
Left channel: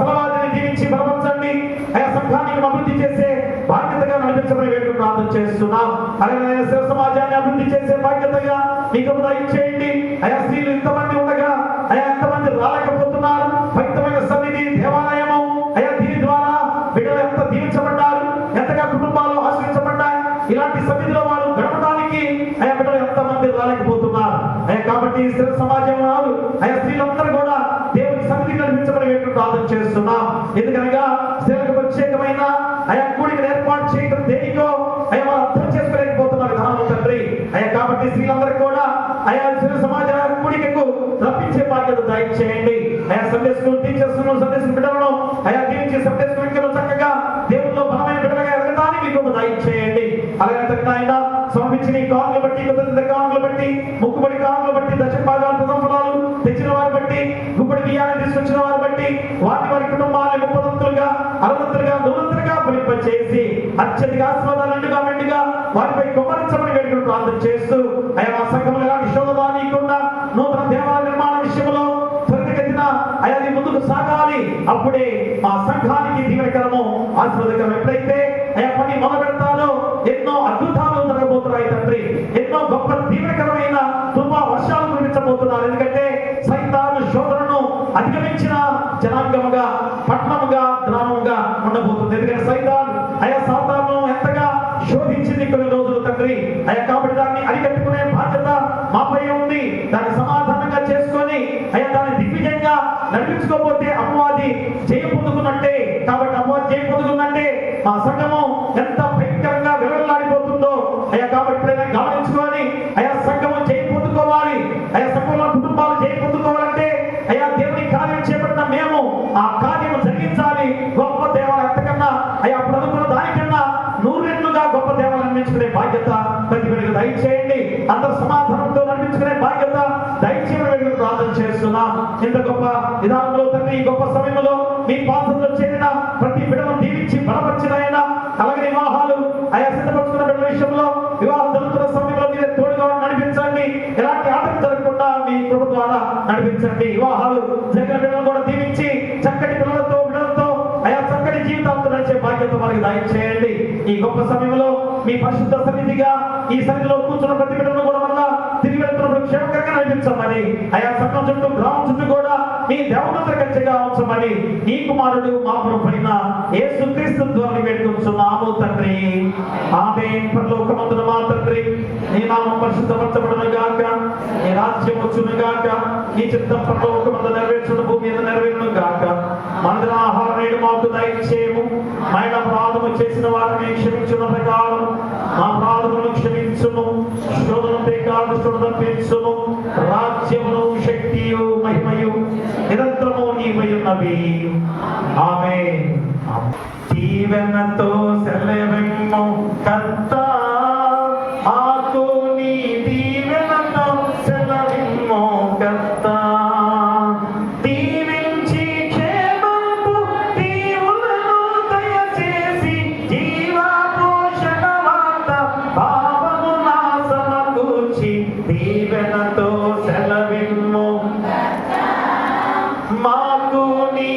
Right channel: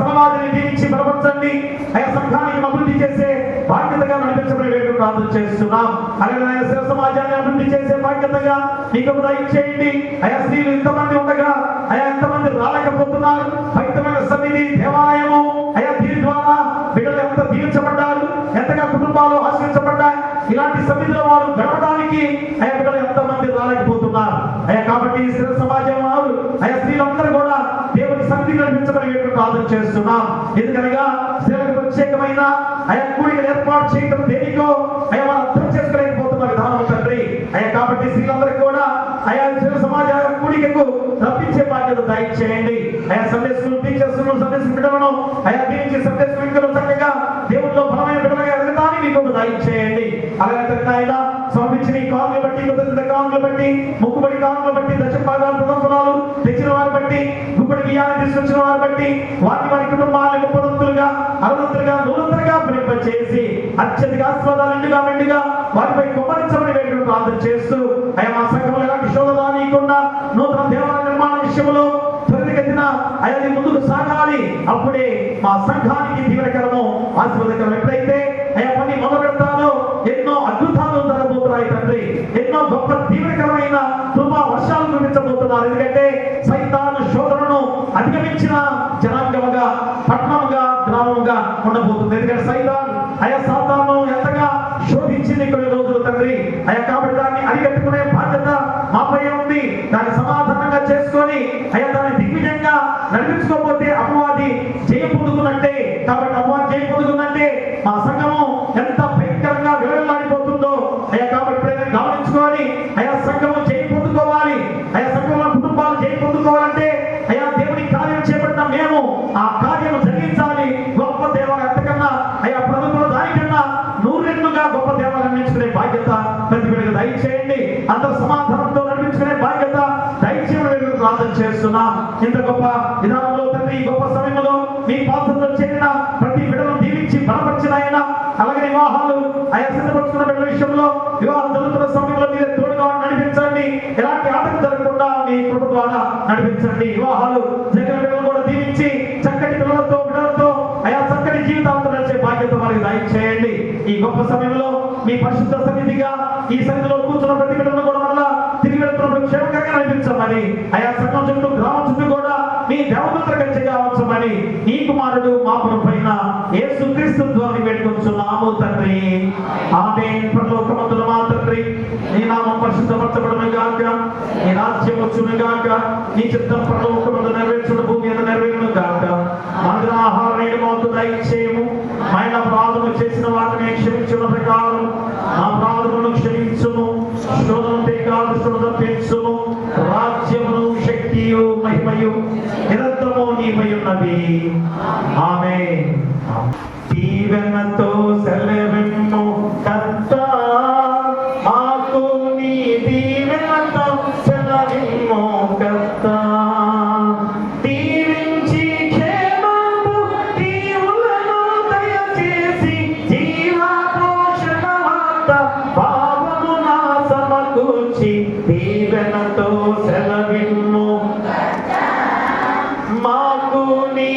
సమాధిని దీవించి బలపరచండి అయ్యా. సంఘానికి అభివృద్ధి చేసే బాధ్యతగా నడిపించమని వెళ్ళి ప్రార్థన చేస్తున్నాం. అలాగే సేవ సమాజాన్ని అభివృద్ధి చేసే బాధ్యతగా మీకు దయచేయండి అయ్యా. స్త్రీలు ఇంతమంది ఉండగా అయ్యా ఎంతమంది రాలేకపోతున్నారు. పవిత్రమైన సన్నిధి దేవాలయము అయ్యా దీని ద్వారా బిడ్డలు ఎంత దీవించబడ్డారు, ఎంతగా కుటుంబాలు ఆశ్రయించబడ్డాయి. ఇలాంటి సన్నిధిలో వారు గడపడానికి అయ్యా బిడ్డలు ఎంతమంది రాలేకపోతున్నారు అయ్యా. కాబట్టి స్థిర సమాజం వారు అయ్యా స్త్రీలందరూ కూడా దేవుని సన్నిధి నడిపించమని ప్రార్థన చేస్తున్నాం. ఎందుకనగా స్త్రీలకు ప్రత్యేకమైన అయ్యా కూడికలు ఏర్పాటు చేయడం దేనికో అయ్యా వాళ్ళు అర్థం చేసుకోలేకపోతున్నారు దాని తండ్రి అయ్యా. కాబట్టి స్త్రీలందరికీ కూడా అయ్యా స్థిర సమాజ కూడికకు రప్పించే బాధ్యత దయచేయండి అయ్యా. Sunday school teachers Sunday school బిడ్డలను అయ్యా దీనికి సండే స్కూల్ చక్కగా దేవుల్లో బలమైన బిడ్డలుగా ఎదగడానికి మీకు దయచేయండి. అలాగే ఆయన సమర్పించిన ఈ కానుకలు బట్టి కానుకలు బట్టి ముక్కుబడి కానుకలు బట్టి దశ భాగాలు ప్రథమ ఫలాలు తెచ్చిన వారు బట్టి గుప్పటి బియ్యాన్ని తీసుకొచ్చిన వారు బట్టి వారి కుటుంబాలను ముప్పదంతులుగా అరవంతులుగా నూరంతులుగా ఫలింపచేసి అత్యధిక ఆశీర్వాదాలుగా మెండుగా వారిపై కుమ్మరించమని వేడుకలు ప్రార్థన చేస్తూ అయ్యా మా సంఘంలో ఎలాంటి శోధన నీకున్న నూతన దేవాలయ నిర్మాణ విషయంలో త్వరితగతిన అయ్యా నీ ముందుకు సాగాలి. అప్పుడే మా సంఘానికి దీవెనకరము ఆశీర్వాదకరం. ఎప్పుడైతే అయ్యా పని మొదలు పెడతానో ఎన్నో అద్భుతాలు జరగబోతున్నాయి తండ్రి. ఎన్నో గొప్ప దీవెనకరమైన కృపా వర్షాలు కురిపించబోతున్నారు. ఎందుకంటే సైతాను శోధనను అధిగమించిన జనాంగంగా పట్టణంగా గ్రామంగా ఉండబోతుంది. ఎందుకంటే సైతాను అయ్యా సాతాను ఎంతగా శోధించింది కొన్ని రోజులు తండ్రి అయ్యా. కాబట్టి దాన్ని అరికట్టుకునే బాధ్యత మాపై ఉంది. దాన్ని సమాధానంగా చేసుకొని అయ్యా దాన్ని దిగ్విజయంగా నడిపించుకోకపోతే అపవాది జయం పొందుతున్నట్టే. కాబట్టి అపవాది జయం పొందుతున్నట్టే మా సంఘము ఎంత భయంకరంగా విలువలాడిపోతుందో అయ్యా. కాబట్టి గమనించుకొని అయ్యా సంఘము జయం పొందుకోవాలి అయ్యా. సంఘంలో కుటుంబాలు జయం పొందుకోవాలంటే అయ్యా దేవుని కార్యం చేపట్టిన మేము ఆ కార్యము జరిగించాలి. గొప్ప దేవాలయం ఎంతకన్నా అయ్యా ప్రభుత్వ దానికన్నా 100 రెట్లుగా గొప్ప దేవాలయం నిర్మించుకునే బాధ్యత ప్రతి బిడ్డకు దయచేయండి. అందరూ సమాధానంతో నడిపించుకునే బాధ్యత దయచేయమని ప్రార్థన చేస్తున్నాం. ఇంత గొప్ప విధానంలో తండ్రి ఈ గొప్ప సమయంలో మీ పాత్రలో చేరిన ప్రతి బిడ్డను దీవించి బలపరిచిన ఆయన. అలాగే వివాహాలు అయ్యా సిద్ధపడుతున్న బిడ్డల విషయంలో వివాహం జరుగుతున్న సమయంలో మీరు తోడుగా నడిపించండి. ఎలాంటి ఆటలు జరగకుండా మీ కృప ద్వారా నడిపించండి. వివాహాలు జరిగిన బిడ్డలను కూడా దీవించి చక్కటి పిల్లలతో బిడ్డలతో అయ్యా చక్కటి జీవితాలతో నడిచే బాధ్యత వారికి దయచేయండి. ఈ గొప్ప సమయంలో మీ పరిశుద్ధ సన్నిధిగా ఈ సన్నిధిలో కూర్చున్న ప్రతి బిడ్డను కూడా వల్ల తిరిగి వెళ్తున్నప్పుడు క్షేమకరంగా నడిపించమని అయ్యా సంఘం చుట్టూ గ్రామం చుట్టూ కూడా మీ దేవమంత్ర గచ్చిగా ఉంచమని నీ కుమారుడు మా ప్రభువైన యేసుక్రీస్తు ద్వారా వేడుకొంచున్నాము తండ్రి. ఆమేన్. పరలోకమందున మా తండ్రి నీ నామం పరిశుద్ధపరచబడును గాక, నీ రాజ్యం వచ్చును గాక, నీ చిత్తం పరలోకమందు నెరవేర్చును భూమి మీద నెరవేరును గాక. మన ఆహారం నేడు మాకు దయచేయము. ఆయన అపరాధము చేసిన వారిని క్షమించిన ప్రకారం మా అపరాధములను క్షమించుము. శోధనతే కాదు శోధన పెంచుము. రాజ్యమును శక్తియు మహిమయు నిరంతరము నీవై ఉన్నవి. ఆమేన్. దీవెనతో సెలవిమ్ము కర్తా, మాకు నీ దీవెనతో సెలవిమ్ము కర్తా. దీవించి క్షేమపు దీవులను దయచేసి జీవపోషణ వార్త భావమున సమకూర్చి దీవెనతో సెలవిమ్ము. మాకు నీ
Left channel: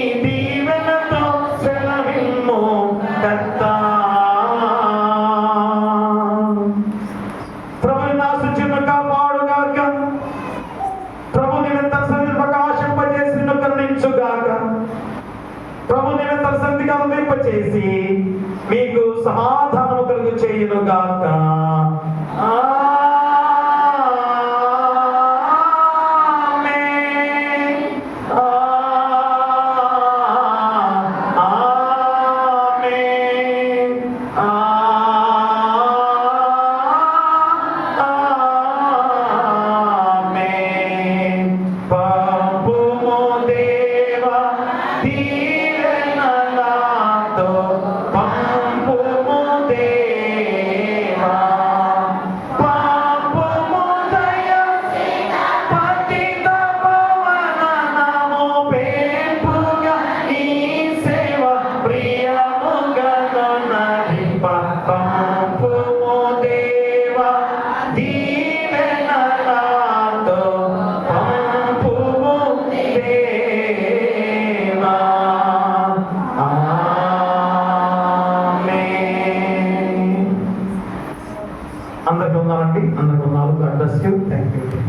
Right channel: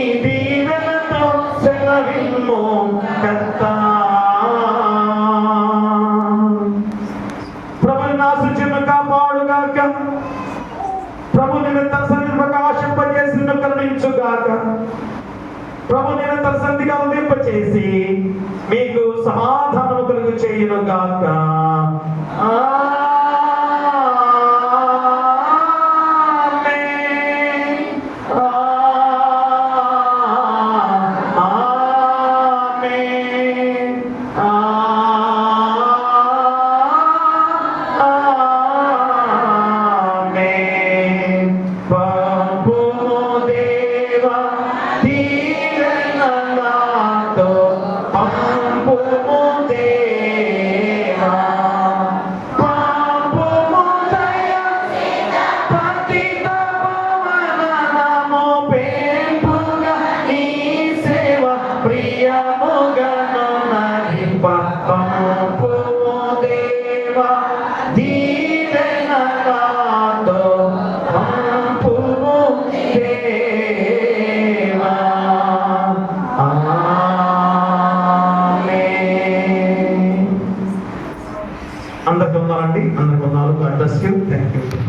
50.